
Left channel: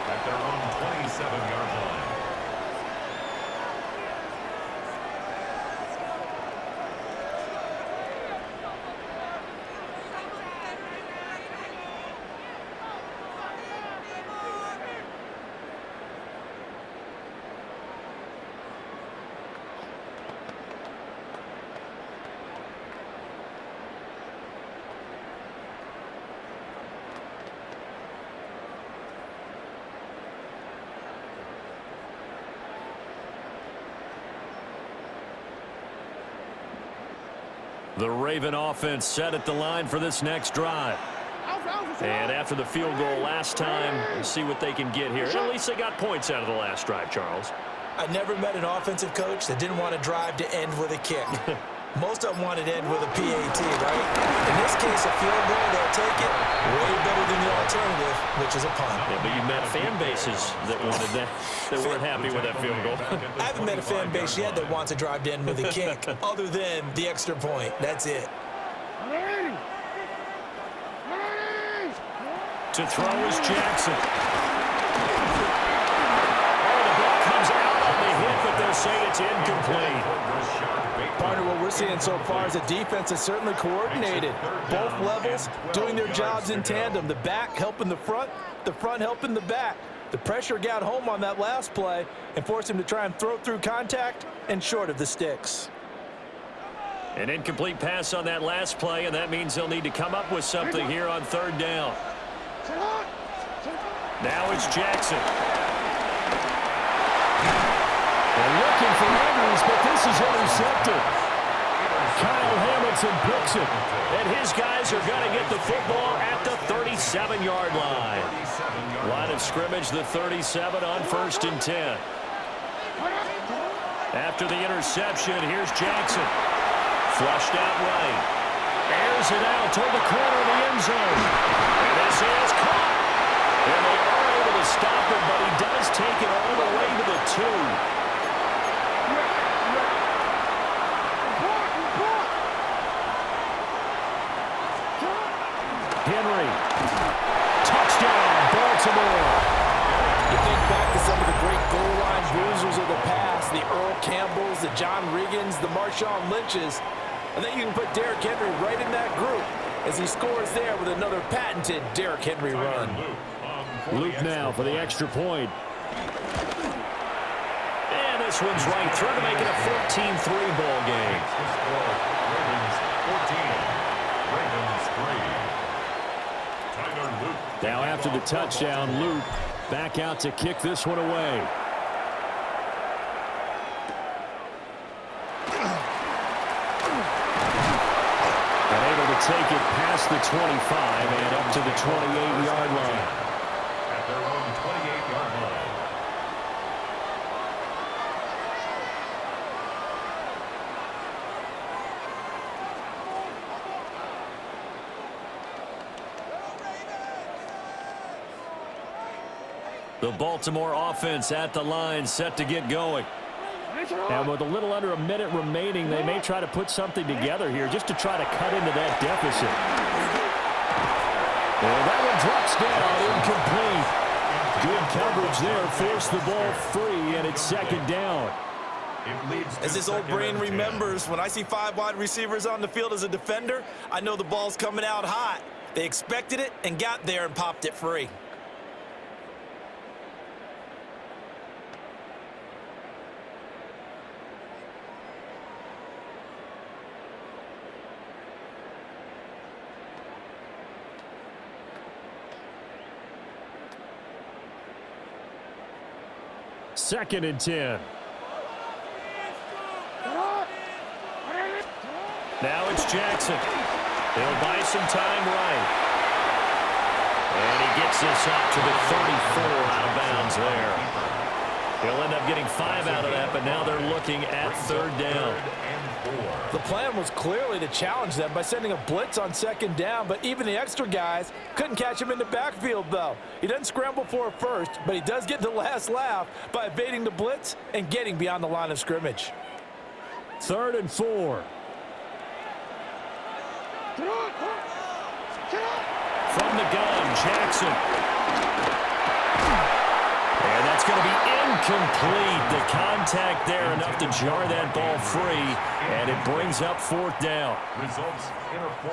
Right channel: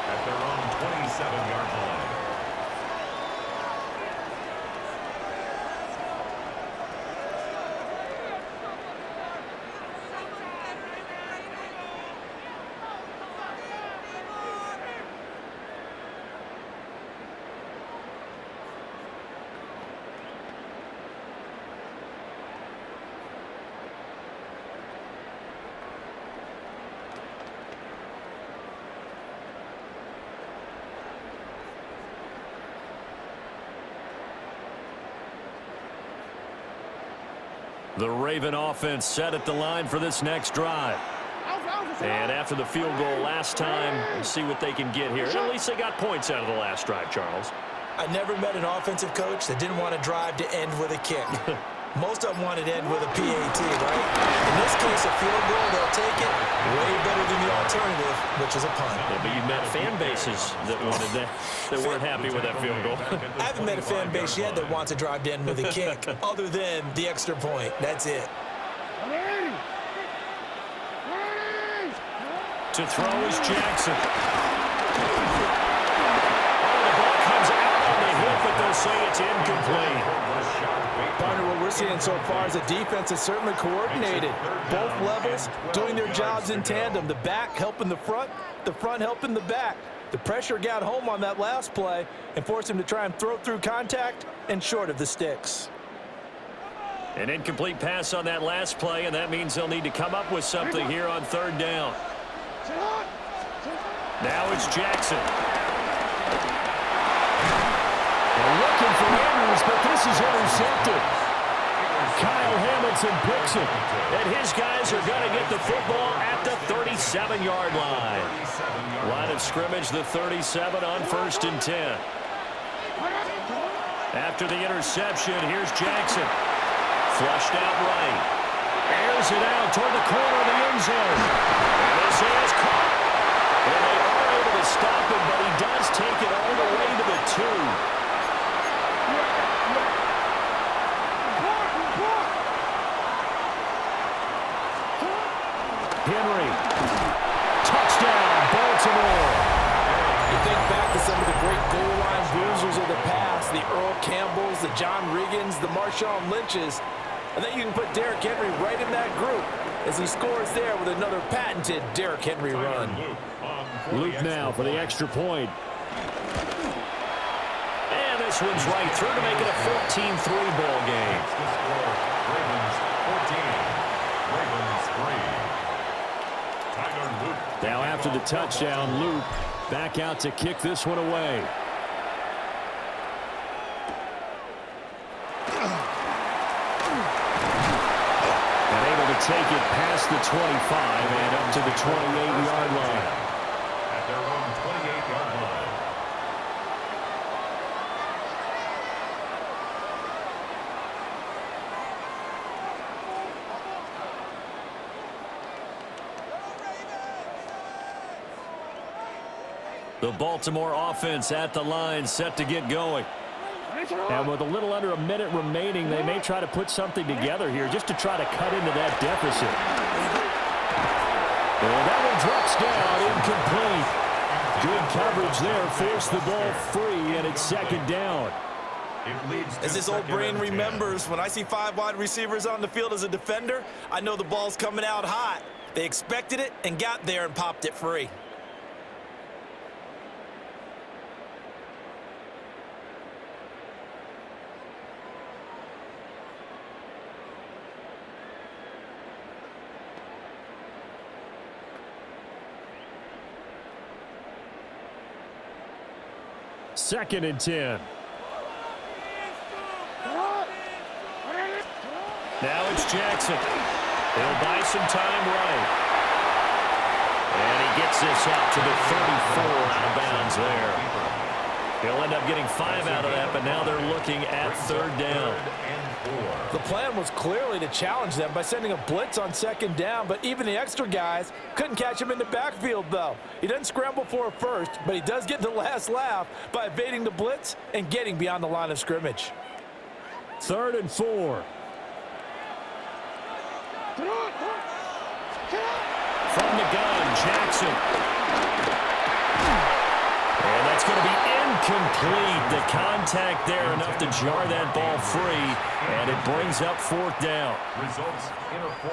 At their own 27-yard line. The Raven offense set at the line for this next drive. And after the field goal last time, we'll see what they can get here. And at least they got points out of the last drive, Charles. I never met an offensive coach that didn't want to drive to end with a kick. Most of them wanted to end with a PAT, right? In this case, a field goal, they'll take it. Way better than the alternative, which is a punt. Yeah, but you met fan bases that wanted that, that weren't happy with that field goal. I haven't met a fan base yet that wants to drive to end with a kick, other than the extra point. That's it. To throw is Jackson. Oh, the ball comes out on the hit, but but they'll say it's incomplete. Partner, what we're seeing so far is the defense is certainly coordinated. Both levels doing their jobs in tandem. The back helping the front helping the back. The pressure got home on that last play and forced him to try and throw through contact and short of the sticks. An incomplete pass on that last play, and that means they'll need to come up with something here on third down. Now it's Jackson. And looking for Andrews, but this is intercepted. Kyle Hamilton picks it. And his guys are going to get the football at the 37-yard line. Line of scrimmage, the 37 on 1st and 10. After the interception, here's Jackson. Flushed out right. Airs it out toward the corner of the end zone. And this is caught. And they are able to stop him, but he does take it all the way to the 2. Henry. Touchdown, Baltimore. You think back to some of the great goal line bruisers of the past, the Earl Campbells, the John Riggins, the Marshawn Lynches. I think you can put Derrick Henry right in that group as he scores there with another patented Derrick Henry run. Luke now for the extra point. And this one's right through to make it a 14-3 ball game. Ravens 14, Ravens 3. Now after the touchdown, Luke back out to kick this one away. And able to take it past the 25 and up to the 28-yard line. At their own 28-yard line. The Baltimore offense at the line, set to get going. And with a little under a minute remaining, they may try to put something together here just to try to cut into that deficit. And that one drops down, incomplete. Good coverage there, forced the ball free, and it's second down. As his old brain remembers, when I see 5 wide receivers on the field as a defender, I know the ball's coming out hot. They expected it and got there and popped it free. Second and 10. Now it's Jackson. He'll buy some time right. And he gets this up to the 34 out of bounds there. He'll end up getting 5 out of that, but now they're looking at third down. The plan was clearly to challenge them by sending a blitz on second down, but even the extra guys couldn't catch him in the backfield, though. He doesn't scramble for a first, but he does get the last laugh by evading the blitz and getting beyond the line of scrimmage. 3rd and 4. From the gun, Jackson. And that's going to be incomplete. The contact there enough to jar that ball free, and it brings up 4th down.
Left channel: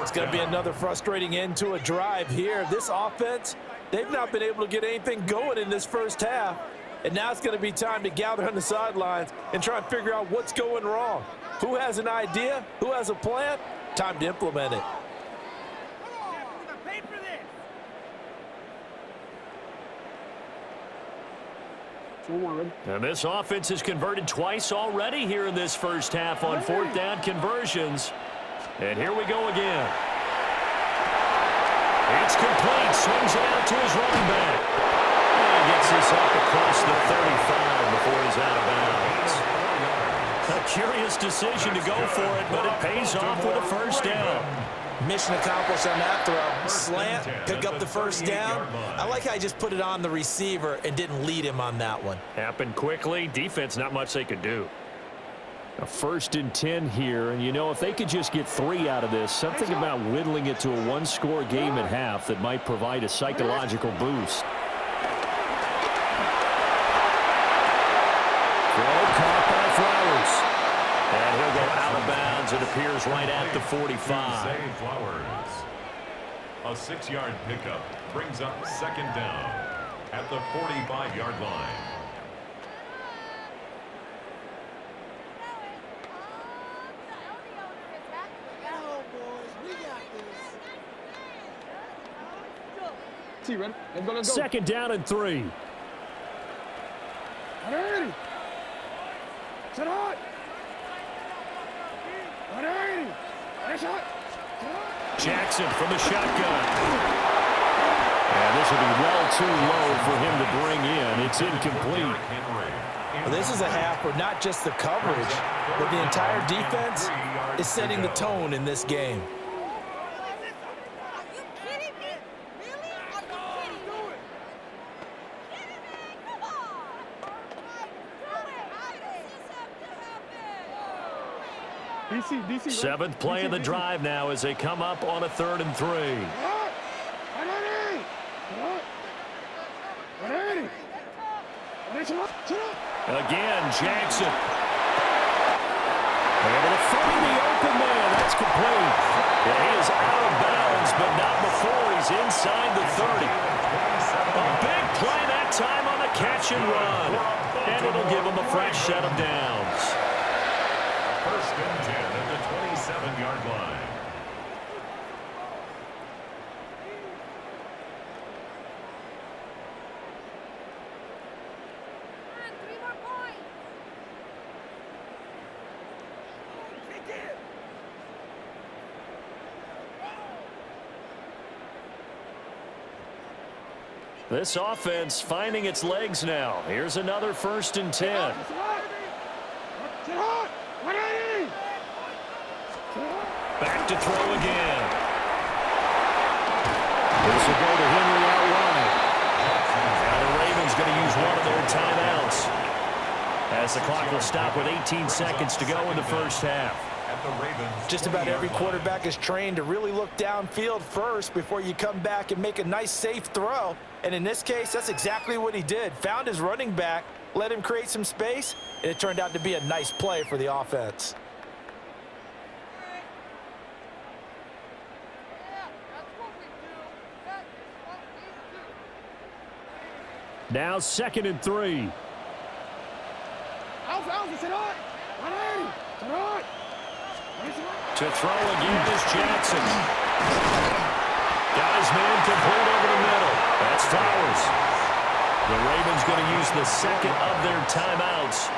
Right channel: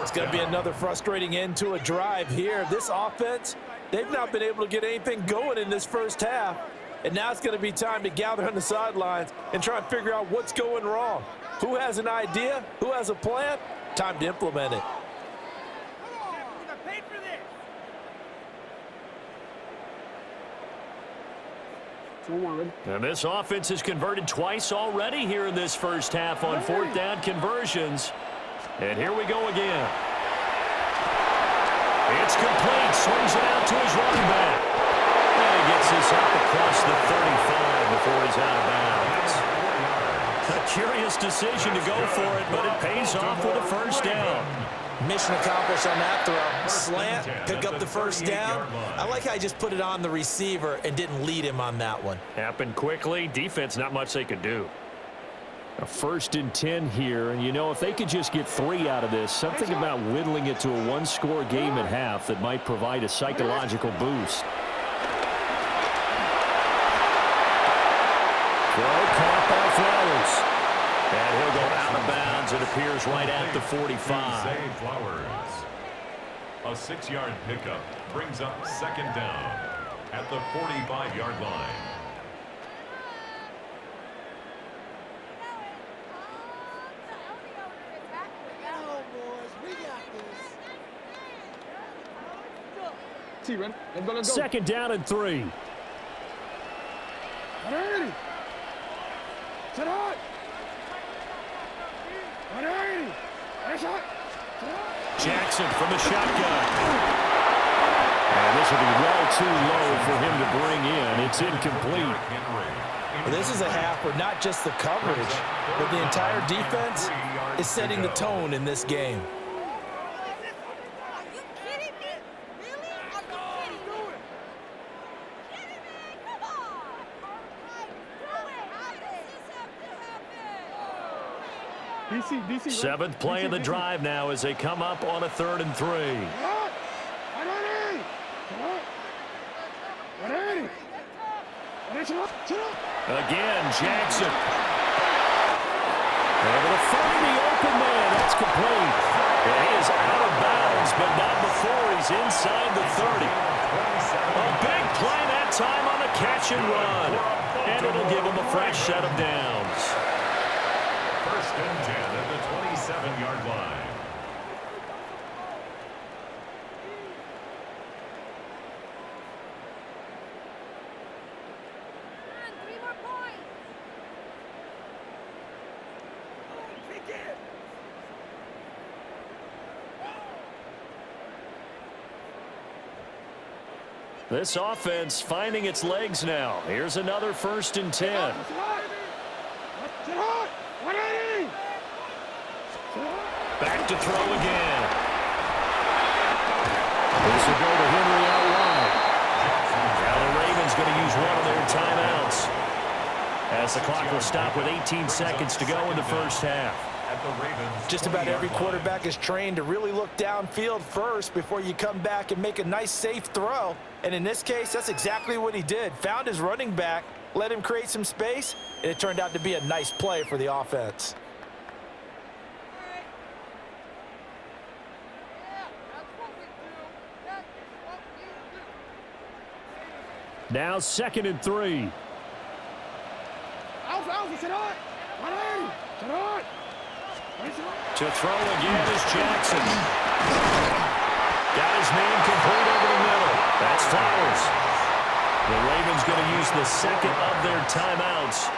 It's going to be another frustrating end to a drive here. This offense, they've not been able to get anything going in this first half, and now it's going to be time to gather on the sidelines and try and figure out what's going wrong. Who has an idea? Who has a plan? Time to implement it. And this offense has converted twice already here in this first half on 4th down conversions. And here we go again. It's complete. Swings it out to his running back. And he gets this up across the 35 before he's out of bounds. A curious decision to go for it, but it pays off with a first down. Mission accomplished on that throw. Slant, pick up the first down. I like how he just put it on the receiver and didn't lead him on that one. Happened quickly. Defense, not much they could do. A 1st and 10 here, and you know, if they could just get 3 out of this, something about whittling it to a one-score game at half that might provide a psychological boost. Throw caught by Flowers. And he'll go out of bounds. It appears right at the 45. Zay Flowers. A 6-yard pickup brings up second down at the 45-yard line. Second down and 3. Jackson from the shotgun. And this will be well too low for him to bring in. It's incomplete. Well, this is a half where not just the coverage, but the entire defense is setting the tone in this game. Seventh play of the drive now as they come up on a 3rd and 3. Again, Jackson. Able to find the open man. That's complete. And he is out of bounds, but not before he's inside the 30. A big play that time on the catch and run. And it'll give him a fresh set of downs. 1st and 10 at the 27-yard line. This offense finding its legs now. Here's another 1st and 10. Back to throw again. This will go to Henry out wide. Now the Ravens going to use one of their timeouts as the clock will stop with 18 seconds to go in the first half. Just about every quarterback is trained to really look downfield first before you come back and make a nice, safe throw. And in this case, that's exactly what he did. Found his running back, let him create some space, and it turned out to be a nice play for the offense. Now 2nd and 3. To throw again is Jackson. Got his man complete over the middle. That's Flowers. The Ravens going to use the second of their timeouts.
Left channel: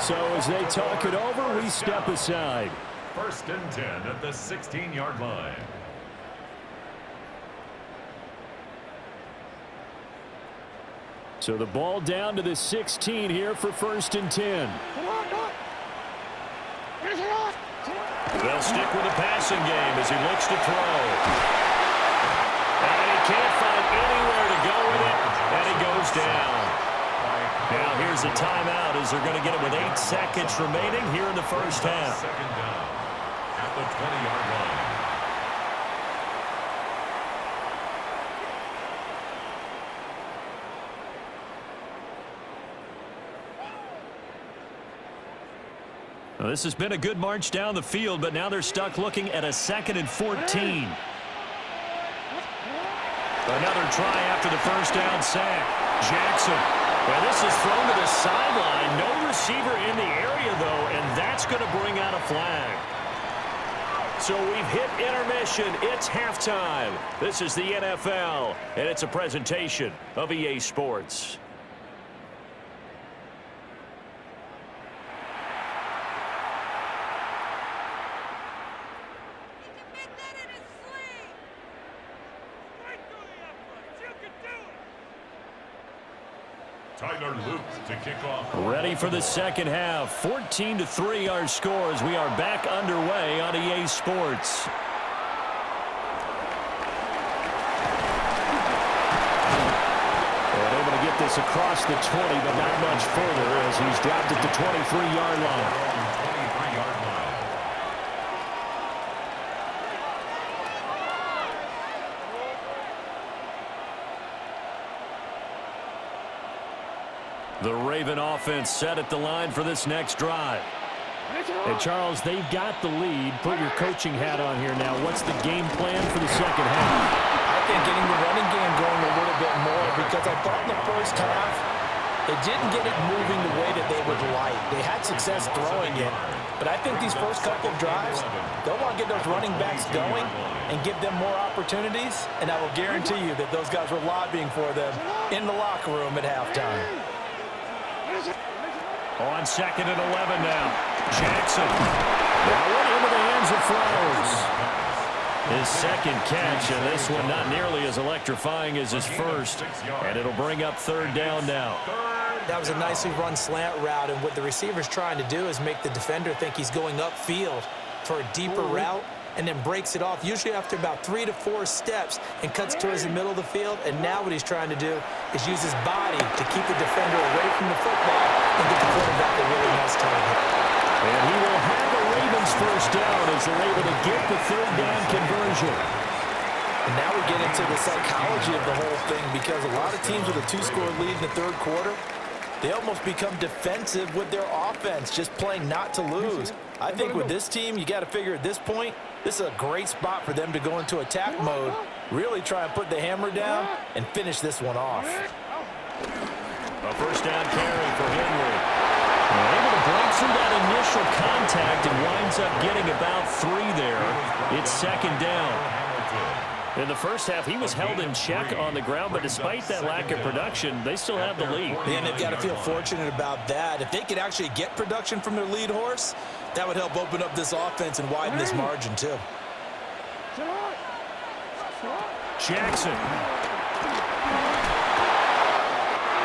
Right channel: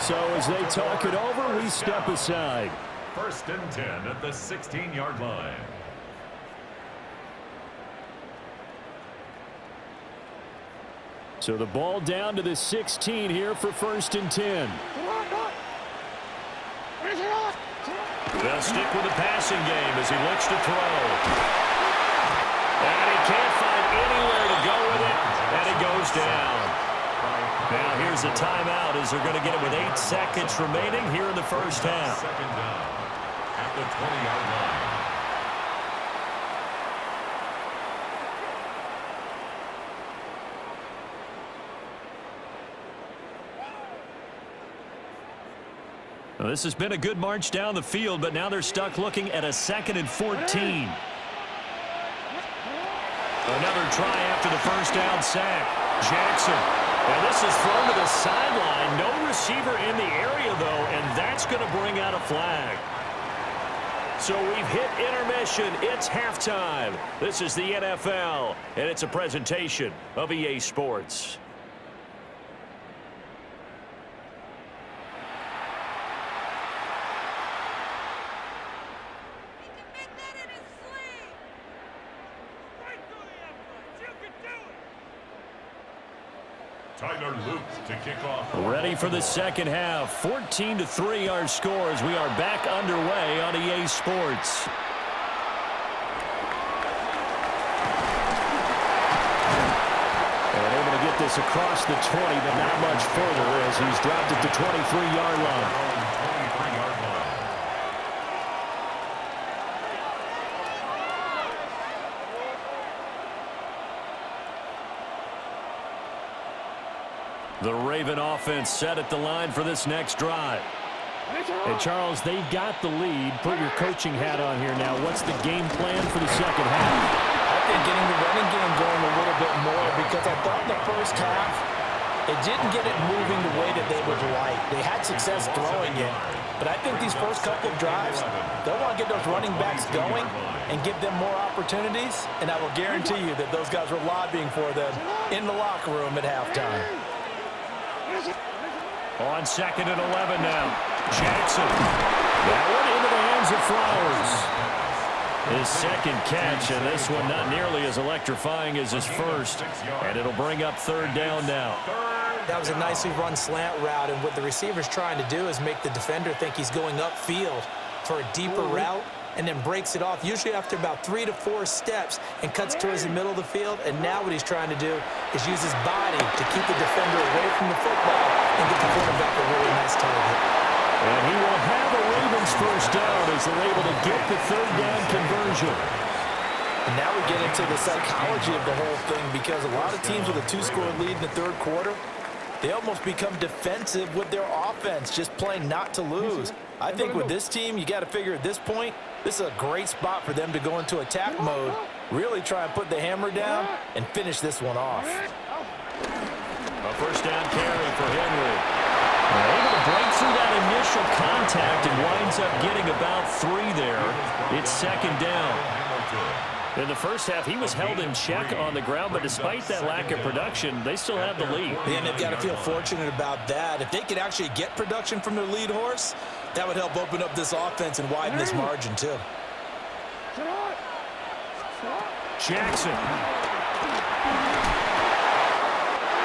So as they talk it over, we step aside. 1st and 10 at the 16-yard line. So the ball down to the 16 here for 1st and 10. They'll stick with the passing game as he looks to throw. And he can't find anywhere to go with it, and he goes down. Now here's a timeout as they're going to get it with 8 seconds remaining here in the first half. Second down at the 20-yard line. Well, this has been a good march down the field, but now they're stuck looking at a 2nd and 14. Another try after the first down sack. Jackson. And this is thrown to the sideline. No receiver in the area, though, and that's going to bring out a flag. So we've hit intermission. It's halftime. This is the NFL, and it's a presentation of EA Sports. Tyler Luke to kick off. Ready for the second half. 14-3 our score as we are back underway on EA Sports. And able to get this across the 20, but not much further as he's dropped it to 23-yard line. 23-yard line. The Raven offense set at the line for this next drive. And Charles, they've got the lead. Put your coaching hat on here now. What's the game plan for the second half? I think getting the running game going a little bit more, because I thought in the first half they didn't get it moving the way that they would like. They had success throwing it, but I think these first couple of drives, they'll want to get those running backs going and give them more opportunities, and I will guarantee you that those guys were lobbying for them in the locker room at halftime. On 2nd and 11 now. Jackson. That one into the hands of Flowers. His second catch, and this one not nearly as electrifying as his first. And it'll bring up 3rd down now. That was a nicely run slant route, and what the receiver's trying to do is make the defender think he's going upfield for a deeper route, and then breaks it off, usually after about 3 to 4 steps, and cuts towards the middle of the field. And now what he's trying to do is use his body to keep the defender away from the football and get the quarterback a really nice target. And he will have a Ravens first down as they're able to get the 3rd down conversion. And now we get into the psychology of the whole thing, because a lot of teams with a 2-score lead in the 3rd quarter, they almost become defensive with their offense, just playing not to lose. I think with this team, you got to figure at this point, this is a great spot for them to go into attack mode, really try and put the hammer down and finish this one off. A first down carry for Henry. Able to break through that initial contact and winds up getting about 3 there. It's 2nd down. In the first half, he was held in check on the ground, but despite that lack of production, they still have the lead. And they've got to feel fortunate about that. If they could actually get production from their lead horse, that would help open up this offense and widen this margin too. Jackson.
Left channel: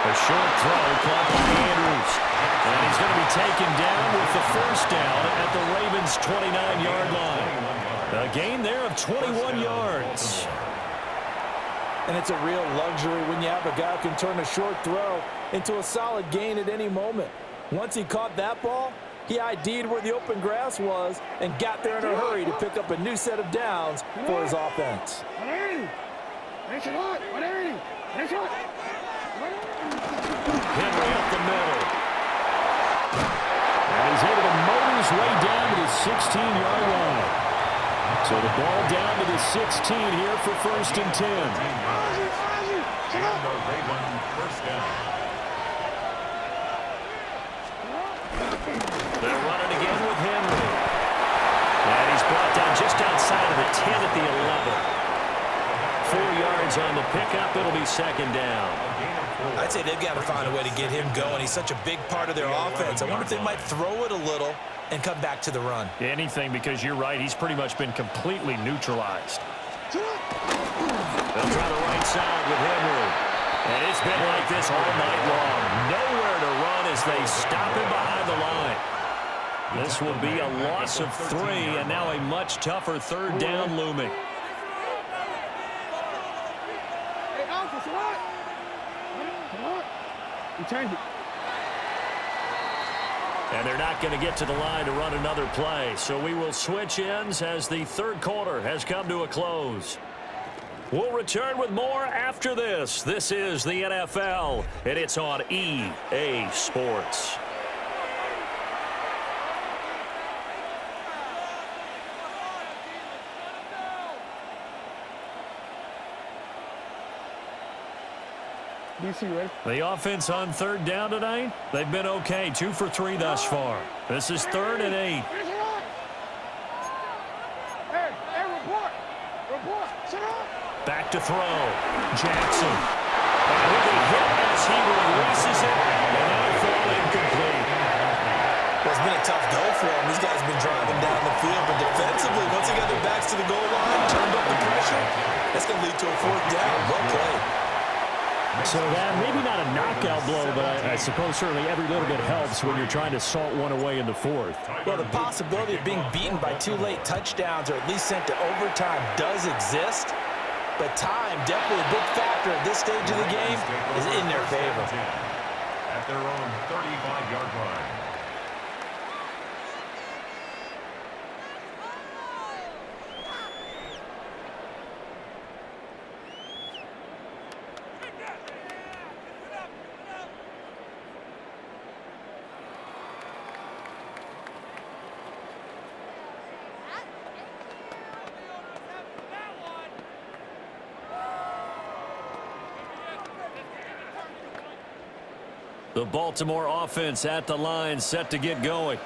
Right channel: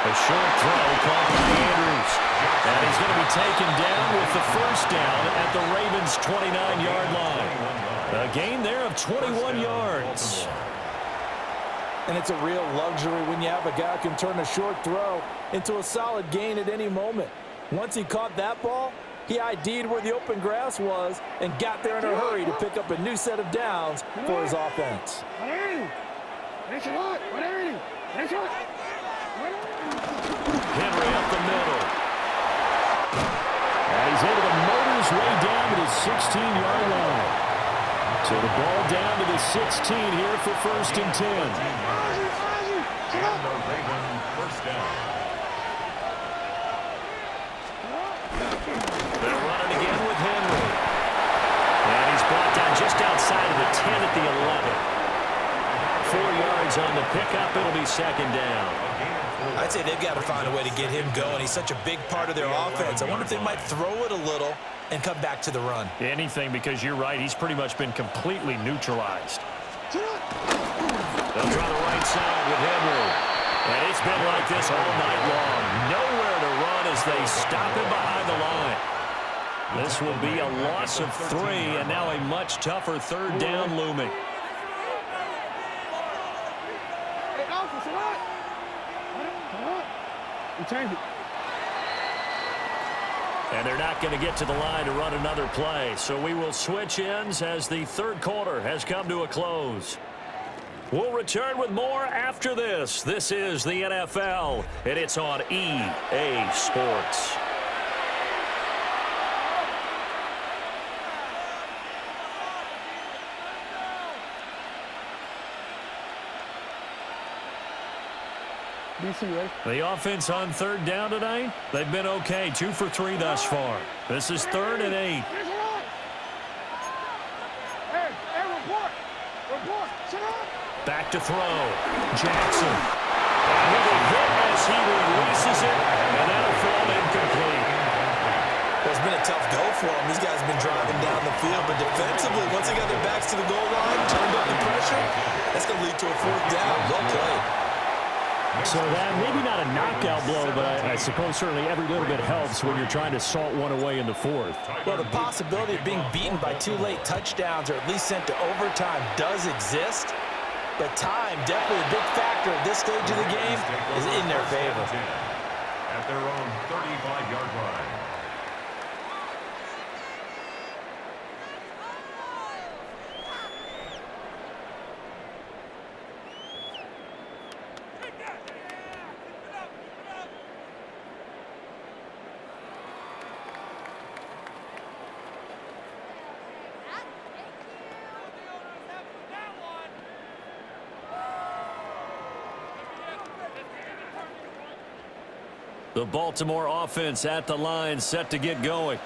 A short throw caught by Andrews. And he's going to be taken down with the first down at the Ravens' 29-yard line. A gain there of 21 yards. And it's a real luxury when you have a guy who can turn a short throw into a solid gain at any moment. Once he caught that ball, he ID'd where the open grass was and got there in a hurry to pick up a new set of downs for his offense. Henry up the middle. And he's able to motor his way down to the 16-yard line. So the ball down to the 16 here for 1st and 10. And the Raven first down. They're running again with Henry. And he's brought down just outside of the 10 at the 11. 4 yards on the pickup. It'll be 2nd down. I'd say they've got to find a way to get him going. He's such a big part of their offense. I wonder if they might throw it a little and come back to the run. Anything, because you're right. He's pretty much been completely neutralized. They'll try the right side with Henry. And it's been like this all night long. Nowhere to run as they stop him behind the line. This will be a loss of 3, and now a much tougher 3rd down looming. And they're not going to get to the line to run another play. So we will switch ends as the 3rd quarter has come to a close. We'll return with more after this. This is the NFL, and it's on EA Sports. The offense on 3rd down tonight, they've been okay. 2 for 3 thus far. This is 3rd and 8. Back to throw. Jackson. And he'll be hit as he releases it, and that'll fall incomplete. Well, it's been a tough go for him. These guys have been driving down the field, but defensively, once they got their backs to the goal line, turned up the pressure, that's going to lead to a 4th down. Well played. So that maybe not a knockout blow, but I suppose certainly every little bit helps when you're trying to salt one away in the 4th. Well, the possibility of being beaten by 2 late touchdowns or at least sent to overtime does exist, but time, definitely a big factor at this stage of the game, is in their favor. At their own 35-yard line. The Baltimore offense at the line, set to get going.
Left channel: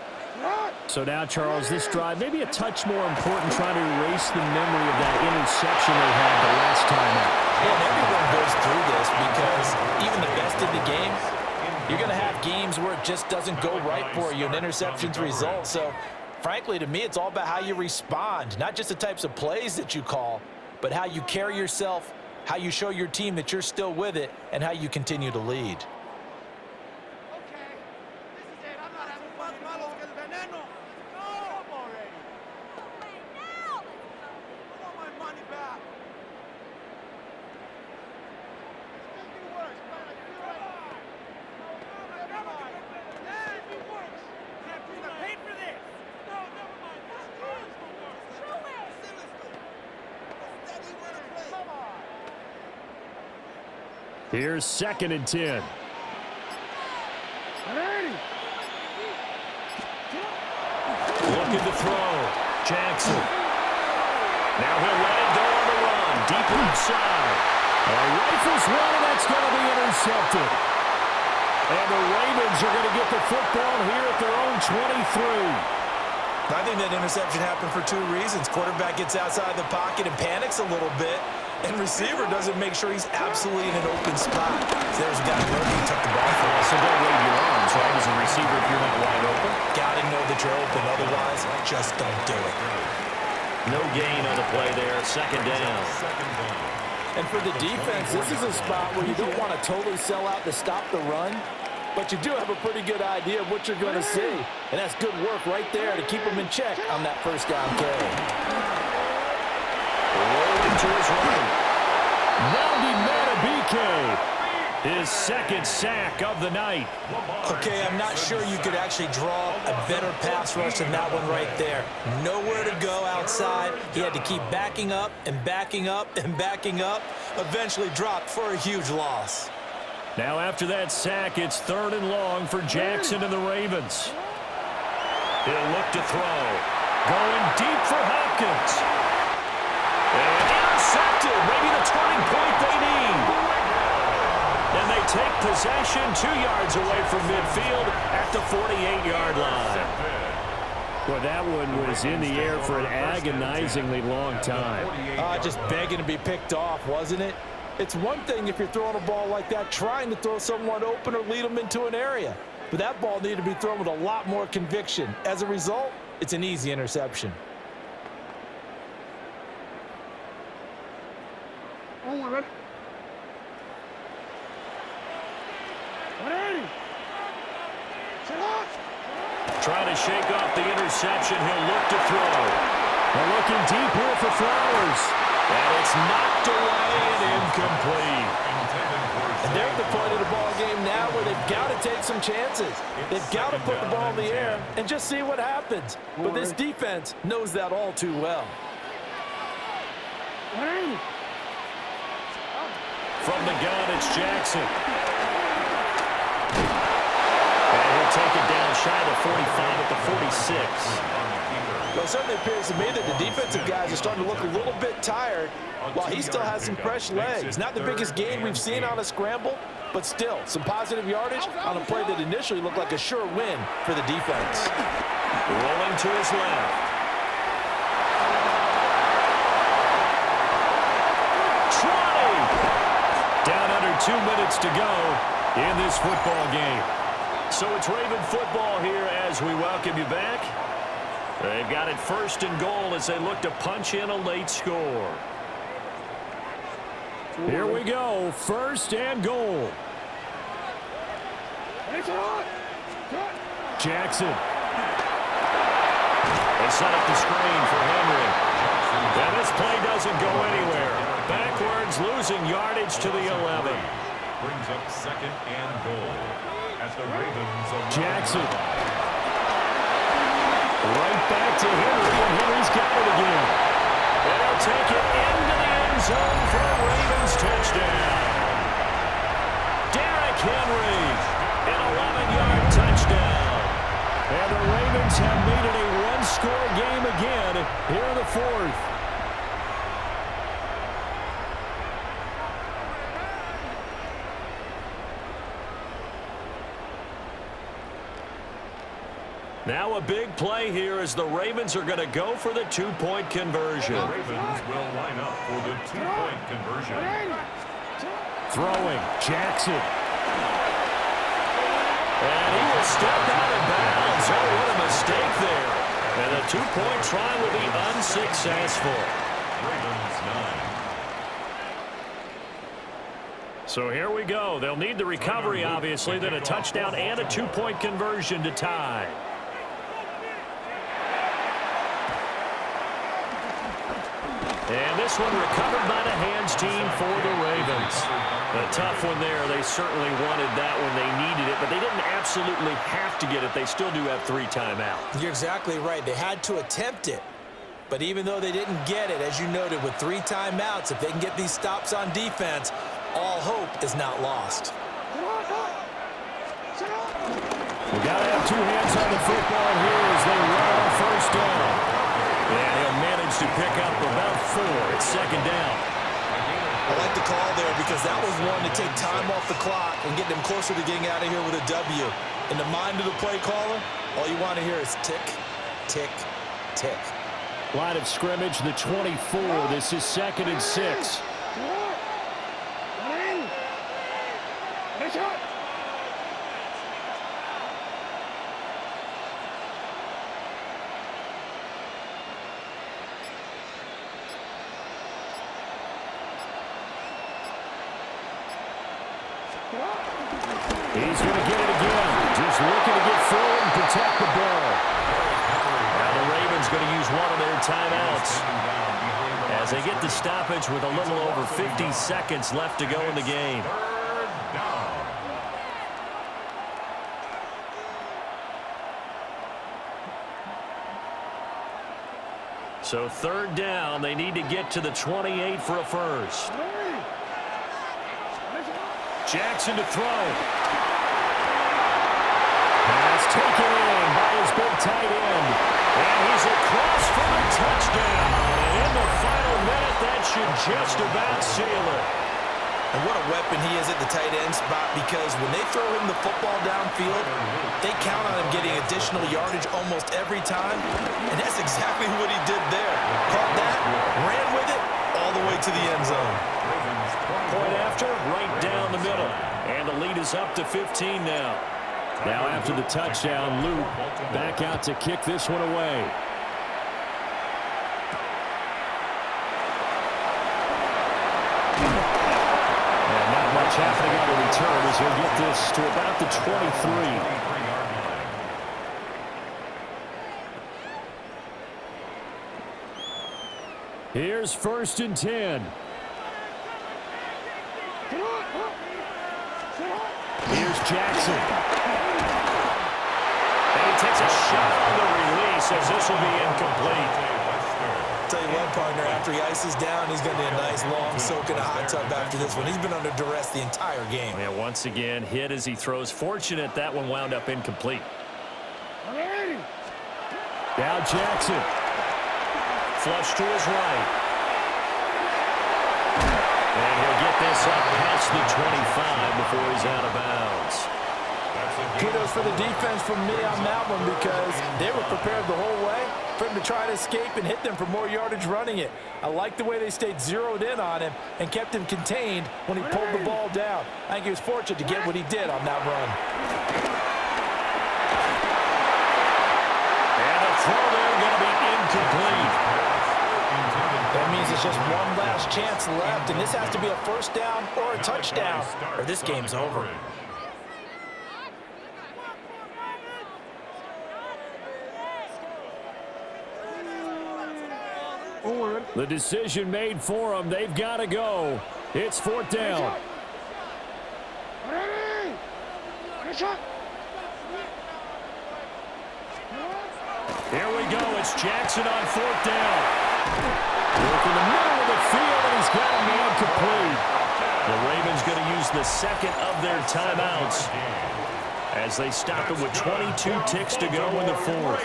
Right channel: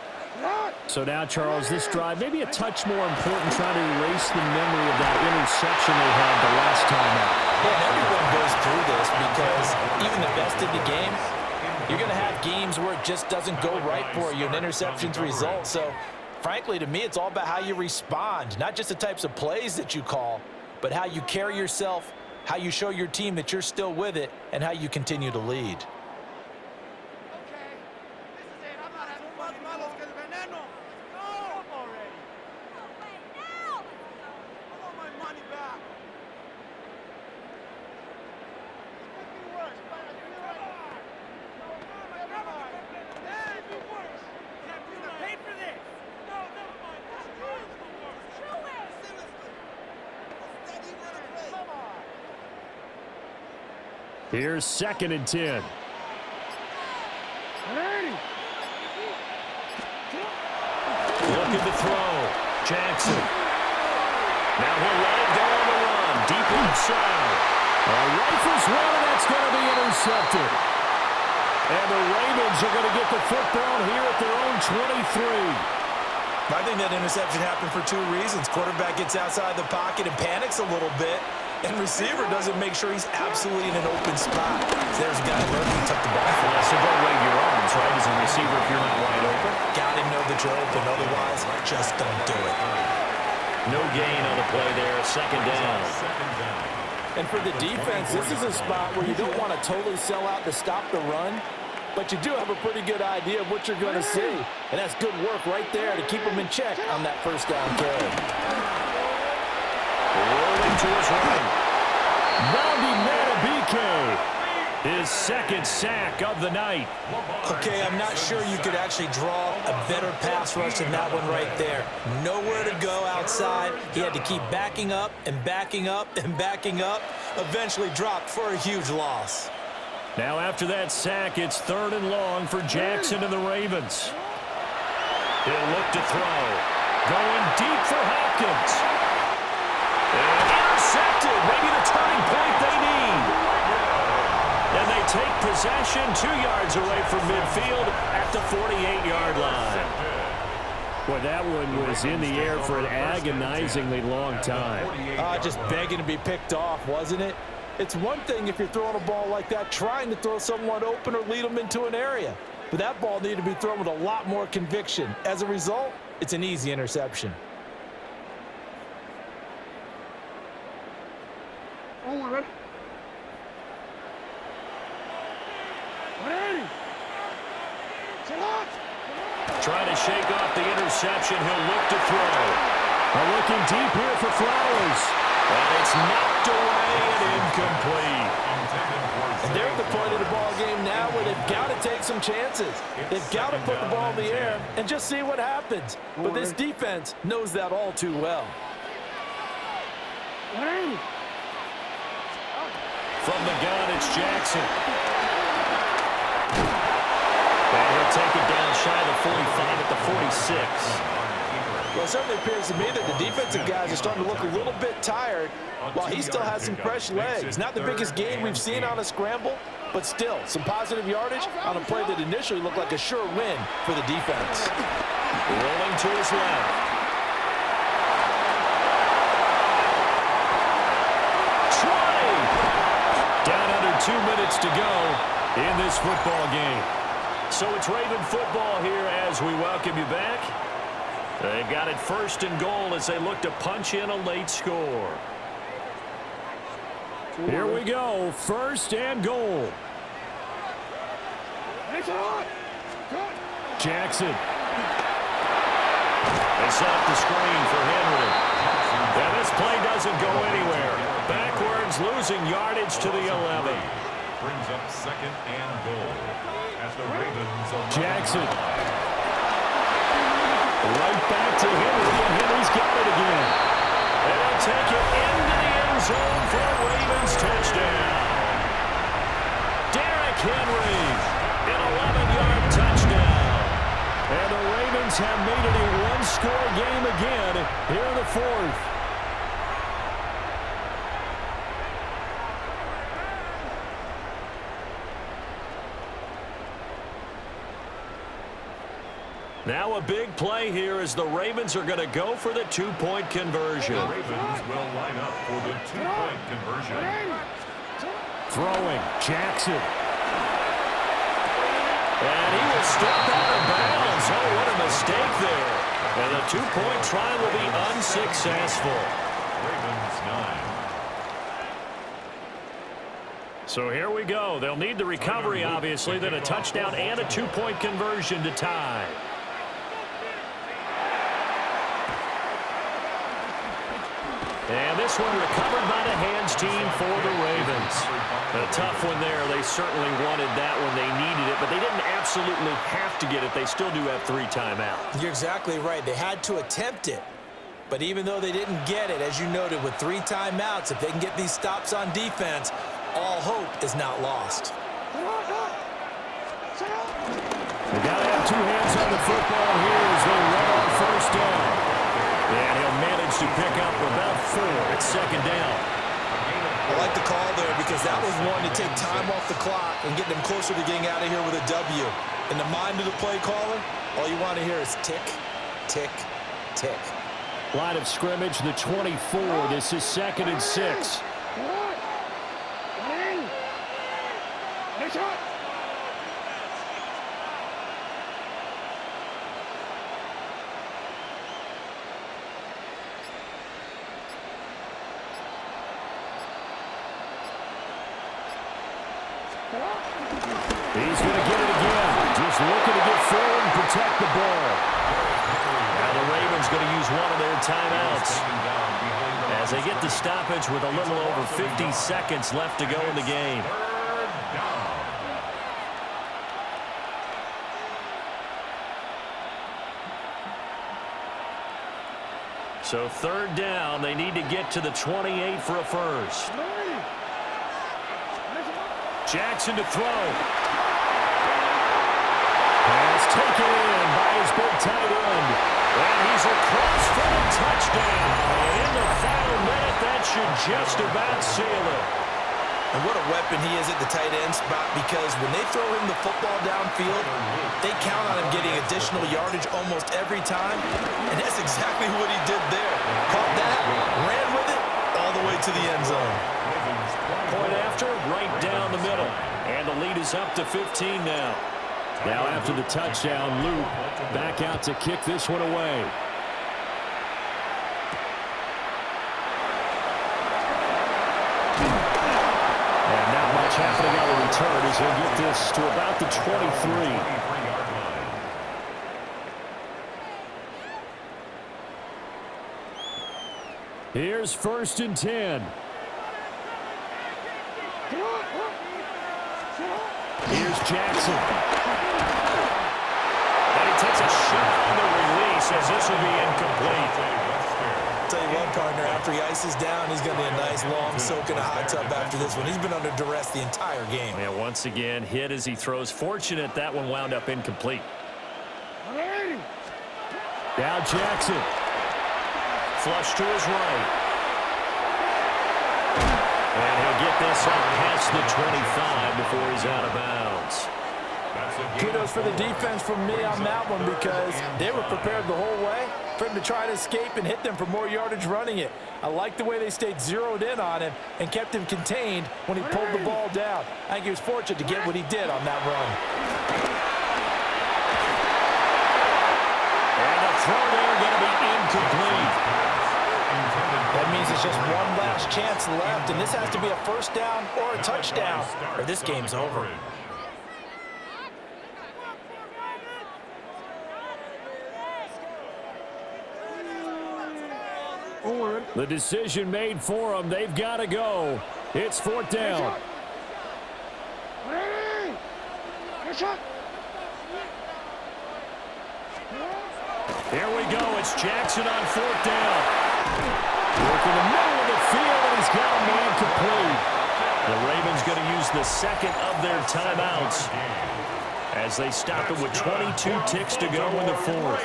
So now, Charles, this drive maybe a touch more important, trying to erase the memory of that interception they had the last time out. Yeah, and everyone goes through this because even the best in the game, you're going to have games where it just doesn't go right for you, and interceptions result. So, frankly, to me, it's all about how you respond, not just the types of plays that you call, but how you carry yourself, how you show your team that you're still with it, and how you continue to lead. Here's 2nd and 10. Looking to throw. Jackson. Now he'll let it go on the run. Deep left side. Rifles one, and that's going to be intercepted. And the Ravens are going to get the football here at their own 23. I think that interception happened for 2 reasons. Quarterback gets outside the pocket and panics a little bit, and receiver doesn't make sure he's absolutely in an open spot. So there's a guy lurking, took the ball for us. So don't wave your arms, right, as a receiver if you're not wide open. Got to know that you're open. Otherwise, just don't do it. No gain on the play there. 2nd down. And for the defense, this is a spot where you don't want to totally sell out to stop the run, but you do have a pretty good idea of what you're going to see. And that's good work right there to keep them in check on that 1st down carry. Rolling to his right. Nnamdi Madubuike. His 2nd sack of the night. Okay, I'm not sure you could actually draw a better pass rush than that one right there. Nowhere to go outside. He had to keep backing up and backing up and backing up. Eventually dropped for a huge loss. Now after that sack, it's 3rd and long for Jackson and the Ravens. He'll look to throw. Going deep for Hopkins. And intercepted. Maybe the turning point they need. And they take possession 2 yards away from midfield at the 48-yard line. Well, that one was in the air for an agonizingly long time. Just begging to be picked off, wasn't it? It's one thing if you're throwing a ball like that, trying to throw someone open or lead them into an area. But that ball needed to be thrown with a lot more conviction. As a result, it's an easy interception. Trying to shake off the interception. He'll look to throw. Looking deep here for Flowers. And it's knocked away and incomplete. And they're at the point of the ball game now where they've got to take some chances. They've got to put the ball in the air and just see what happens. But this defense knows that all too well. From the gun, it's Jackson. And he'll take it down shy of the 45 at the 46. Well, it certainly appears to me that the defensive guys are starting to look a little bit tired while he still has some fresh legs. Not the biggest gain we've seen on a scramble, but still some positive yardage on a play that initially looked like a sure win for the defense. Rolling to his left. 20! Down under 2 minutes to go in this football game. So it's Raven football here as we welcome you back. They've got it 1st and goal as they look to punch in a late score. Here we go, 1st and goal. Jackson. They set up the screen for Henry. And this play doesn't go anywhere. Backwards, losing yardage to the 11. Brings up 2nd and goal at the Ravens of Jackson. Right back to Henry, and Henry's got it again. And he'll take it into the end zone for a Ravens touchdown. Derrick Henry, an 11-yard touchdown. And the Ravens have made it a one-score game again here in the 4th. Now a big play here as the Ravens are going to go for the two-point conversion. The Ravens will line up for the two-point conversion. Throwing, Jackson. And he will step out of bounds. Oh, what a mistake there. And the two-point try will be unsuccessful. Ravens 9. So here we go. They'll need the recovery, obviously, then a touchdown and a two-point conversion to tie. And this one recovered by the hands team for the Ravens. A tough one there. They certainly wanted that when they needed it, but they didn't absolutely have to get it. They still do have 3 timeouts. You're exactly right. They had to attempt it. But even though they didn't get it, as you noted, with 3 timeouts, if they can get these stops on defense, all hope is not lost. We got to have 2 hands on the football here as they run on first down. And he'll manage to pick up about 4. It's second down. I like the call there because that was one to take time off the clock and get them closer to getting out of here with a W. In the mind of the play caller, all you want to hear is tick, tick, tick. Line of scrimmage, the 24. This is 2nd and 6. He's going to get it again. Just looking to get forward and protect the ball. Now the Ravens going to use one of their timeouts as they get the stoppage with a little over 50 seconds left to go in the game. So 3rd down, they need to get to the 28 for a first. Jackson to throw. Pass taken in by his big tight end. And he's across for the touchdown. And in the final minute, that should just about seal it. And what a weapon he is at the tight end spot, because when they throw him the football downfield, they count on him getting additional yardage almost every time. And that's exactly what he did there. Caught that, ran with it, all the way to the end zone. Point after, right down the middle. And the lead is up to 15 now. Now after the touchdown, Luke back out to kick this one away. And not much happening on the return as he'll get this to about the 23. Here's 1st and 10. Here's Jackson. And he takes a shot on the release as this will be incomplete. Tell you what, partner, after he ices down, he's going to be a nice long soak in a hot tub after this one. He's been under duress the entire game. Yeah, once again, hit as he throws. Fortunate that one wound up incomplete. Now Jackson. Flush to his right. And he'll get this up past the 25 before he's out of bounds. Kudos for the defense from me on that one, because they were prepared the whole way for him to try to escape and hit them for more yardage running it. I like the way they stayed zeroed in on him and kept him contained when he pulled the ball down. I think he was fortunate to get what he did on that run. And the throw there going to be incomplete. That means it's just one last chance left, and this has to be a first down or a touchdown, or this game's over. The decision made for them. They've got to go. It's 4th down. Here we go. It's Jackson on 4th down. Work in the middle of the field, and he's got a man complete. The Ravens going to use the 2nd of their timeouts as they stop it with 22 ticks to go in the 4th.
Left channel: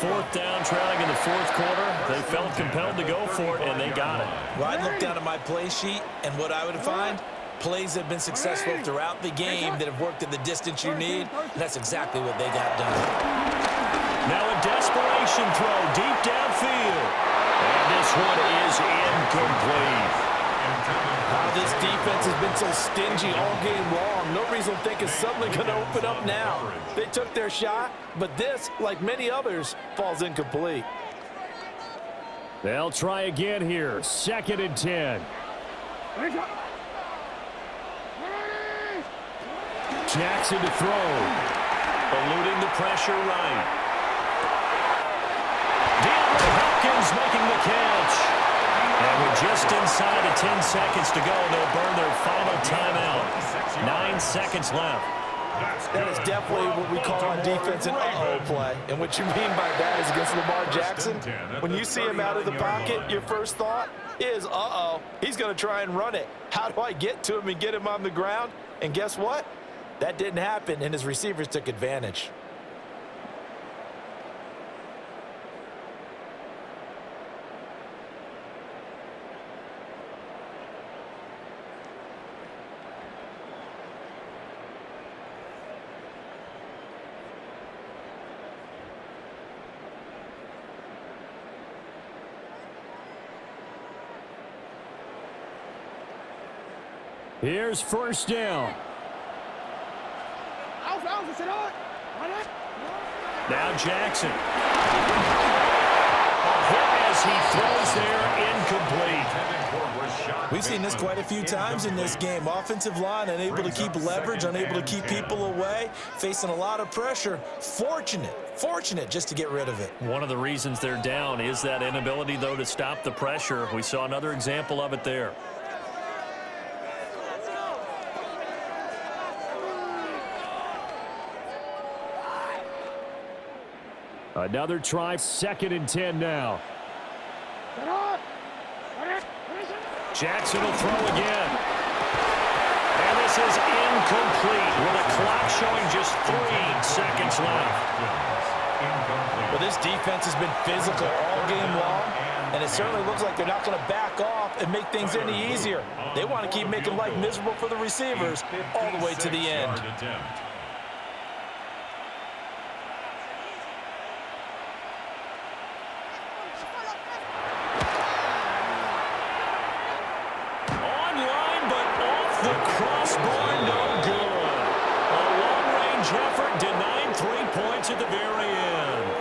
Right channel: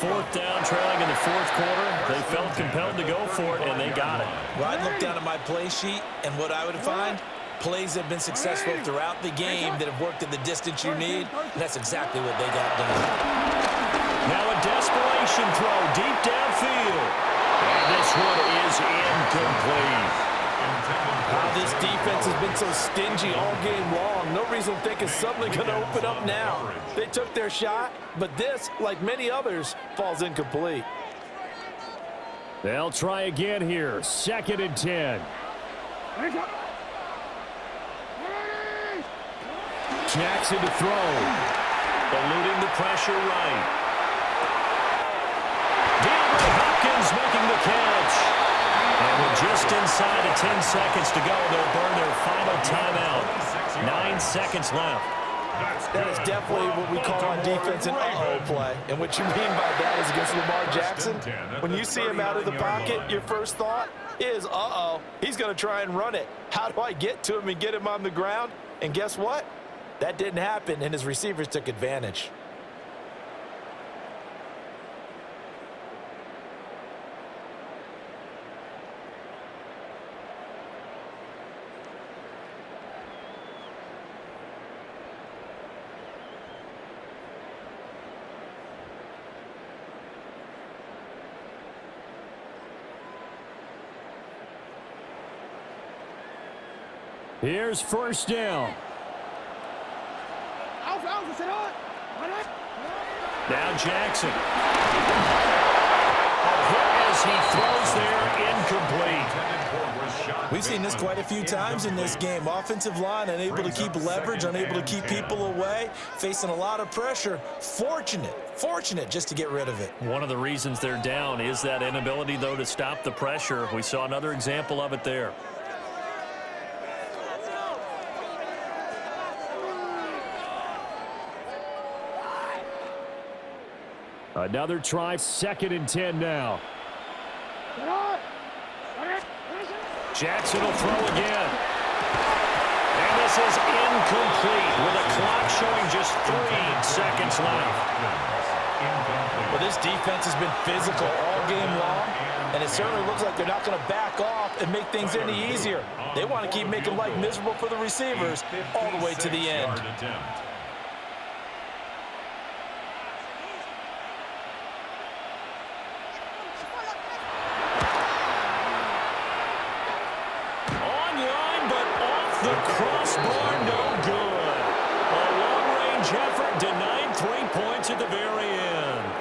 4th down, trailing in the 4th quarter. They felt compelled to go for it, and they got it. Well, I'd look down at my play sheet, and what I would find, plays have been successful throughout the game that have worked at the distance you need, and that's exactly what they got done. desperation throw deep downfield. And this one is incomplete. This defense has been so stingy all game long. No reason to think it's suddenly going to open up now. They took their shot, but this, like many others, falls incomplete. They'll try again here. 2nd and 10. Jackson to throw. Eluding the pressure right. DeAndre Hopkins making the catch. And with just inside of 10 seconds to go, they'll burn their final timeout. 9 seconds left. That is definitely what we call on defense an uh-oh play. And what you mean by that is against Lamar Jackson, when you see him out of the pocket, your first thought is, uh-oh, he's going to try and run it. How do I get to him and get him on the ground? And guess what? That didn't happen, and his receivers took advantage. Here's 1st down. Now Jackson. A hit as he throws there, incomplete. We've seen this quite a few times in this game. Offensive line unable to keep leverage, unable to keep people away, facing a lot of pressure. Fortunate just to get rid of it. One of the reasons they're down is that inability, though, to stop the pressure. We saw another example of it there. Another try. 2nd and 10 now. Jackson will throw again. And this is incomplete with a clock showing just 3 seconds left. Well, this defense has been physical all game long, and it certainly looks like they're not going to back off and make things any easier. They want to keep making life miserable for the receivers all the way to the end. The crossbar, no good. A long-range effort denied 3 points at the very end.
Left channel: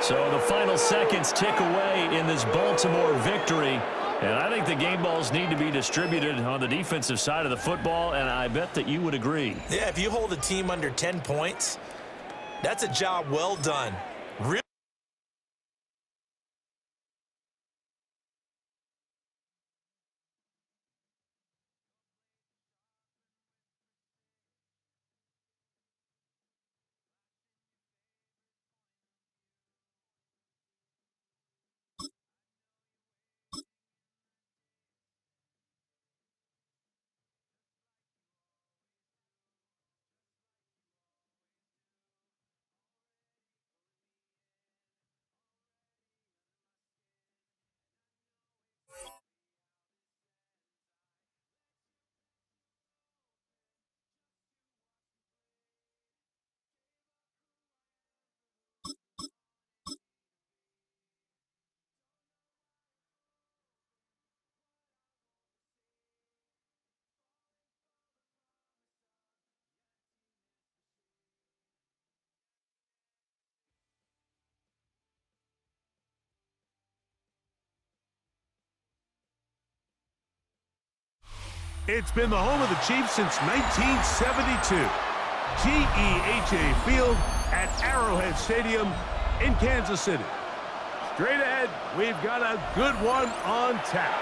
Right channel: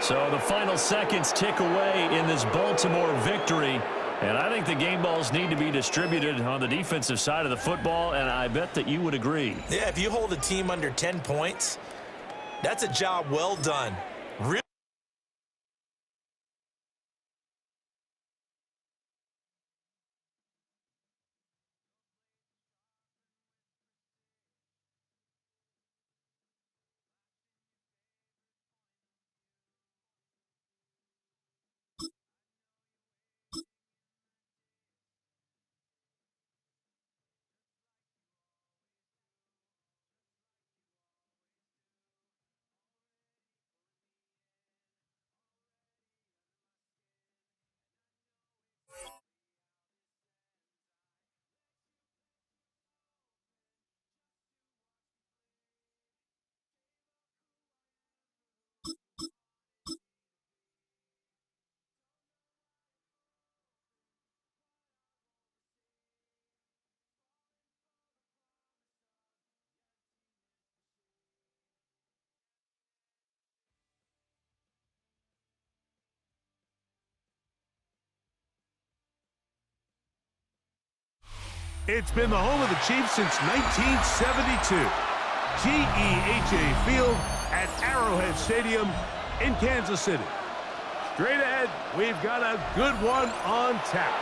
So the final seconds tick away in this Baltimore victory. And I think the game balls need to be distributed on the defensive side of the football, and I bet that you would agree. Yeah, if you hold a team under 10 points, that's a job well done. Really. It's been the home of the Chiefs since 1972. GEHA Field at Arrowhead Stadium in Kansas City. Straight ahead, we've got a good one on tap.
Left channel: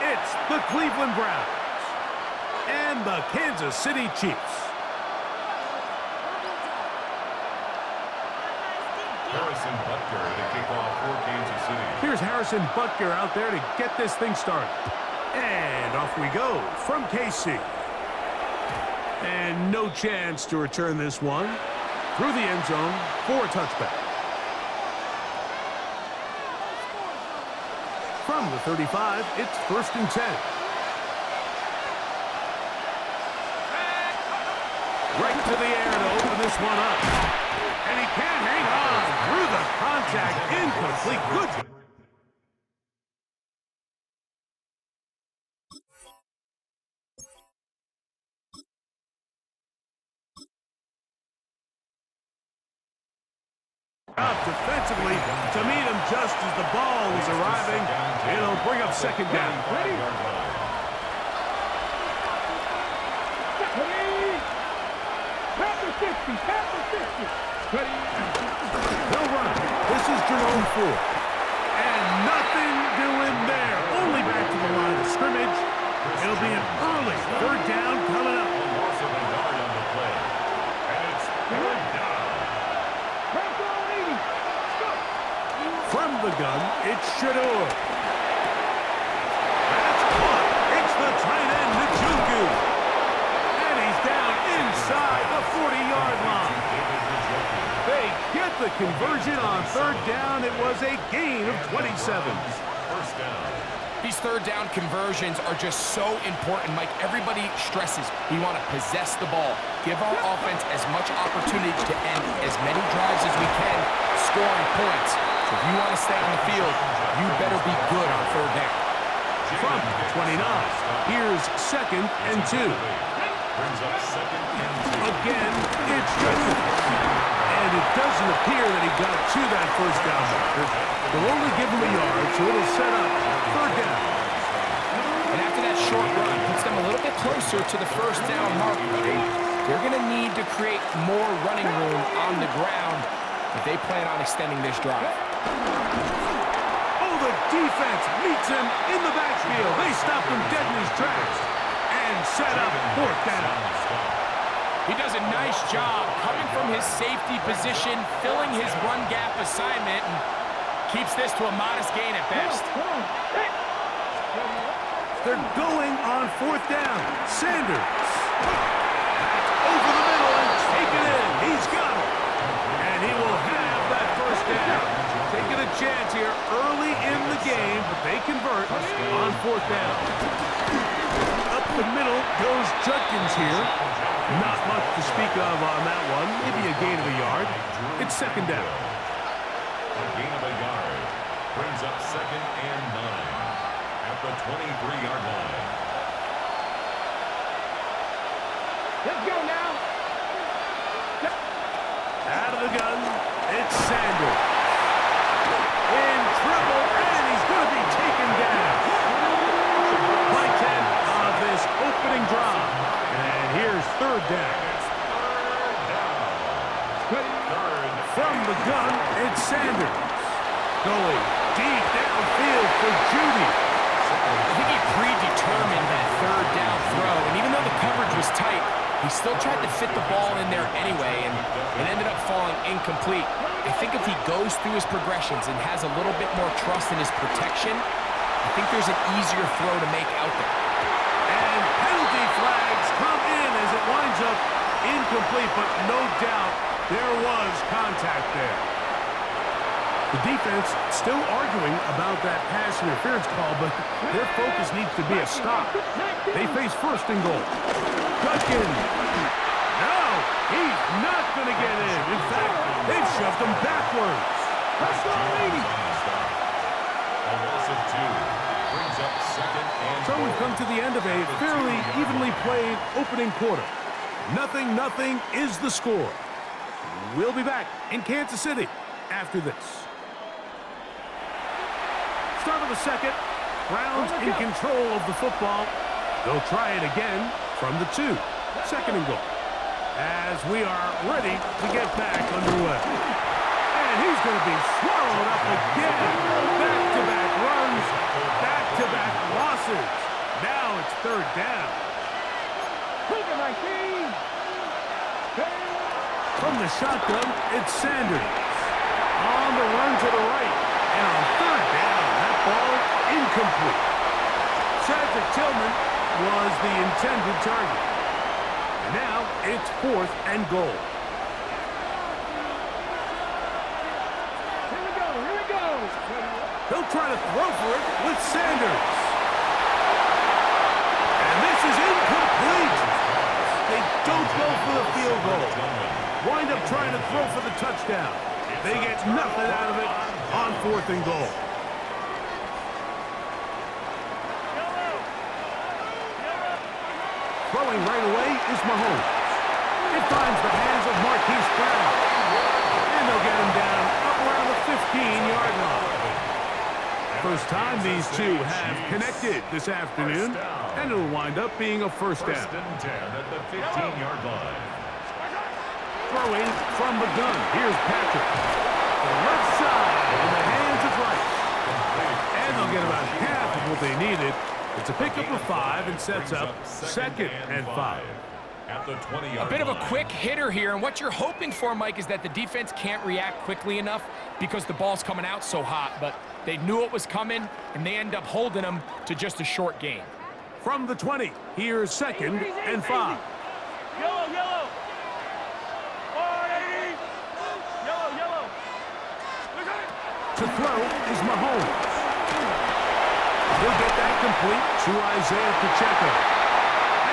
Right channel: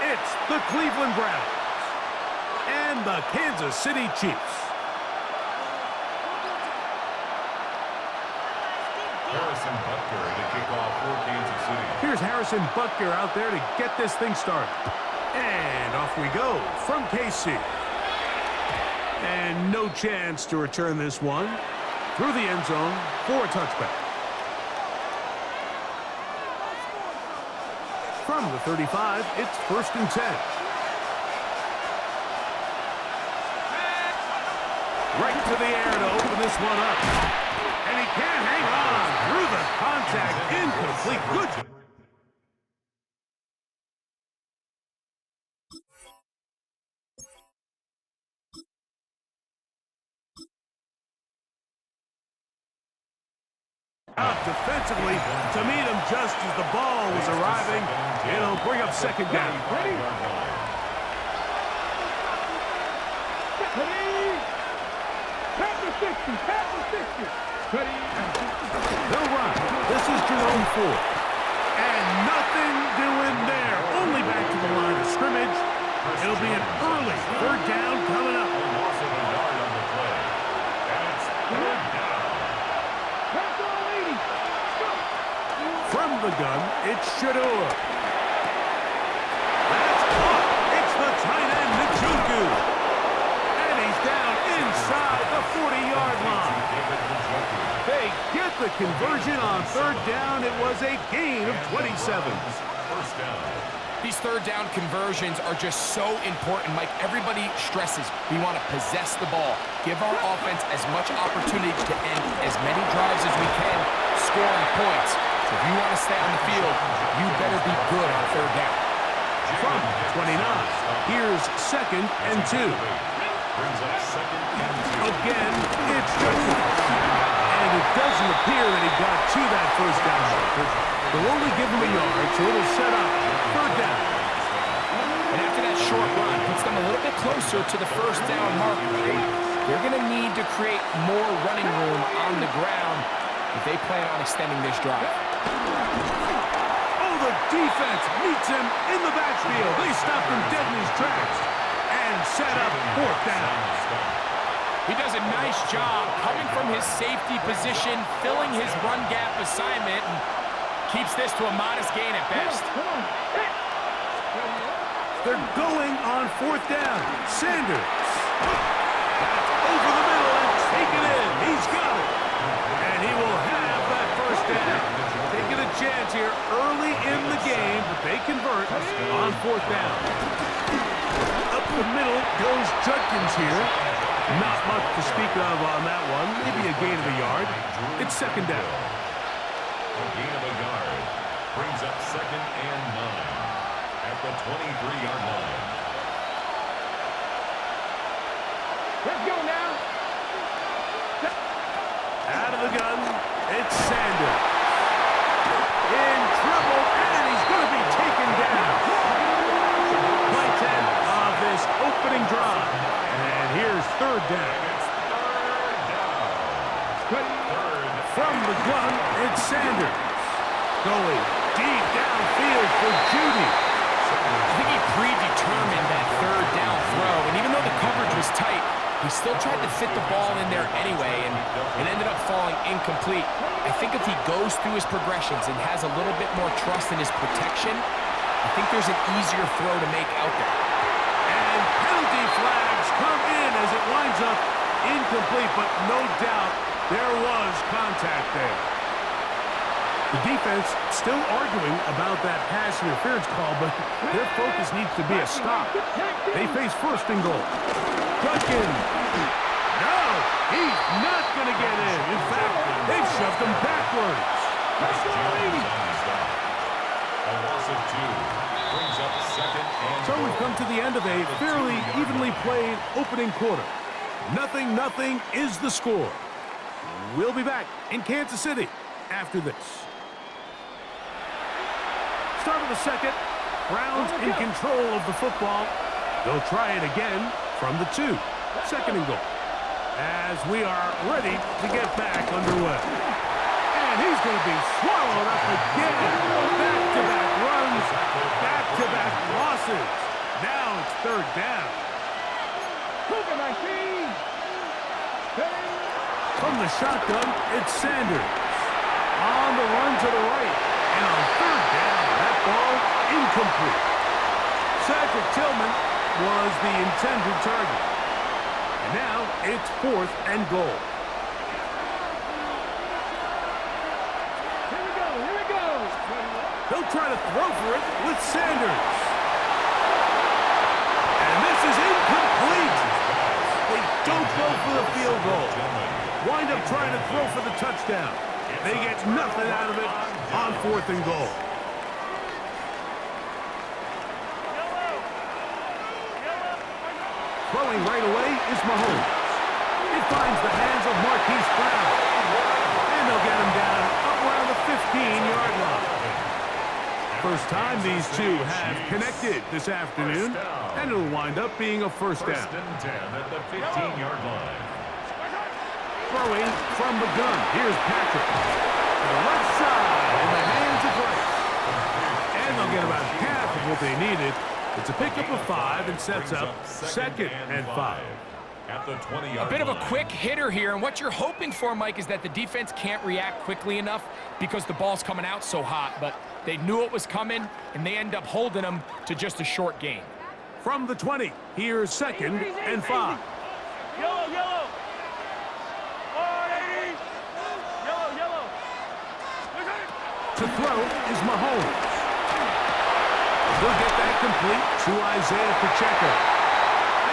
It's the Cleveland Browns and the Kansas City Chiefs. Harrison Butker to kick off for Kansas City. Here's Harrison Butker out there to get this thing started. And off we go from KC. And no chance to return this one through the end zone for a touchback. From the 35, it's 1st and 10. Right to the air to open this one up. And he can't hang on. through the contact, incomplete. Good. Up defensively to meet him just as the ball was arriving. It'll bring up second down. Ready? Pass the 60, pass the 60. Ready? They'll run. This is Jerome Ford. And nothing doing there. Only back to the line of scrimmage. It'll be an early third down coming up. A loss of a yard on the play. And it's third down. Pass all 80. Go. From the gun, it's Shador. That's caught. It's the tight end, Njoku. And he's down inside the 40-yard line. They get the conversion on third down. It was a gain of 27. First down. These third down conversions are just so important, Mike. Everybody stresses we want to possess the ball, give our offense as much opportunity to end as many drives as we can, scoring points. So if you want to stay on the field, you better be good on third down. From 29, here's second and 2. Brings up second and 2. Again, it's Judkins. And it doesn't appear that he got to that first down marker. They'll only give him a yard, so it'll set up third down. And after that short run, puts them a little bit closer to the first down marker. They're going to need to create more running room on the ground if they plan on extending this drive. Oh, the defense meets him in the backfield. They stopped him dead in his tracks and set up fourth down. He does a nice job coming from his safety position, filling his run gap assignment, and keeps this to a modest gain at best. They're going on fourth down. Sanders. Back over the middle and take it in. He's got it. And he will have that first down. Taking a chance here early in the game, but they convert on fourth down. Up the middle goes Judkins here. Not much to speak of on that one. Maybe a gain of a yard. It's second down. A gain of a yard. Brings up second and 9 at the 23-yard line. Let's go now. Out of the gun, it's Sanders. In trouble, and he's going to be taken down. Play 10 of this opening drive. And here's third down. From the gun, it's Sanders. Going deep downfield for Judy. I think he predetermined that third down throw, and even though the coverage was tight, he still tried to fit the ball in there anyway, and it ended up falling incomplete. I think if he goes through his progressions and has a little bit more trust in his protection, I think there's an easier throw to make out there. And penalty flags come in as it winds up incomplete, but no doubt there was contact there. The defense still arguing about that pass interference call, but their focus needs to be a stop. They face first and goal. Judkins. No, he's not going to get in. In fact, they've shoved him backwards. A loss of 2 brings up second and So we've come to the end of a fairly evenly played opening quarter. 0-0 is the score. We'll be back in Kansas City after this. Start of the second. Browns in control of the football. They'll try it again from the 2. Second and goal. As we are ready to get back underway. And he's going to be swallowed up again. Back-to-back runs, back-to-back losses. Now it's third down. From the shotgun, it's Sanders. On the run to the right. And on third down, that ball incomplete. Cedric Tillman was the intended target. And now it's fourth and goal. Here we go. They'll try to throw for it with Sanders. And this is incomplete. They don't go for the field goal. Wind up trying to throw for the touchdown. They get nothing out of it on 4th and goal. Throwing right away is Mahomes. It finds the hands of Marquise Brown. And they'll get him down up around the 15-yard line. First time these two have connected this afternoon, and it'll wind up being a first down. 1st and 10 at the 15-yard line. Throwing from the gun. Here's Patrick. To the left side in the hands of Rice. And they'll get about half of what they needed. It's a pickup of 5 and sets up 2nd and 5. At the 20-yard A bit of a line. quick hitter here, and what you're hoping for, Mike, is that the defense can't react quickly enough because the ball's coming out so hot, but they knew it was coming, and they end up holding them to just a short gain. From the 20, here's 2nd and 5. Yellow, yellow. 480. Yellow, yellow. To throw is Mahomes. He'll get that complete to Isaiah Pacheco.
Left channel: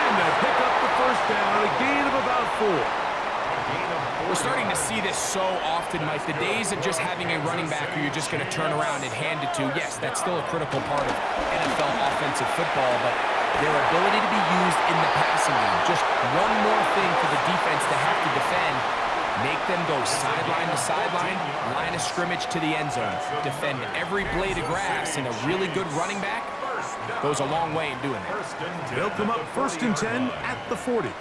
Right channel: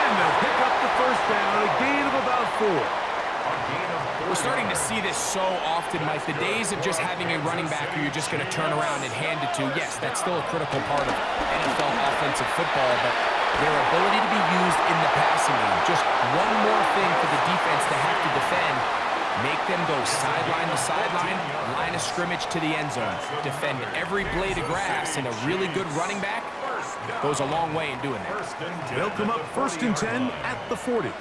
And they'll pick up the first down, a gain of about 4. We're starting to see this so often, Mike. The days of just having a running back who you're just going to turn around and hand it to, yes, that's still a critical part of NFL offensive football, but their ability to be used in the passing game, just one more thing for the defense to have to defend, make them go sideline to sideline, line of scrimmage to the end zone, defend every blade of grass, and a really good running back goes a long way in doing that. They'll come up 1st and 10 at the 40.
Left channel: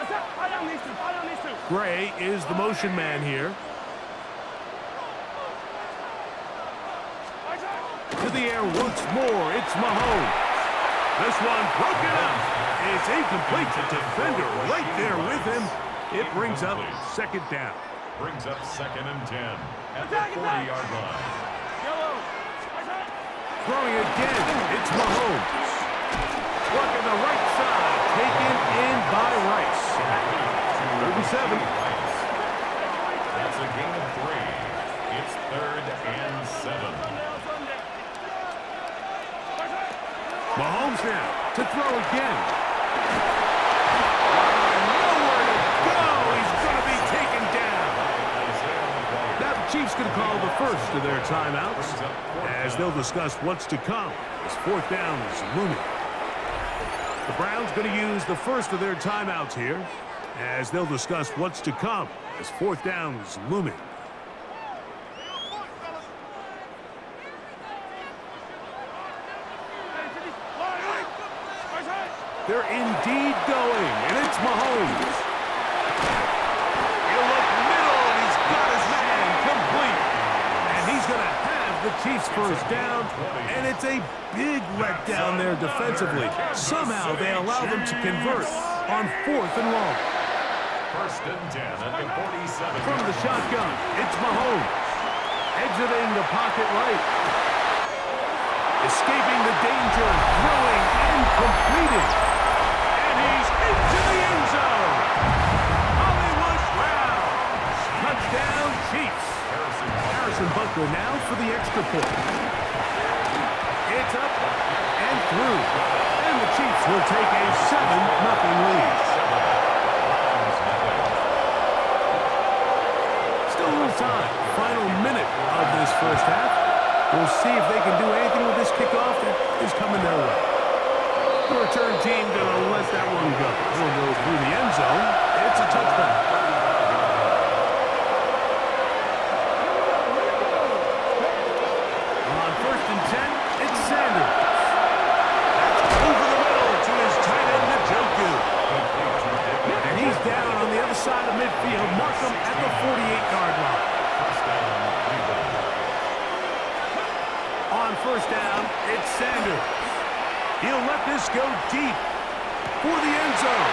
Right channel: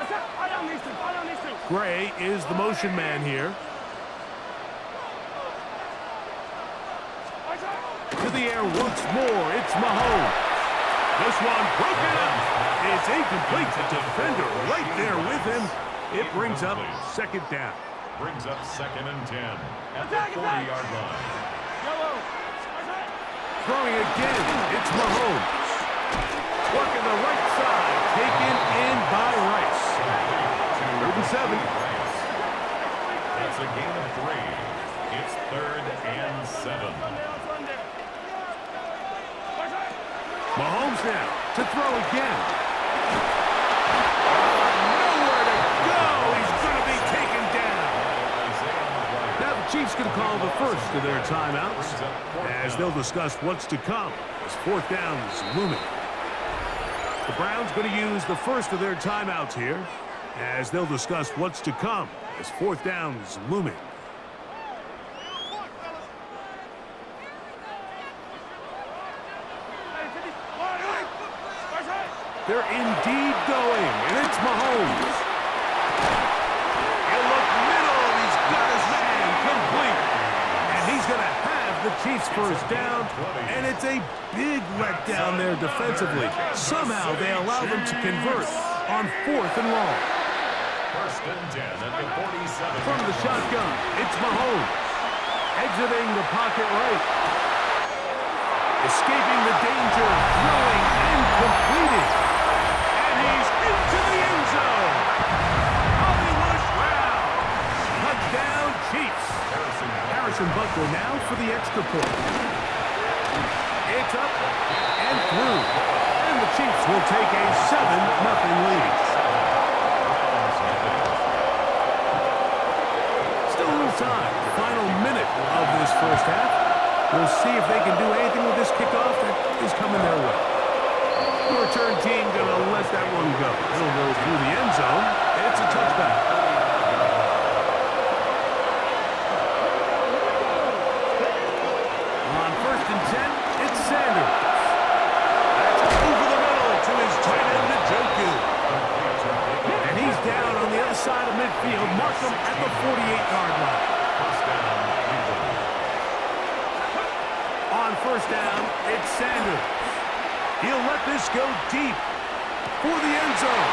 I down these two. I down these two. Gray is the motion man here. To the air once more, it's Mahomes. This one broken up. It's incomplete. The defender right there with him. It brings up 2nd down. Brings up 2nd and 10 at the 40-yard line. Yellow. Throwing again, it's Mahomes. Working the right side, taken in by Rice. 3rd and 7. That's a gain of 3. It's 3rd and 7. Mahomes now to throw again. Nowhere to go. He's going to be taken down. Now the Chiefs going to call the first of their timeouts as they'll discuss what's to come as 4th down is looming. The Browns going to use the first of their timeouts here as they'll discuss what's to come as 4th down is looming. They're indeed going, and it's Mahomes. He'll look middle, and he's got his man complete. And he's going to have the Chiefs first down, and it's a big letdown there defensively. Somehow they allow them to convert on 4th and long. 1st and 10 at the 47. From the shotgun, it's Mahomes. Exiting the pocket right. Escaping the danger, throwing and completing. And he's into the end zone. Hollywood Brown. Touchdown, Chiefs. Harrison Butker now for the extra point. It's up and through. And the Chiefs will take a 7-0 lead. Still a little time. Final minute of this first half. We'll see if they can do anything with this kickoff that is coming their way. The return team going to let that one go. It'll go through the end zone. It's a touchback. On 1st and 10, it's Sanders. That's over the middle to his tight end, Njoku. And he's down on the other side of midfield. Mark him at the 48-yard line. First down, Cleveland. On 1st down, it's Sanders. He'll let this go deep for the end zone.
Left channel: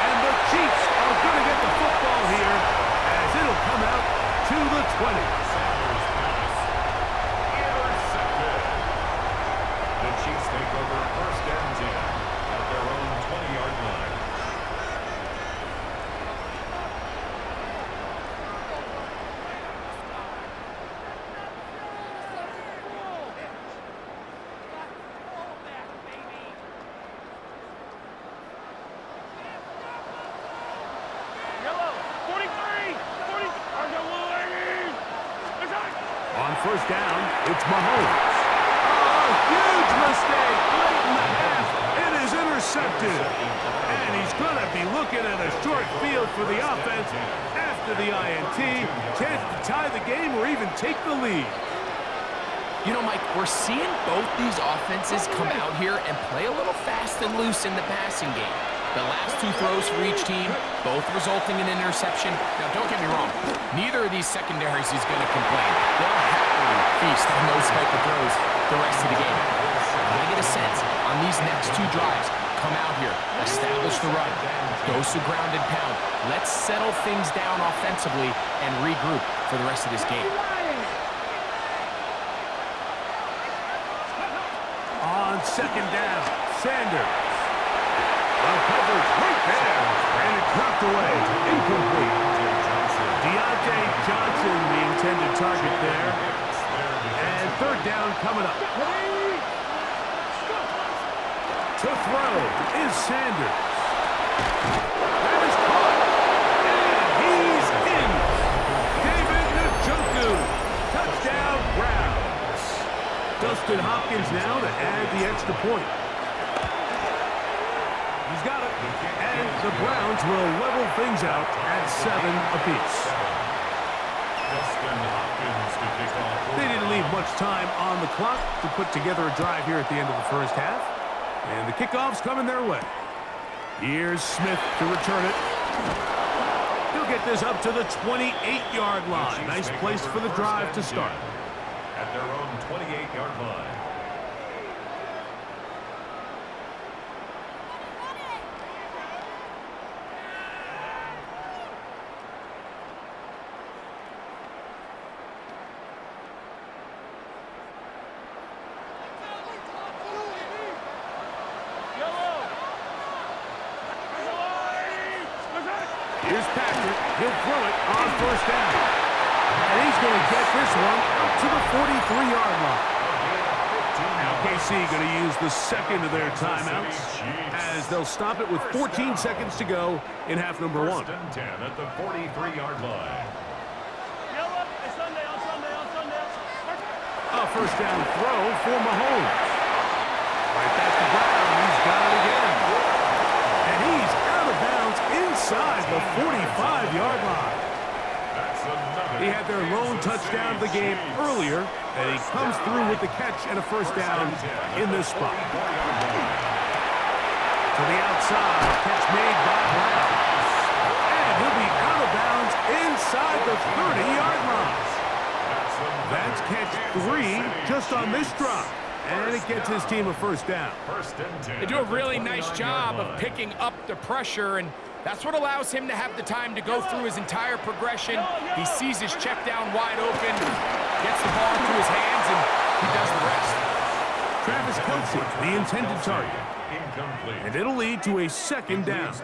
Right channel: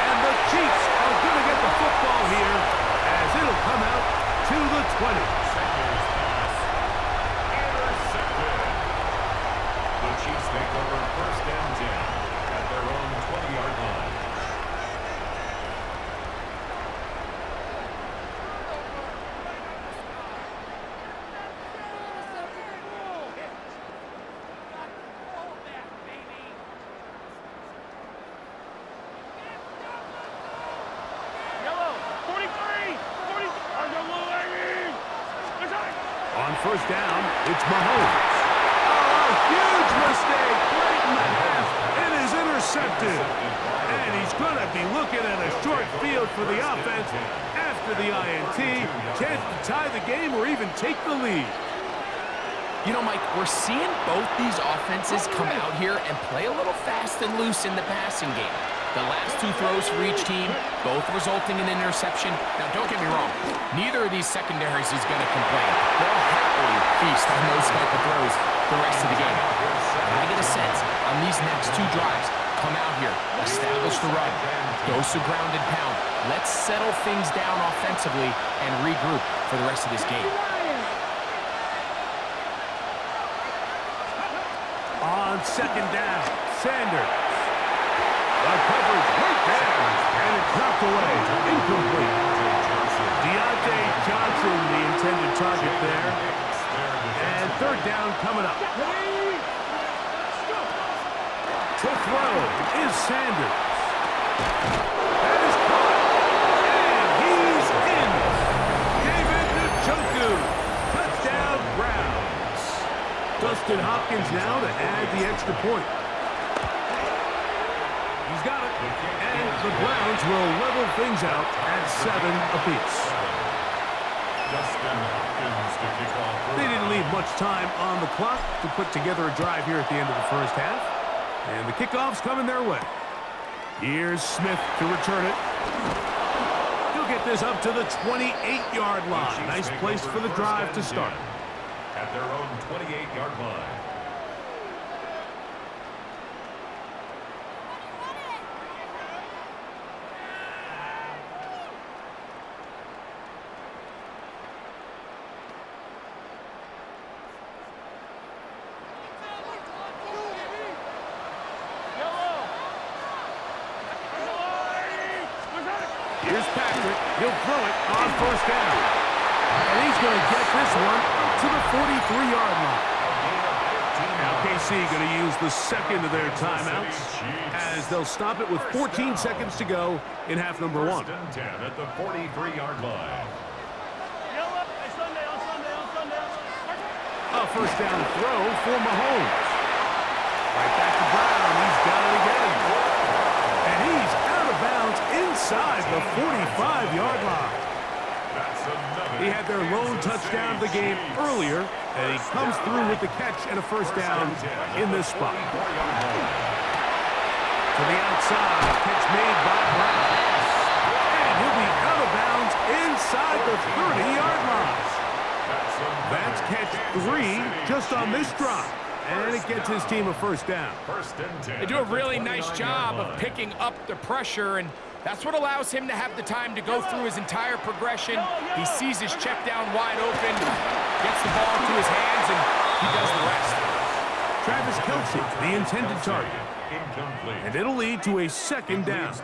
And the Chiefs are going to get the football here as it'll come out to the 20. Sanders pass intercepted. The Chiefs take over 1st and 10 at their own 20-yard line. Yellow. 43. 40. Or go first down, it's Mahomes. Oh, a huge mistake late in the half. It is intercepted. And he's going to be looking at a short field for the offense after the INT. Chance to tie the game or even take the lead. You know, Mike, we're seeing both these offenses come out here and play a little fast and loose in the passing game. The last two throws for each team, both resulting in an interception. Now, don't get me wrong. Neither of these secondaries is going to complain. They'll happily feast on those type of throws the rest of the game. But I get a sense on these next two drives, come out here, establish the run, dose of ground and pound. Let's settle things down offensively and regroup for the rest of this game. On second down, Sanders. The coverage right there, and it's knocked away, incomplete. Deontay Johnson, the intended target there. And third down coming up. To throw is Sanders. That is caught, and he's in. David Njoku, touchdown Browns. Dustin Hopkins now to add the extra point. He's got it, and the Browns will level things out at 7 apiece. Dustin Hopkins to kick off. They didn't leave much time on the clock to put together a drive here at the end of the first half. And the kickoff's coming their way. Here's Smith to return it. He'll get this up to the 28-yard line. Nice place for the drive to start. At their own 28-yard line. Here's Patrick. He'll throw it on first down. And he's going to get this one up to the 43-yard line. Now KC going to use the second of their timeouts as they'll stop it with 14 seconds to go in half number 1. First and 10 at the 43-yard line. A first down throw for Mahomes. Right back to Brown. He's got it again. And he's out of bounds inside the 45-yard line. He had their lone touchdown of the game earlier, and he comes through with the catch and a first down in this spot. To the outside, catch made by Brown. And he'll be out of bounds inside the 30-yard line. That's catch 3 just on this drive. And it gets his team a first down. They do a really nice job of picking up the pressure, and that's what allows him to have the time to go through his entire progression. He sees his check down wide open, gets the ball into his hands, and he does the rest. Travis Kelce, the intended target. And it'll lead to a second down.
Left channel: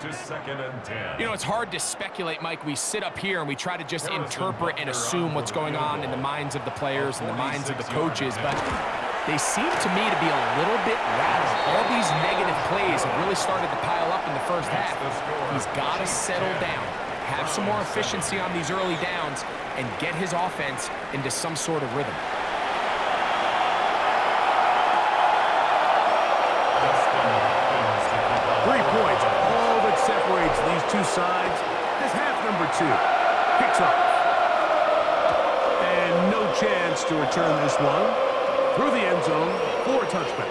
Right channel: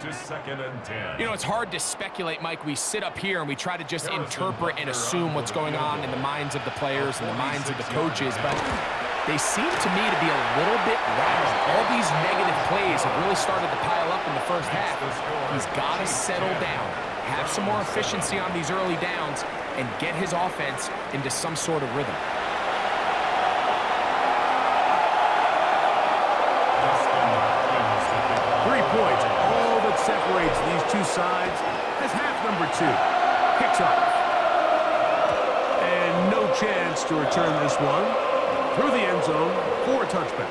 You know, it's hard to speculate, Mike. We sit up here and we try to just interpret and assume what's going on in the minds of the players and the minds of the coaches, but they seem to me to be a little bit rattled. All these negative plays have really started to pile up in the first half. He's got to settle down, have some more efficiency on these early downs, and get his offense into some sort of rhythm. Points, all that separates these two sides as half number 2 kicks off. And no chance to return this one through the end zone for a touchback.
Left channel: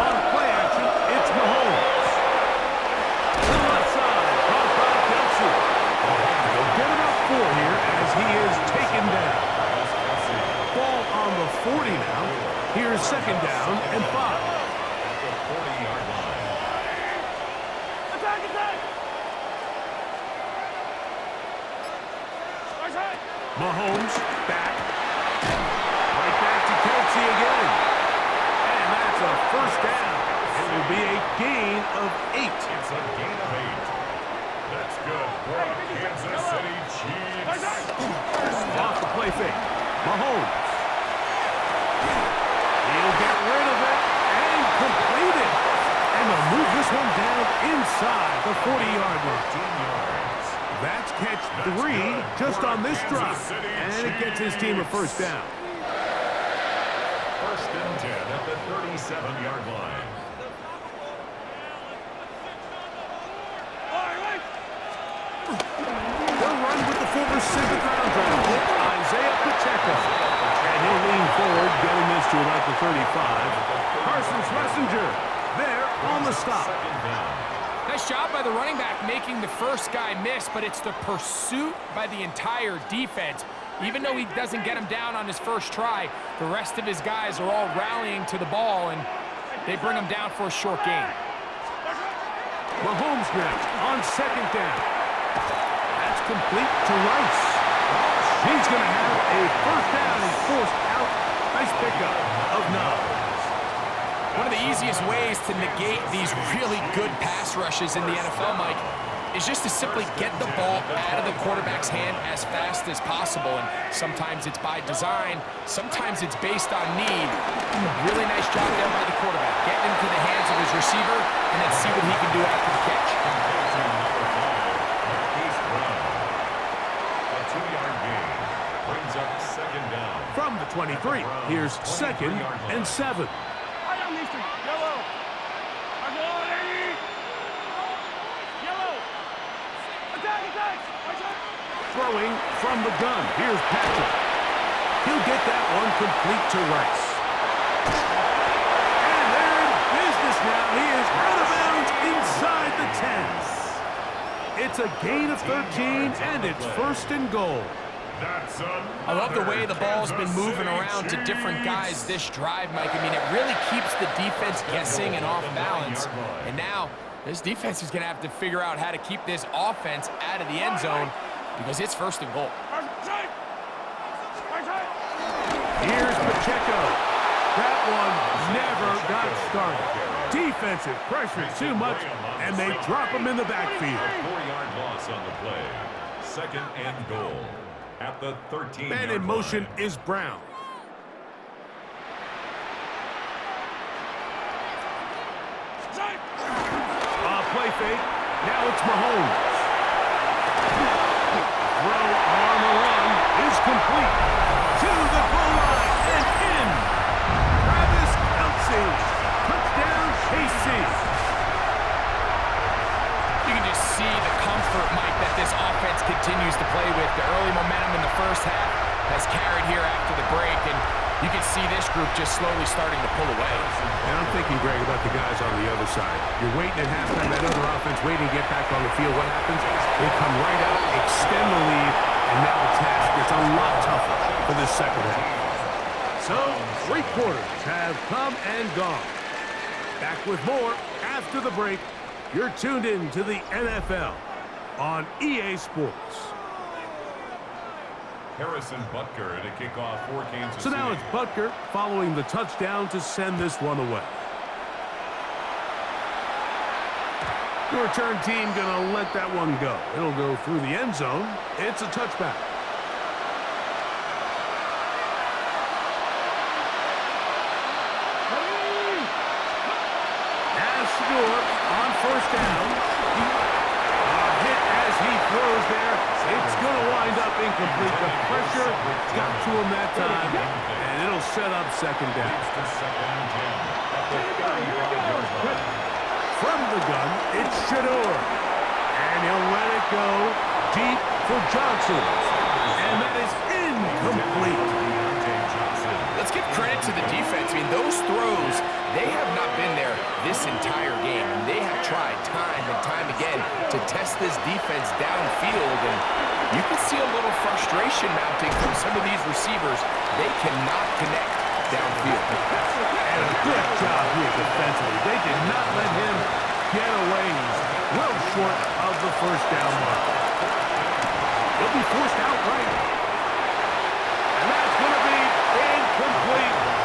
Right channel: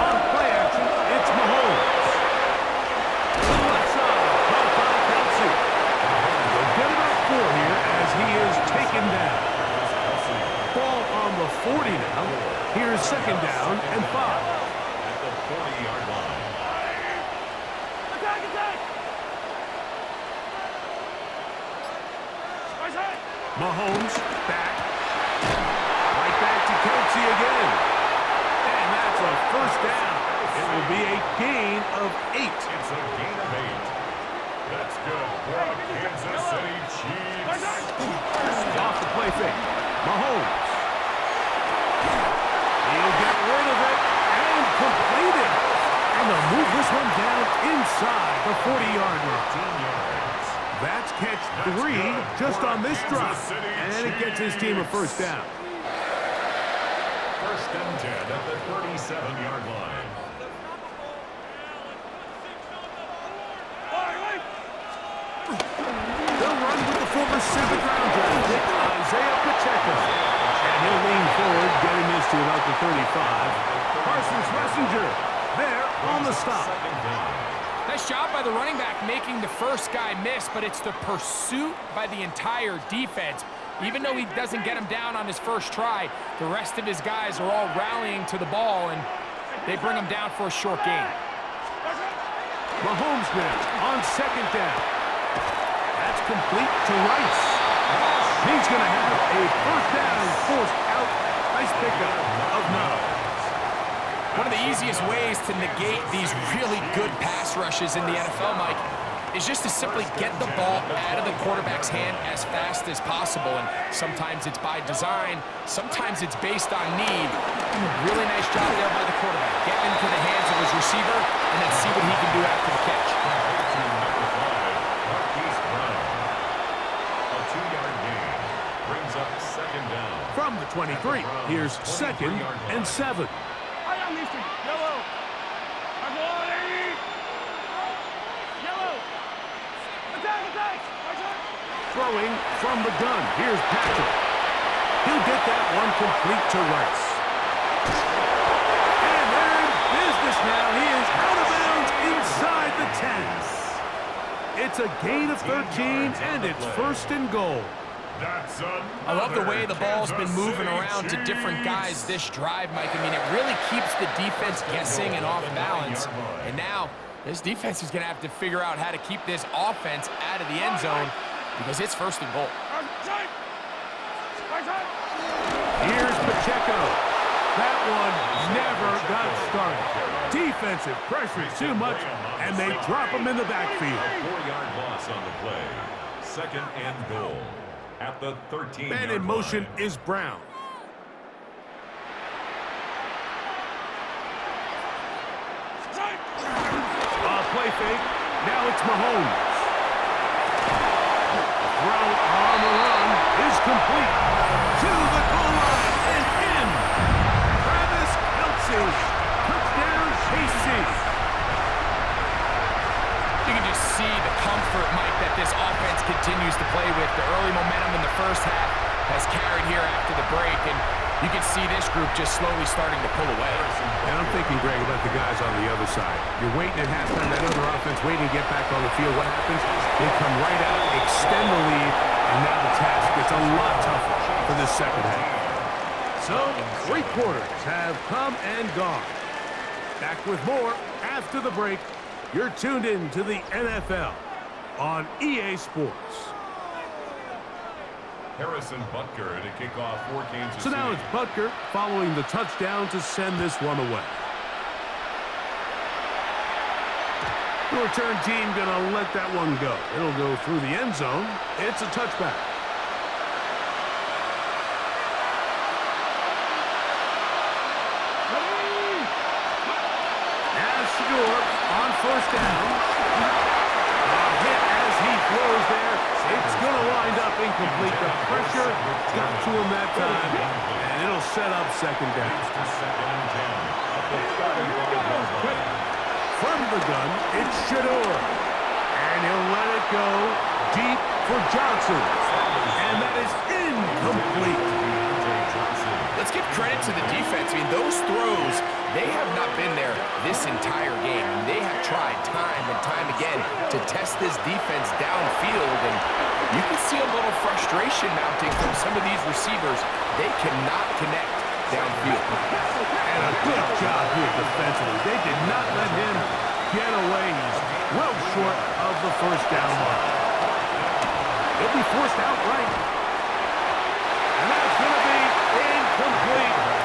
On play action, it's Mahomes. To the left side, caught by Kelce. They'll get about 4 here as he is taken down. Ball on the 40 now. Here's second down and 5. At the 40-yard line. Attack, attack! Mahomes back. Right back to Kelce again. And that's a first down. It will be a gain of 8. It's a gain of 8. That's good for a Kansas City Chiefs. Off the play fake. Mahomes. He'll get rid of it. and completed. And they'll move this one down inside the 40-yard line. 15 yards. That's catch 3 just on this drive. And it gets his team a first down. First and 10 at the 37-yard line. They'll run with the former 7th-round draft pick, Isaiah Pacheco. And he'll lean forward, getting this to about the 35. Carson Schlesinger there on the stop. Nice job by the running back making the first guy miss, but it's the pursuit by the entire defense. Even though he doesn't get him down on his first try, the rest of his guys are all rallying to the ball, and they bring him down for a short gain. Mahomes now on 2nd down. That's complete to Rice. He's going to have a first down and forced out. Nice pickup of 9. One of the easiest ways to negate these really good pass rushes in the NFL, Mike, is just to simply get the ball out of the quarterback's hand as fast as possible. And sometimes it's by design, sometimes it's based on need. Really nice job there by the quarterback, getting into the hands of his receiver and then see what he can do after the catch. Number 5, Marquise Brown. A 2-yard gain brings up 2nd down. From the 23, here's 2nd and 7. Yellow. Yellow. Attack. Throwing from the gun. Here's Patrick. He'll get that one complete to Rice. And they're in business now. He is out of bounds inside the 10. It's a gain of 13, and it's 1st and goal. I love the way the ball's been moving around to different guys this drive, Mike. I mean, it really keeps the defense guessing and off balance. And now, this defense is going to have to figure out how to keep this offense out of the end zone because it's 1st and goal. Here's Pacheco. That one never got started. Defensive pressure too much, and they drop him in the backfield. 4-yard loss on the play. 2nd and goal. At the 13-yard line. Man in motion is Brown. Play fake. Now it's Mahomes. Throw on the run is complete. To the goal line and in. Travis Kelce. Touchdown, KC. You can just see the comfort, Mike, that this offense continues to play with. The early momentum in the first half has carried here after the break, and you can see this group just slowly starting to pull away. And I'm thinking, Greg, about the guys on the other side. You're waiting at halftime, that other offense waiting to get back on the field. What happens? They come right out, extend the lead, and now the task gets a lot tougher for this second half. So, 3 quarters have come and gone. Back with more after the break. You're tuned in to the NFL on EA Sports. Harrison Butker to kick off for Kansas City. So now it's Butker following the touchdown to send this one away. The return team going to let that one go. It'll go through the end zone. It's a touchback. On 1st down. A hit as he throws there. It's going to wind up incomplete. The pressure got to him that time, and it'll set up 2nd down. From the gun, it's Shador. And he'll let it go deep for Johnson. And that is incomplete. Let's give credit to the defense. I mean, those throws, they have not been there this entire game. And they have tried time and time again to test this defense downfield. And you can see a little frustration mounting from some of these receivers. They cannot connect downfield. And a good job here defensively. They did not let him get away. He's well short of the 1st down mark. He'll be forced outright. And that's going to be incomplete.